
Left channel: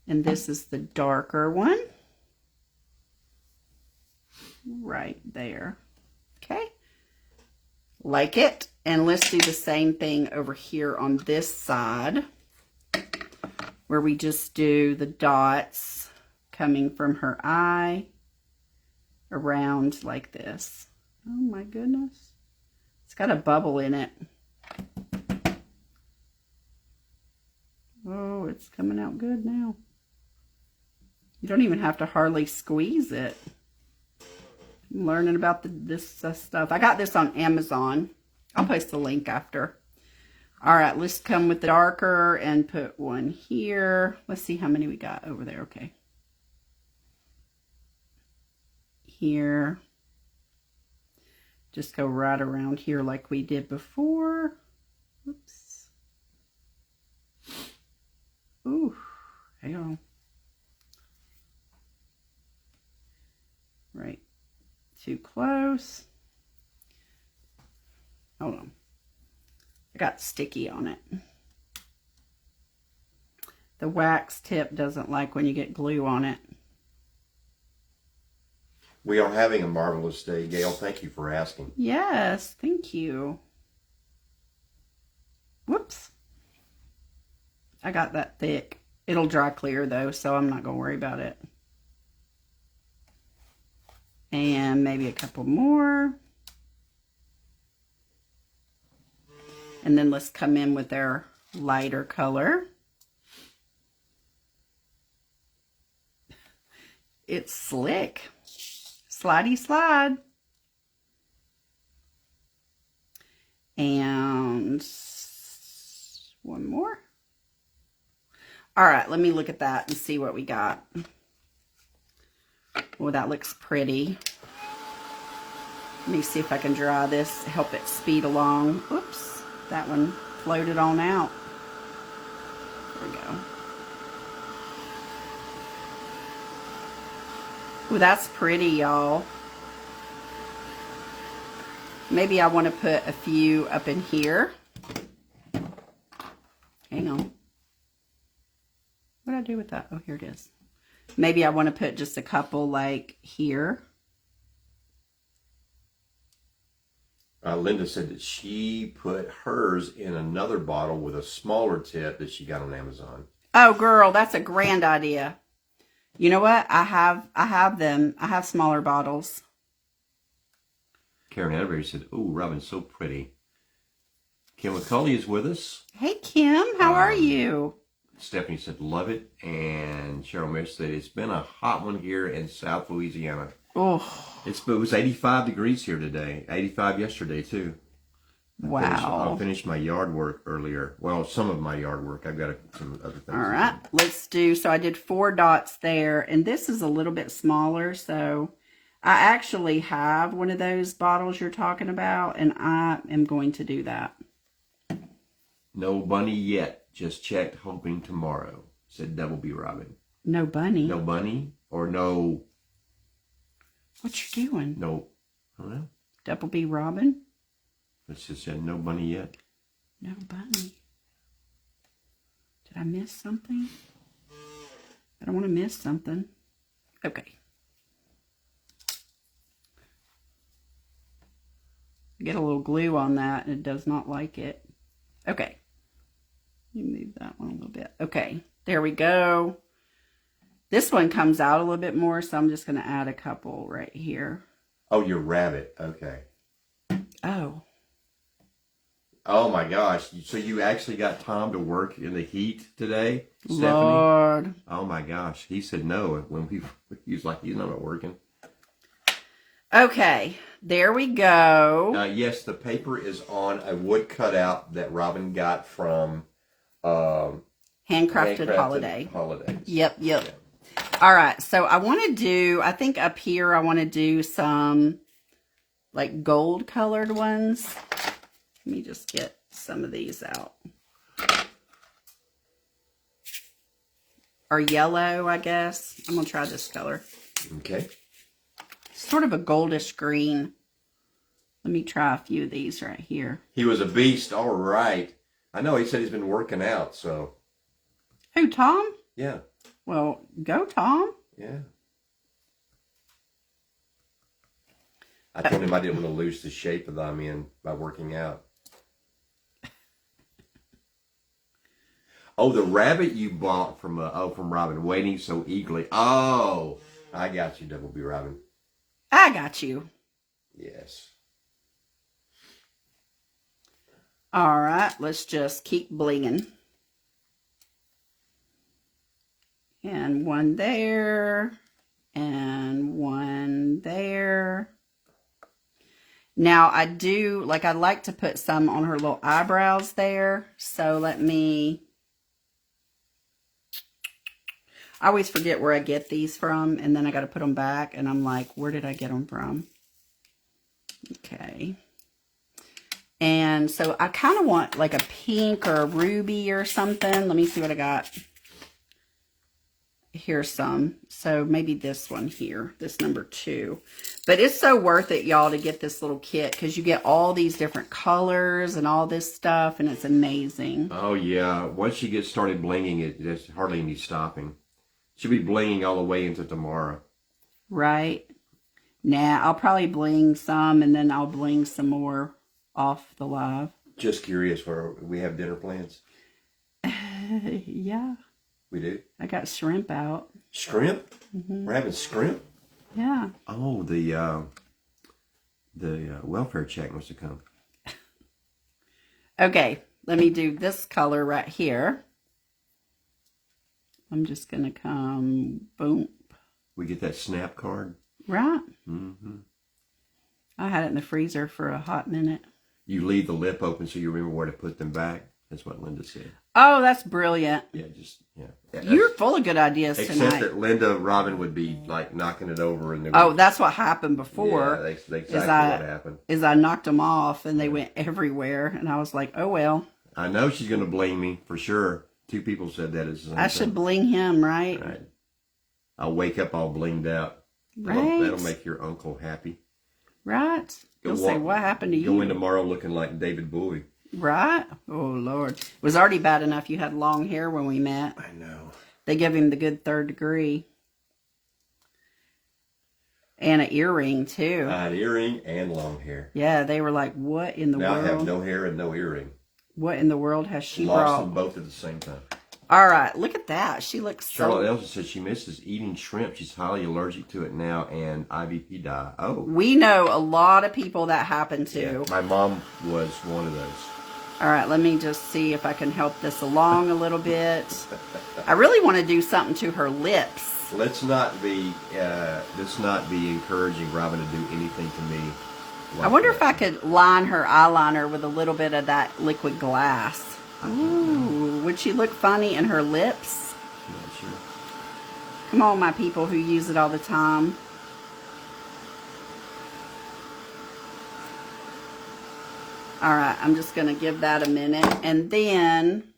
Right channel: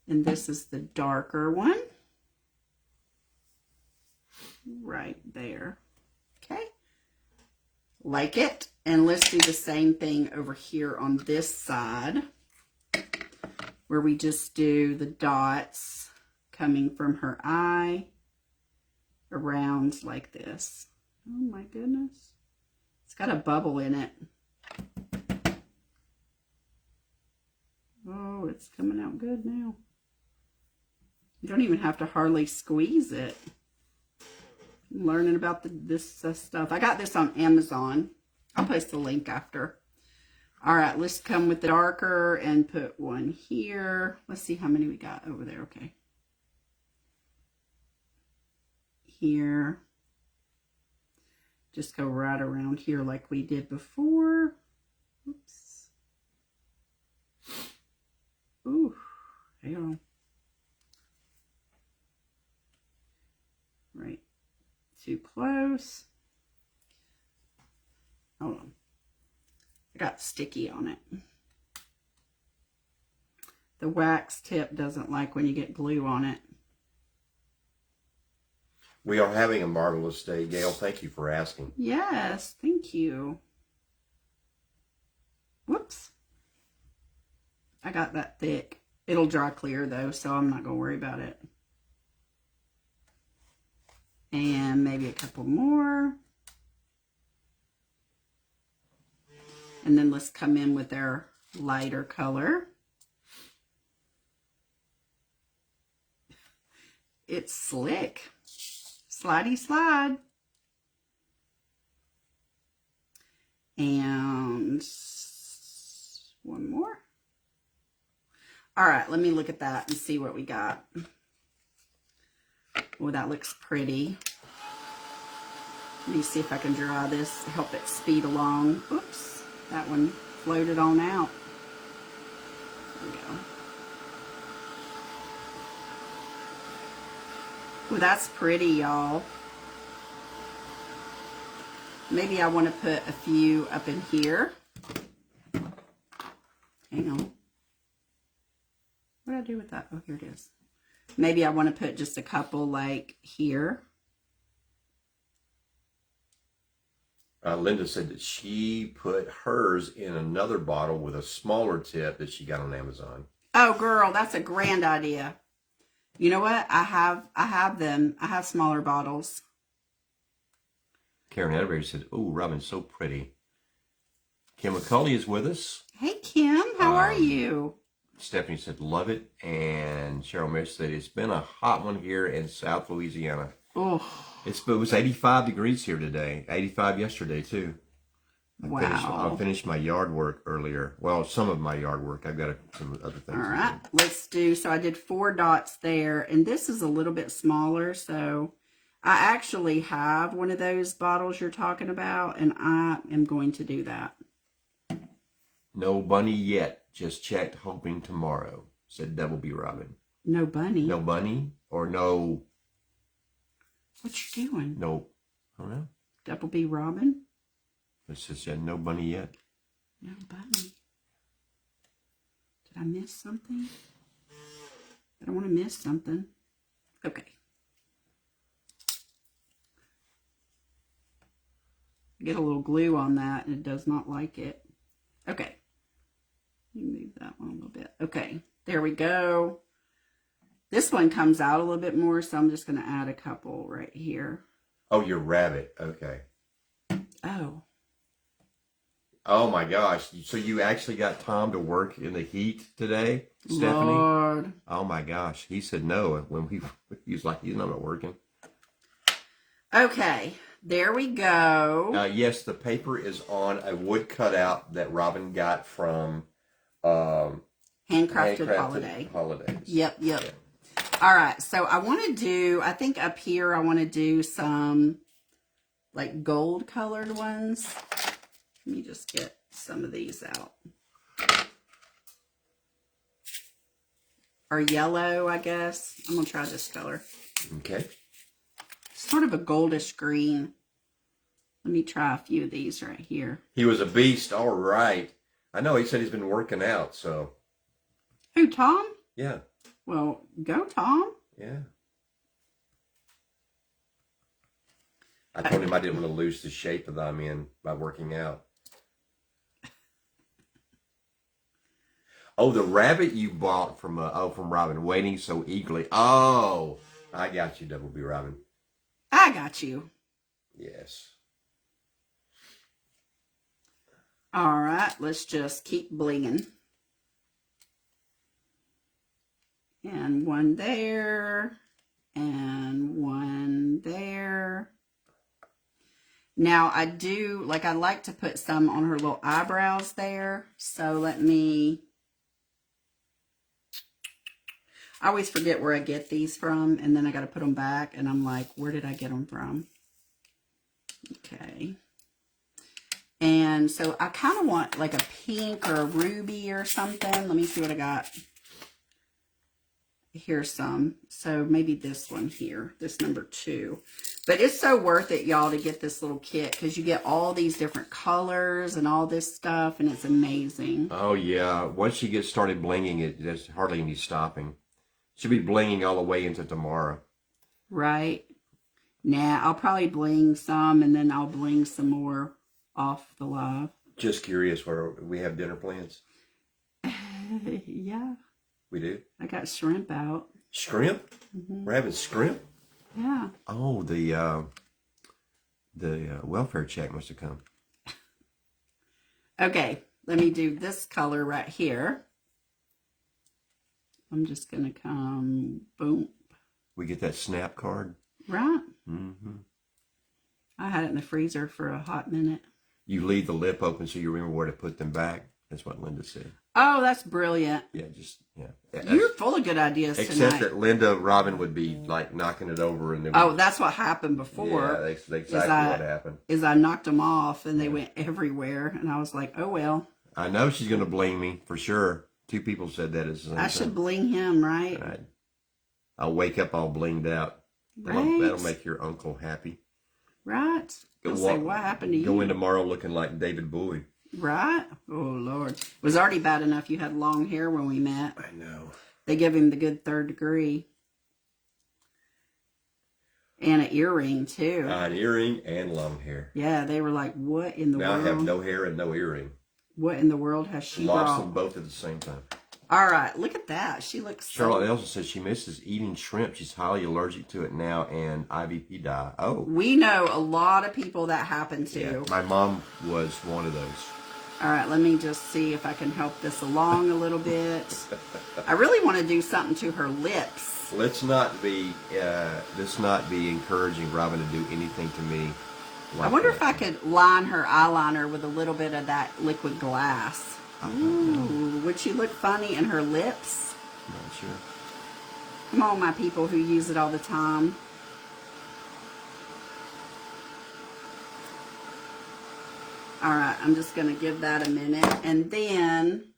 And this is the darker one. Right there. Okay. Like it. And let's do the same thing over here on this side, where we just do the dots coming from her eye around like this. Oh my goodness. It's got a bubble in it. Oh, it's coming out good now. You don't even have to hardly squeeze it. I'm learning about this stuff. I got this on Amazon. I'll post the link after. All right, let's come with the darker and put one here. Let's see how many we got over there. Okay. Here. Just go right around here like we did before. Oops. Ooh, hang on. Right. Too close. Hold on. I got sticky on it. The wax tip doesn't like when you get glue on it. We are having a marvelous day, Gail. Thank you for asking. Yes, thank you. Whoops. I got that thick. It'll dry clear though, so I'm not going to worry about it. And maybe a couple more. And then let's come in with our lighter color. It's slick. Slidey slide. And one more. All right, let me look at that and see what we got. Oh, that looks pretty. Let me see if I can dry this, help it speed along. Oops, that one floated on out. There we go. Ooh, that's pretty, y'all. Maybe I want to put a few up in here. Hang on. What did I do with that? Oh, here it is. Maybe I want to put just a couple like here. Linda said that she put hers in another bottle with a smaller tip that she got on Amazon. Oh, girl, that's a grand idea. You know what? I have them. I have smaller bottles. Karen Edberg said, "Oh, Robin's so pretty." Kim McCulley is with us. Hey, Kim, how are you? Stephanie said, "Love it," and Cheryl Mitch said, "It's been a hot one here in South Louisiana." Oh, it was 85 degrees here today. 85 yesterday too. Wow. I finished my yard work earlier. Well, some of my yard work. I've got some other things. All right, let's do, so I did 4 dots there, and this is a little bit smaller, so I actually have one of those bottles you're talking about, and I am going to do that. No bunny yet. Just checked, hoping tomorrow, said Double B Robin. No bunny? No bunny? Or no... What you doing? No. I don't know. Double B Robin? It just said no bunny yet. No bunny. Did I miss something? I don't want to miss something. Okay. Get a little glue on that, and it does not like it. Okay. Let me move that one a little bit. Okay, there we go. This one comes out a little bit more, so I'm just going to add a couple right here. Oh, your rabbit. Okay. Oh. Oh, my gosh. So you actually got Tom to work in the heat today, Stephanie? Lord. Oh, my gosh. He said no when he was like, he's not working. Okay, there we go. Yes, the paper is on a wood cutout that Robin got from... Handcrafted Holidays. Yep. Yeah. All right, so I want to do, I think up here I want to do some like gold colored ones. Let me just get some of these out. Or yellow, I guess. I'm going to try this color. Okay. Sort of a goldish green. Let me try a few of these right here. He was a beast. All right. I know he said he's been working out, so. Who, Tom? Yeah. Well, go, Tom. Yeah. I told him I didn't want to lose the shape that I'm in by working out. Oh, the rabbit you bought from Robin, waiting so eagerly. Oh, I got you, Double B Robin. I got you. Yes. All right, let's just keep blinging. And one there, and one there. Now, I do, like, I like to put some on her little eyebrows there. So let me, I always forget where I get these from, and then I got to put them back, and I'm like, where did I get them from? Okay. And so I kind of want like a pink or a ruby or something. Let me see what I got. here's some. So maybe this one here, this number 2. But it's so worth it, y'all, to get this little kit because you get all these different colors and all this stuff, and it's amazing. Oh, yeah. Once you get started blinging, there's hardly any stopping. She'll be blinging all the way into tomorrow. Right. Nah, I'll probably bling some, and then I'll bling some more off the live. Just curious, where we have dinner plans? Yeah. We do? I got shrimp out. Shrimp? We're having shrimp? Yeah. Oh, the welfare check must have come. Okay, let me do this color right here. I'm just going to come, boom. We get that snap card? Right. Mm-hmm. I had it in the freezer for a hot minute. You leave the lip open so you remember where to put them back. That's what Linda said. Oh, that's brilliant. Yeah, yeah. You're full of good ideas except tonight. Except that Linda Robin would be like knocking it over. And that's what happened before. Yeah, that's exactly what happened. Is I knocked them off and they went everywhere. And I was like, oh, well. I know she's going to blame me for sure. 2 people said that. I should bling him, right? Right. I'll wake up all blinged out. Right. That'll make your uncle happy. Right. He'll say, what happened to you? Go in tomorrow looking like David Bowie. Right? Oh, Lord. It was already bad enough you had long hair when we met. I know. They give him the good 3rd degree. And an earring, too. An earring and long hair. Yeah, they were like, what in the world? I have no hair and no earring. What in the world has she brought? Lost them both at the same time. All right, look at that. She looks Charlotte Elsa says she misses eating shrimp. She's highly allergic to it now, and IVP dye. Oh. We know a lot of people that happen to. Yeah, my mom was one of those. All right, let me just see if I can help this along a little bit. I really want to do something to her lips. Let's not be encouraging Robin to do anything to me. I wonder if I could line her eyeliner with a little bit of that liquid glass. Ooh, would she look funny in her lips? Not sure. Come on, my people who use it all the time. All right, I'm just going to give that a minute. And then,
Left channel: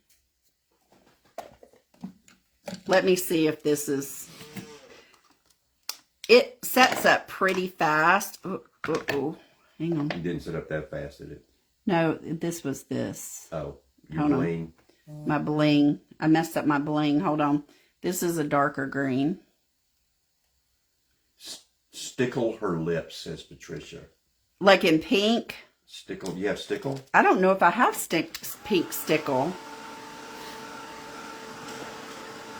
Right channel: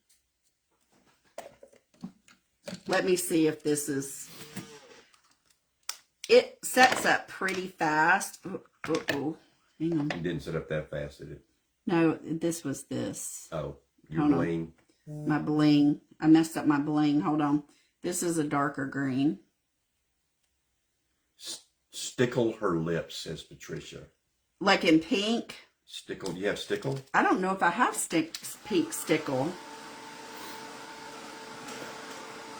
let me see if this is... It sets up pretty fast. Oh, hang on. It didn't set up that fast, did it? No, this was this. Oh, your bling. My bling. I messed up my bling. Hold on. This is a darker green. Stickle her lips, says Patricia. Like in pink? Stickle. You have stickle? I don't know if I have pink stickle.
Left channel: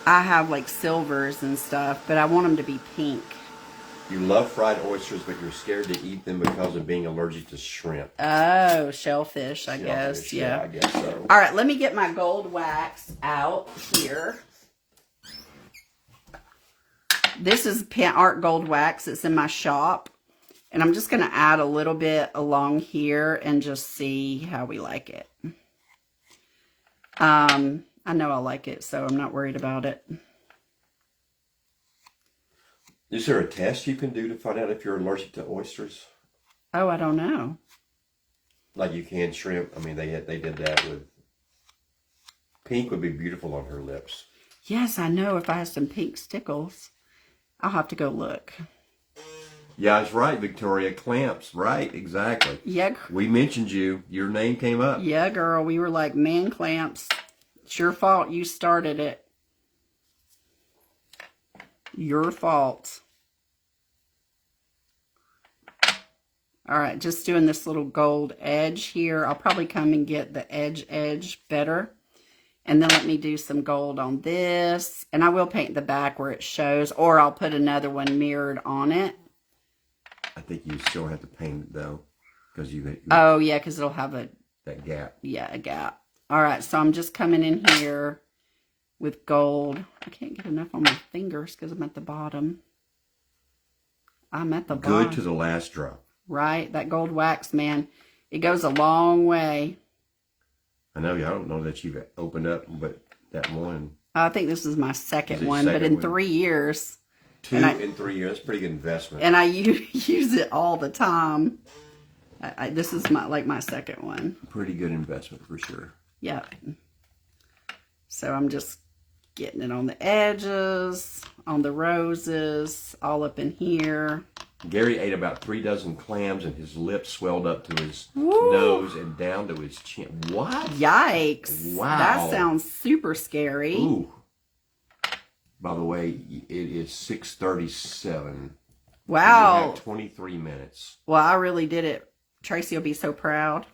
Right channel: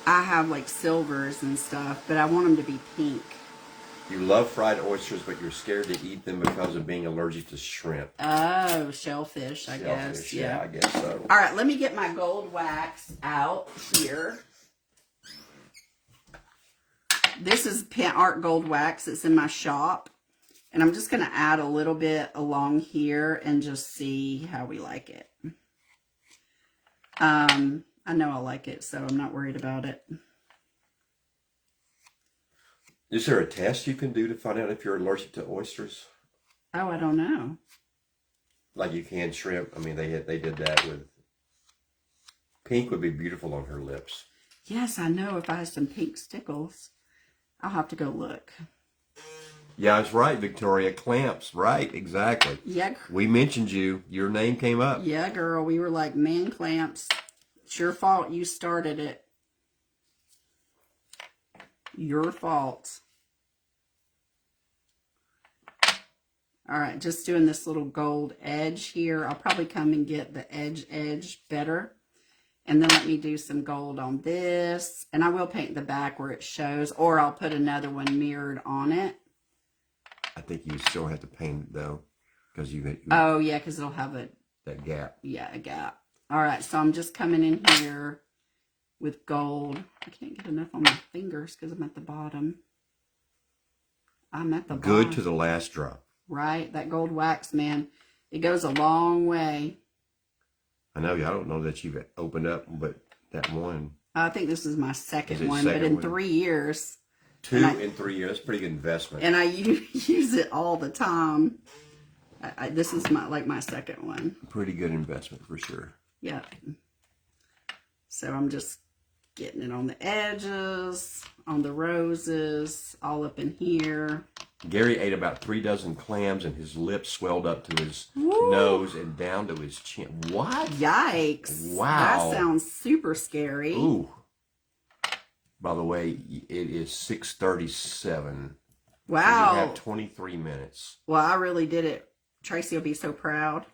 I have like silvers and stuff, but I want them to be pink. You love fried oysters, but you're scared to eat them because of being allergic to shrimp. Oh, shellfish, I guess. Yeah, I guess so. All right, let me get my gold wax out here. This is Art Gold Wax. It's in my shop. And I'm just going to add a little bit along here and just see how we like it. I know I like it, so I'm not worried about it. Is there a test you can do to find out if you're allergic to oysters? Oh, I don't know. Like you can shrimp. I mean, they did that with... Pink would be beautiful on her lips. Yes, I know. If I have some pink stickles, I'll have to go look. Yeah, that's right, Victoria. Clamps. Right, exactly. Yeah. We mentioned you. Your name came up. Yeah, girl. We were like, man, clamps. It's your fault. You started it. Your fault. All right, just doing this little gold edge here. I'll probably come and get the edge better. And then let me do some gold on this. And I will paint the back where it shows, or I'll put another one mirrored on it. I think you still have to paint it, though, because you oh, yeah, because it'll have that gap. Yeah, a gap. All right, so I'm just coming in here with gold. I can't get enough on my fingers because I'm at the bottom. I'm at the bottom. Good to the last drop. Right? That gold wax, man. It goes a long way. I know. I don't know that you've opened up, but that one. I think this is my second one, but in 3 years. 2 in 3 years. That's a pretty good investment. And I use it all the time. This is my second one. Pretty good investment for sure. Yeah. So I'm just Getting it on the edges, on the roses, all up in here. Gary ate about 3 dozen clams and his lips swelled up to his nose and down to his chin. What? Yikes. Wow. That sounds super scary. Ooh. By the way, it is 6:37. Wow. You have 23 minutes. Well, I really did it. Tracy will be so proud.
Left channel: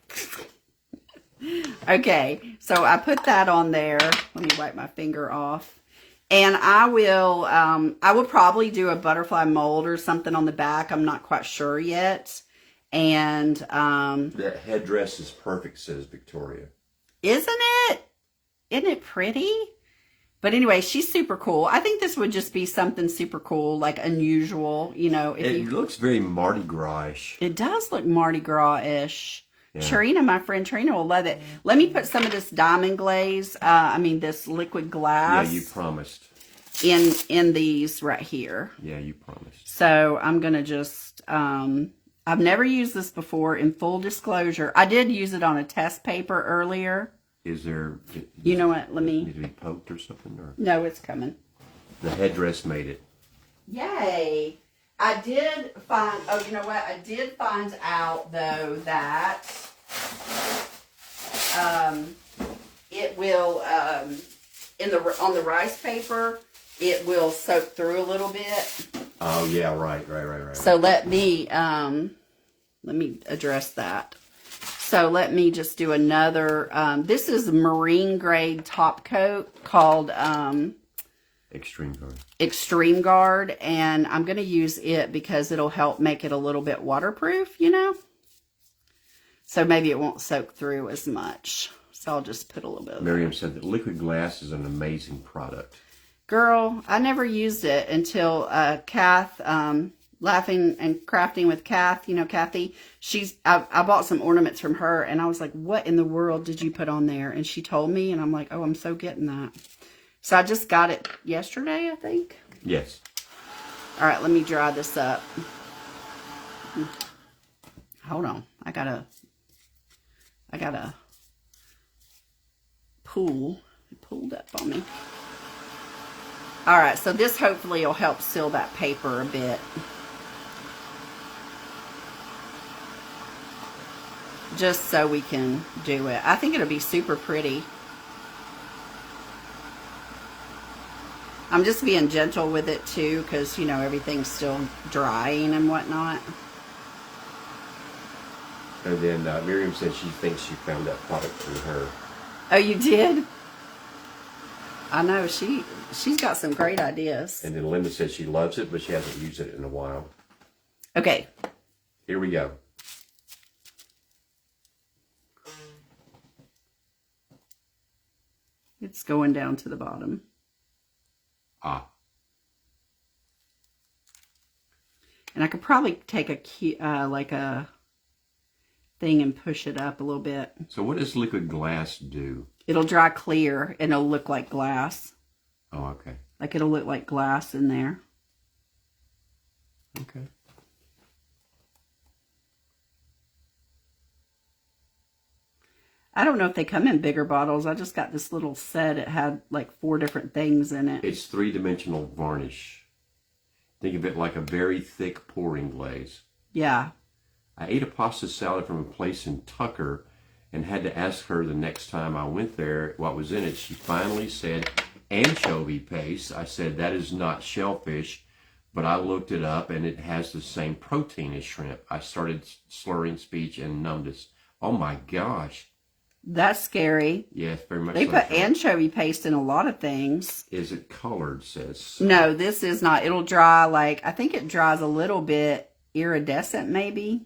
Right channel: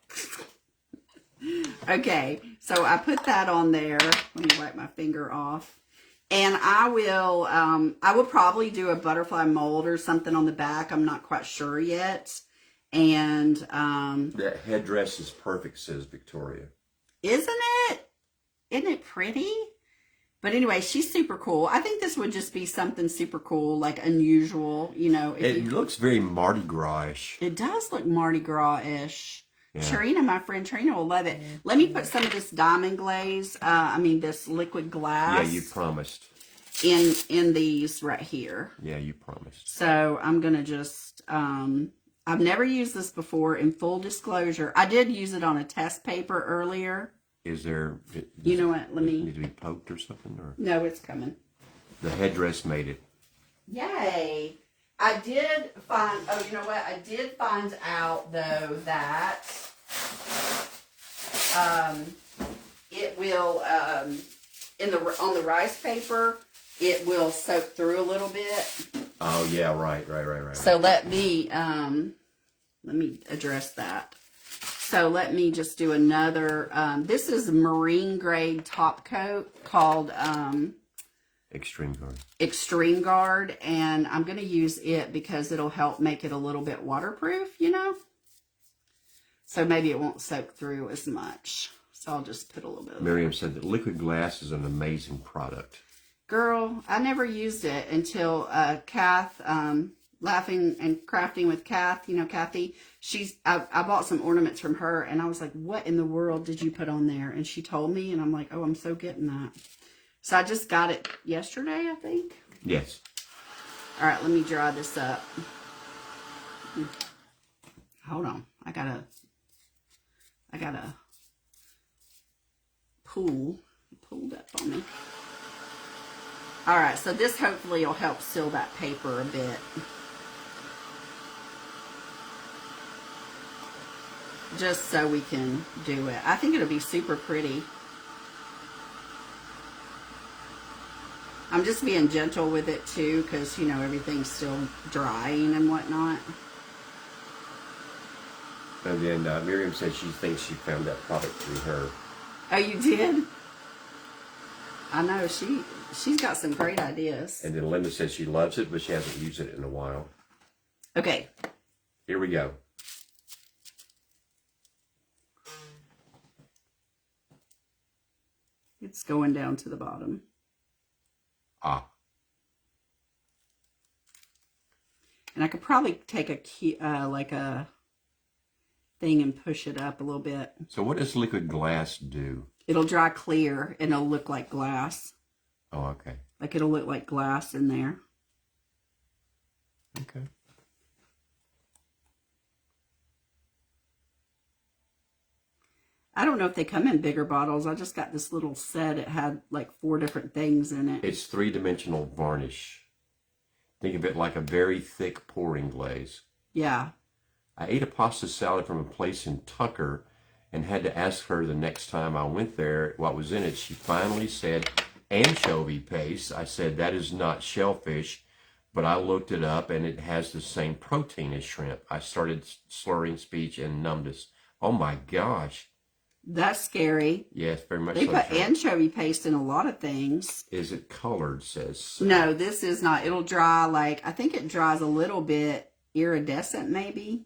Okay, so I put that on there. Let me wipe my finger off. And I will probably do a butterfly mold or something on the back. I'm not quite sure yet. And that headdress is perfect, says Victoria. Isn't it? Isn't it pretty? But anyway, she's super cool. I think this would just be something super cool, like unusual, you know. It looks very Mardi Gras-ish. It does look Mardi Gras-ish. Yeah. Trina, my friend Trina will love it. Let me put some of this diamond glaze, this liquid glass. Yeah, you promised. In these right here. Yeah, you promised. So I'm going to just, I've never used this before, in full disclosure. I did use it on a test paper earlier. Is there... You know what? Let me... Need to be poked or something? Or? No, it's coming. The headdress made it. Yay! I did find... Oh, you know what? I did find out, though, that it will, on the rice paper, it will soak through a little bit. Oh, yeah, right. So let me address that. So let me just do another, this is marine grade top coat called Extreme Guard. And I'm going to use it because it'll help make it a little bit waterproof, you know. So maybe it won't soak through as much. So I'll just put a little bit. Miriam said that liquid glass is an amazing product. Girl, I never used it until Kath, Laughing and Crafting with Kath, you know, Kathy, I bought some ornaments from her and I was like, what in the world did you put on there? And she told me and I'm like, oh, I'm so getting that. So I just got it yesterday, I think. Yes. All right, let me dry this up. Hold on. I gotta pull. It pulled up on me. All right, so this hopefully will help seal that paper a bit. Just so we can do it. I think it'll be super pretty. I'm just being gentle with it too, because, you know, everything's still drying and whatnot. And then Miriam said she thinks she found that product through her. Oh, you did? I know, she's got some great ideas. And then Linda says she loves it, but she hasn't used it in a while. Okay. Here we go. It's going down to the bottom. Ah. And I could probably take a key, like a thing and push it up a little bit. So what does liquid glass do? It'll dry clear and it'll look like glass. Oh, okay. Like it'll look like glass in there. Okay. I don't know if they come in bigger bottles. I just got this little set. It had like 4 different things in it. It's 3-dimensional varnish. Think of it like a very thick pouring glaze. Yeah. I ate a pasta salad from a place in Tucker and had to ask her the next time I went there what was in it. She finally said anchovy paste. I said, that is not shellfish, but I looked it up and it has the same protein as shrimp. I started slurring speech and numbness. Oh my gosh. That's scary. Yes, very much. They so. put anchovy paste in a lot of things. Is it colored, says? No, this is not. It'll dry like, I think it dries a little bit iridescent maybe.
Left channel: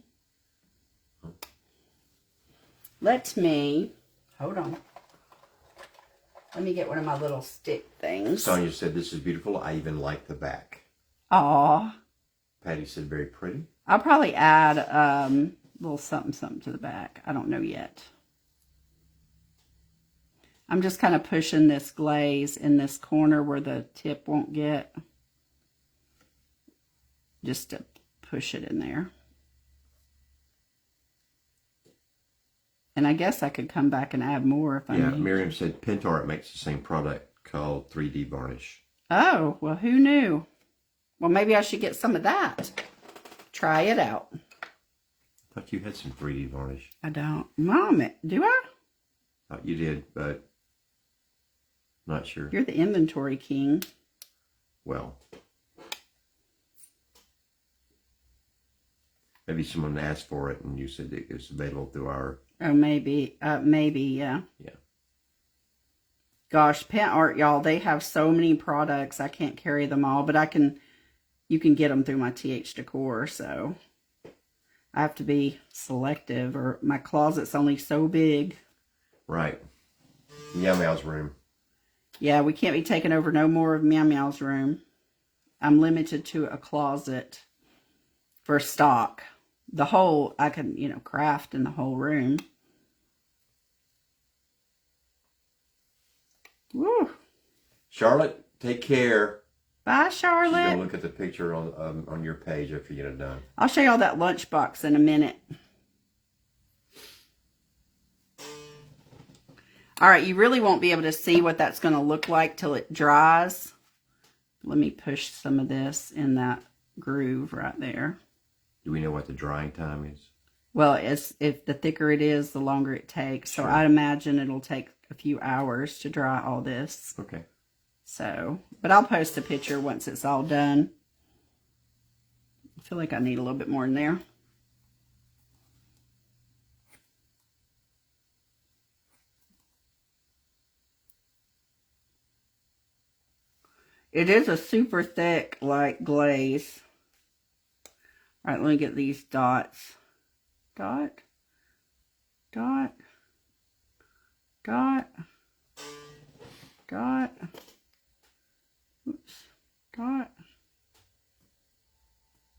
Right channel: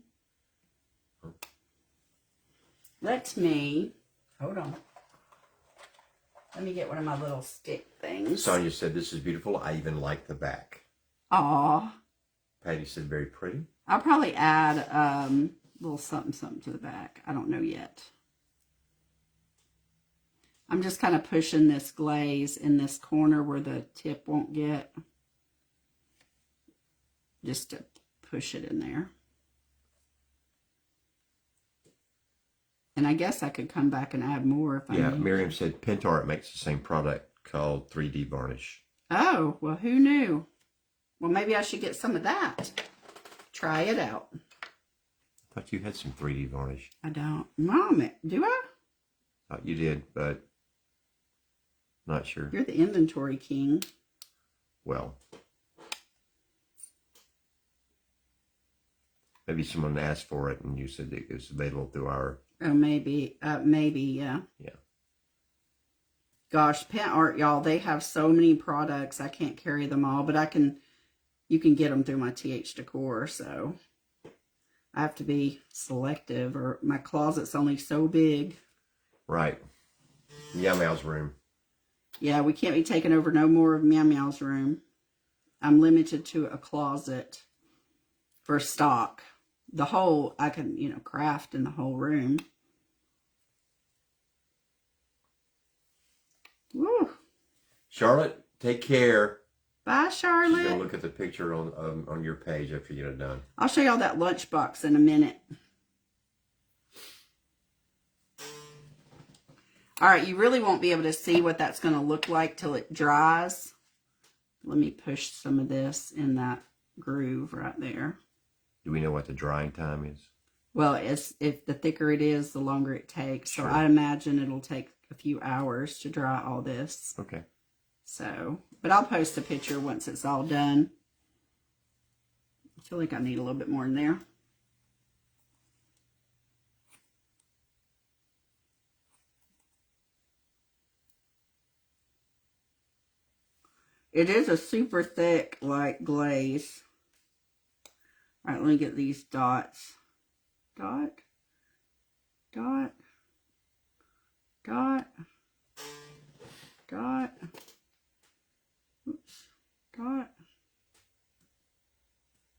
Hold on. Let me get one of my little stick things. Sonia said, this is beautiful. I even like the back. Aw. Patty said, very pretty. I'll probably add a little something to the back. I don't know yet. I'm just kind of pushing this glaze in this corner where the tip won't get. Just to push it in there. And I guess I could come back and add more if I need. Miriam said Pentart makes the same product called 3D varnish. Oh, well, who knew? Well, maybe I should get some of that. Try it out. I thought you had some 3D varnish. I don't. Mom, do I? Thought you did, but not sure. You're the inventory king. Well, maybe someone asked for it and you said it was available through our... Oh, maybe. Maybe, yeah. Yeah. Gosh, Pent Art, y'all, they have so many products. I can't carry them all, but you can get them through my TH Decor, so I have to be selective, or my closet's only so big. Right. Meow Meow's room. Yeah, we can't be taking over no more of Meow Meow's room. I'm limited to a closet for stock. The whole, I can, craft in the whole room. Woo. Charlotte, take care. Bye, Charlotte. She's gonna look at the picture on your page after you get it done. I'll show y'all that lunchbox in a minute. All right, you really won't be able to see what that's going to look like till it dries. Let me push some of this in that groove right there. Do we know what the drying time is? Well, if the thicker it is, the longer it takes. Sure. So I'd imagine it'll take a few hours to dry all this. Okay. So, but I'll post a picture once it's all done. I feel like I need a little bit more in there. It is a super thick, like, glaze. All right, let me get these dots. Dot. Dot. Dot. Dot. Oops. Dot.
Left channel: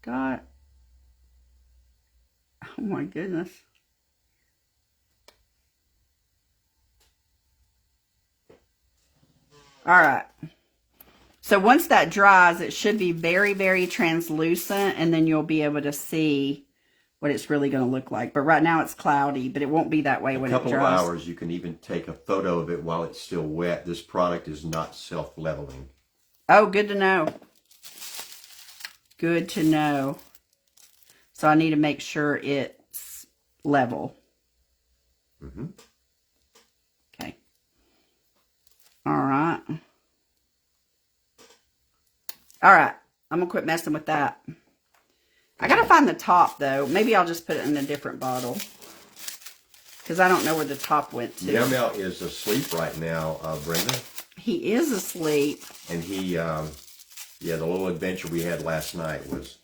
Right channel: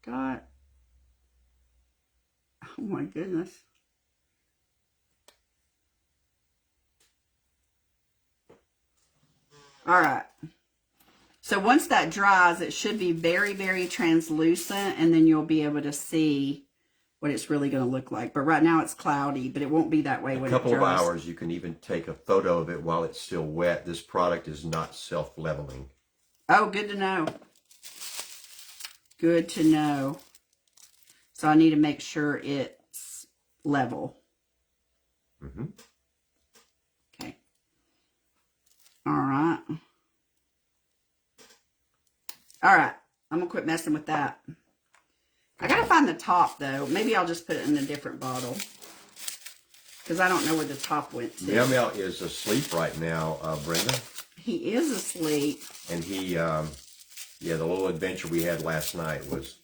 Dot. Oh my goodness. All right. So once that dries, it should be very, very translucent, and then you'll be able to see what it's really going to look like. But right now it's cloudy, but it won't be that way when it dries. A couple of hours, you can even take a photo of it while it's still wet. This product is not self-leveling. Oh, good to know. Good to know. So I need to make sure it's level. Mm-hmm. Okay. All right. All right. I'm going to quit messing with that. I got to find the top, though. Maybe I'll just put it in a different bottle. Because I don't know where the top went to. Meow Meow is asleep right now, Brenda. He is asleep. And he, the little adventure we had last night was,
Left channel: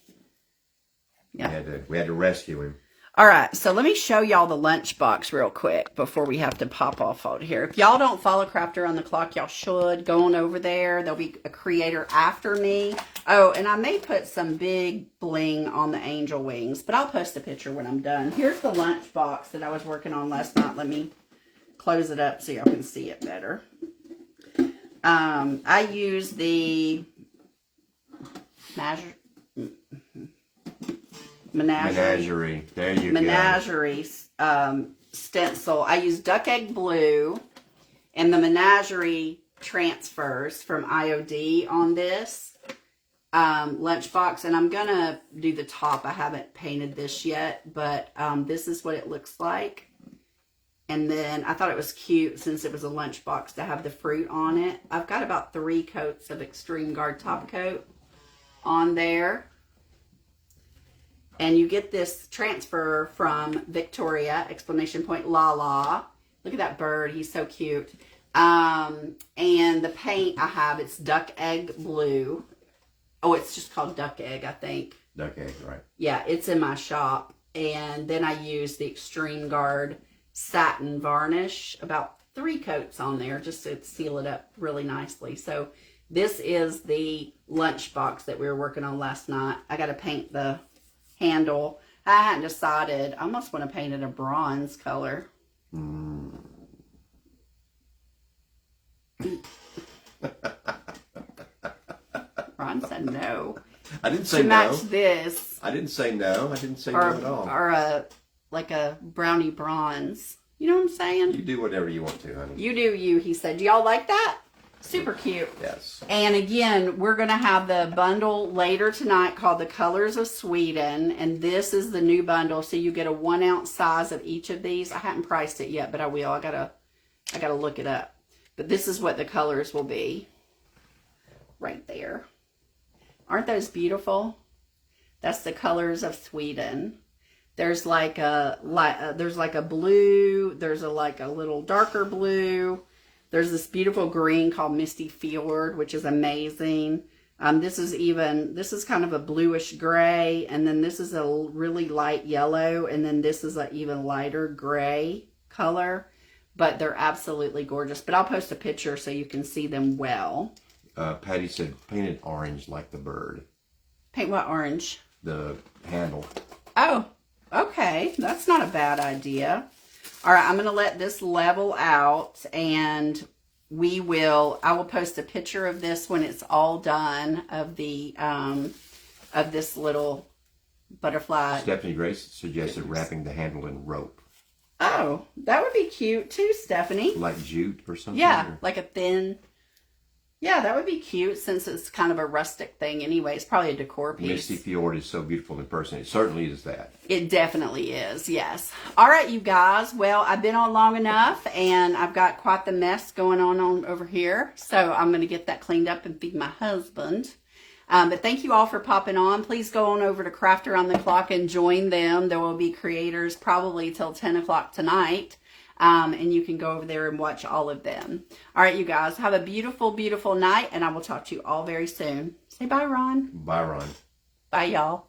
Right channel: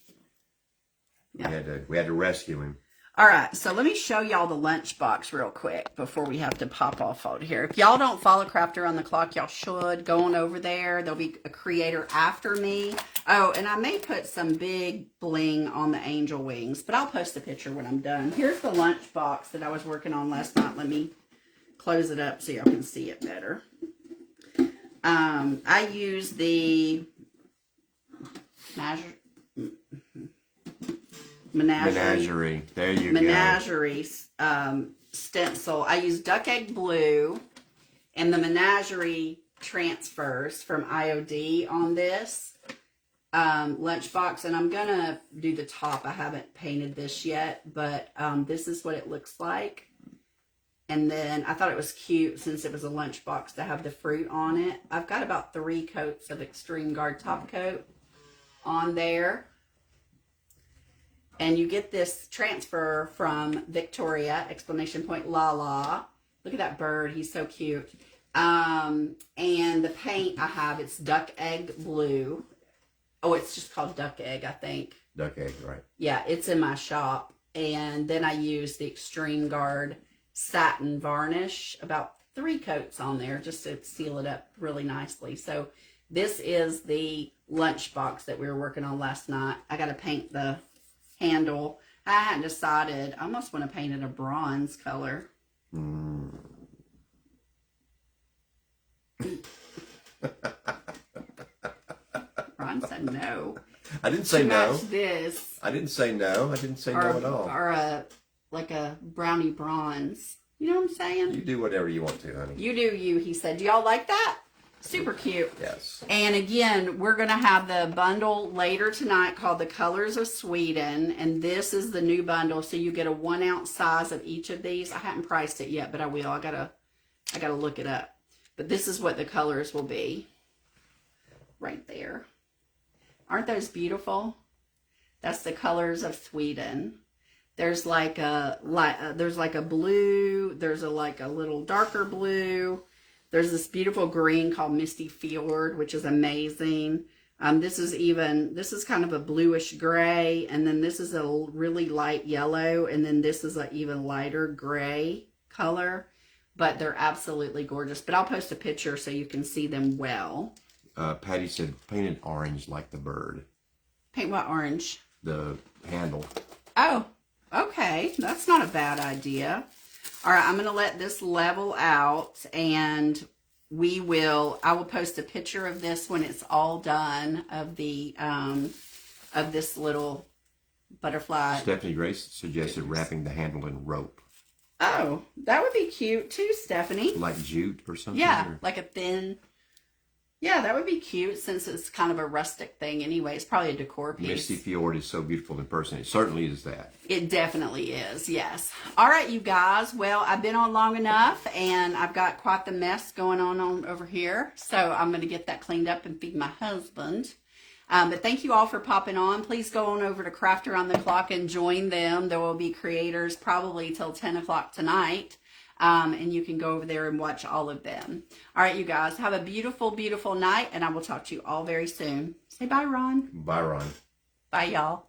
we had to rescue him. All right, so let me show y'all the lunchbox real quick before we have to pop off out here. If y'all don't follow Crafter on the Clock, y'all should. Go on over there. There'll be a creator after me. Oh, and I may put some big bling on the angel wings, but I'll post a picture when I'm done. Here's the lunchbox that I was working on last night. Let me close it up so y'all can see it better. I use the Menagerie. There you Menagerie stencil. I use duck egg blue, and the Menagerie transfers from IOD on this lunchbox. And I'm gonna do the top. I haven't painted this yet, but this is what it looks like. And then I thought it was cute since it was a lunchbox to have the fruit on it. I've got about 3 coats of Extreme Guard top coat on there. And you get this transfer from Victoria, exclamation point, Lala. Look at that bird. He's so cute. And the paint I have, it's duck egg blue. Oh, it's just called duck egg, I think. Duck egg, right. Yeah, it's in my shop. And then I use the Extreme Guard satin varnish, about 3 coats on there, just to seal it up really nicely. So this is the lunchbox that we were working on last night. I got to paint the handle. I hadn't decided. I almost want to paint it a bronze color. Ron said no. I didn't say to no. match this. I didn't say no. I didn't say no at all. Or like a brownie bronze. You know what I'm saying? You do whatever you want to, honey. You do you, he said. Do y'all like that? Super cute. Yes. And again, we're going to have the bundle later tonight called The Colors of Sweden. And this is the new bundle. So you get a 1 ounce size of each of these. I haven't priced it yet, but I will. I gotta look it up. But this is what the colors will be. Right there. Aren't those beautiful? That's The Colors of Sweden. There's like a blue. There's a little darker blue. There's this beautiful green called Misty Fjord, which is amazing. This is kind of a bluish gray, and then this is a really light yellow, and then this is an even lighter gray color. But they're absolutely gorgeous. But I'll post a picture so you can see them well. Patty said painted orange like the bird. Paint what orange? The handle. Oh, okay. That's not a bad idea. All right, I'm going to let this level out, and I will post a picture of this when it's all done, of the, of this little butterfly. Stephanie Grace suggested wrapping the handle in rope. Oh, that would be cute too, Stephanie. Like jute or something? Yeah, or? like a thin. Yeah, that would be cute since it's kind of a rustic thing anyway. It's probably a decor piece. Misty Fjord is so beautiful in person. It certainly is that. It definitely is, yes. All right, you guys. Well, I've been on long enough, and I've got quite the mess going on over here. So I'm going to get that cleaned up and feed my husband. But thank you all for popping on. Please go on over to Craft Around the Clock and join them. There will be creators probably till 10 o'clock tonight. And you can go over there and watch all of them. All right, you guys. Have a beautiful, beautiful night. And I will talk to you all very soon. Say bye, Ron. Bye, Ron. Bye, y'all.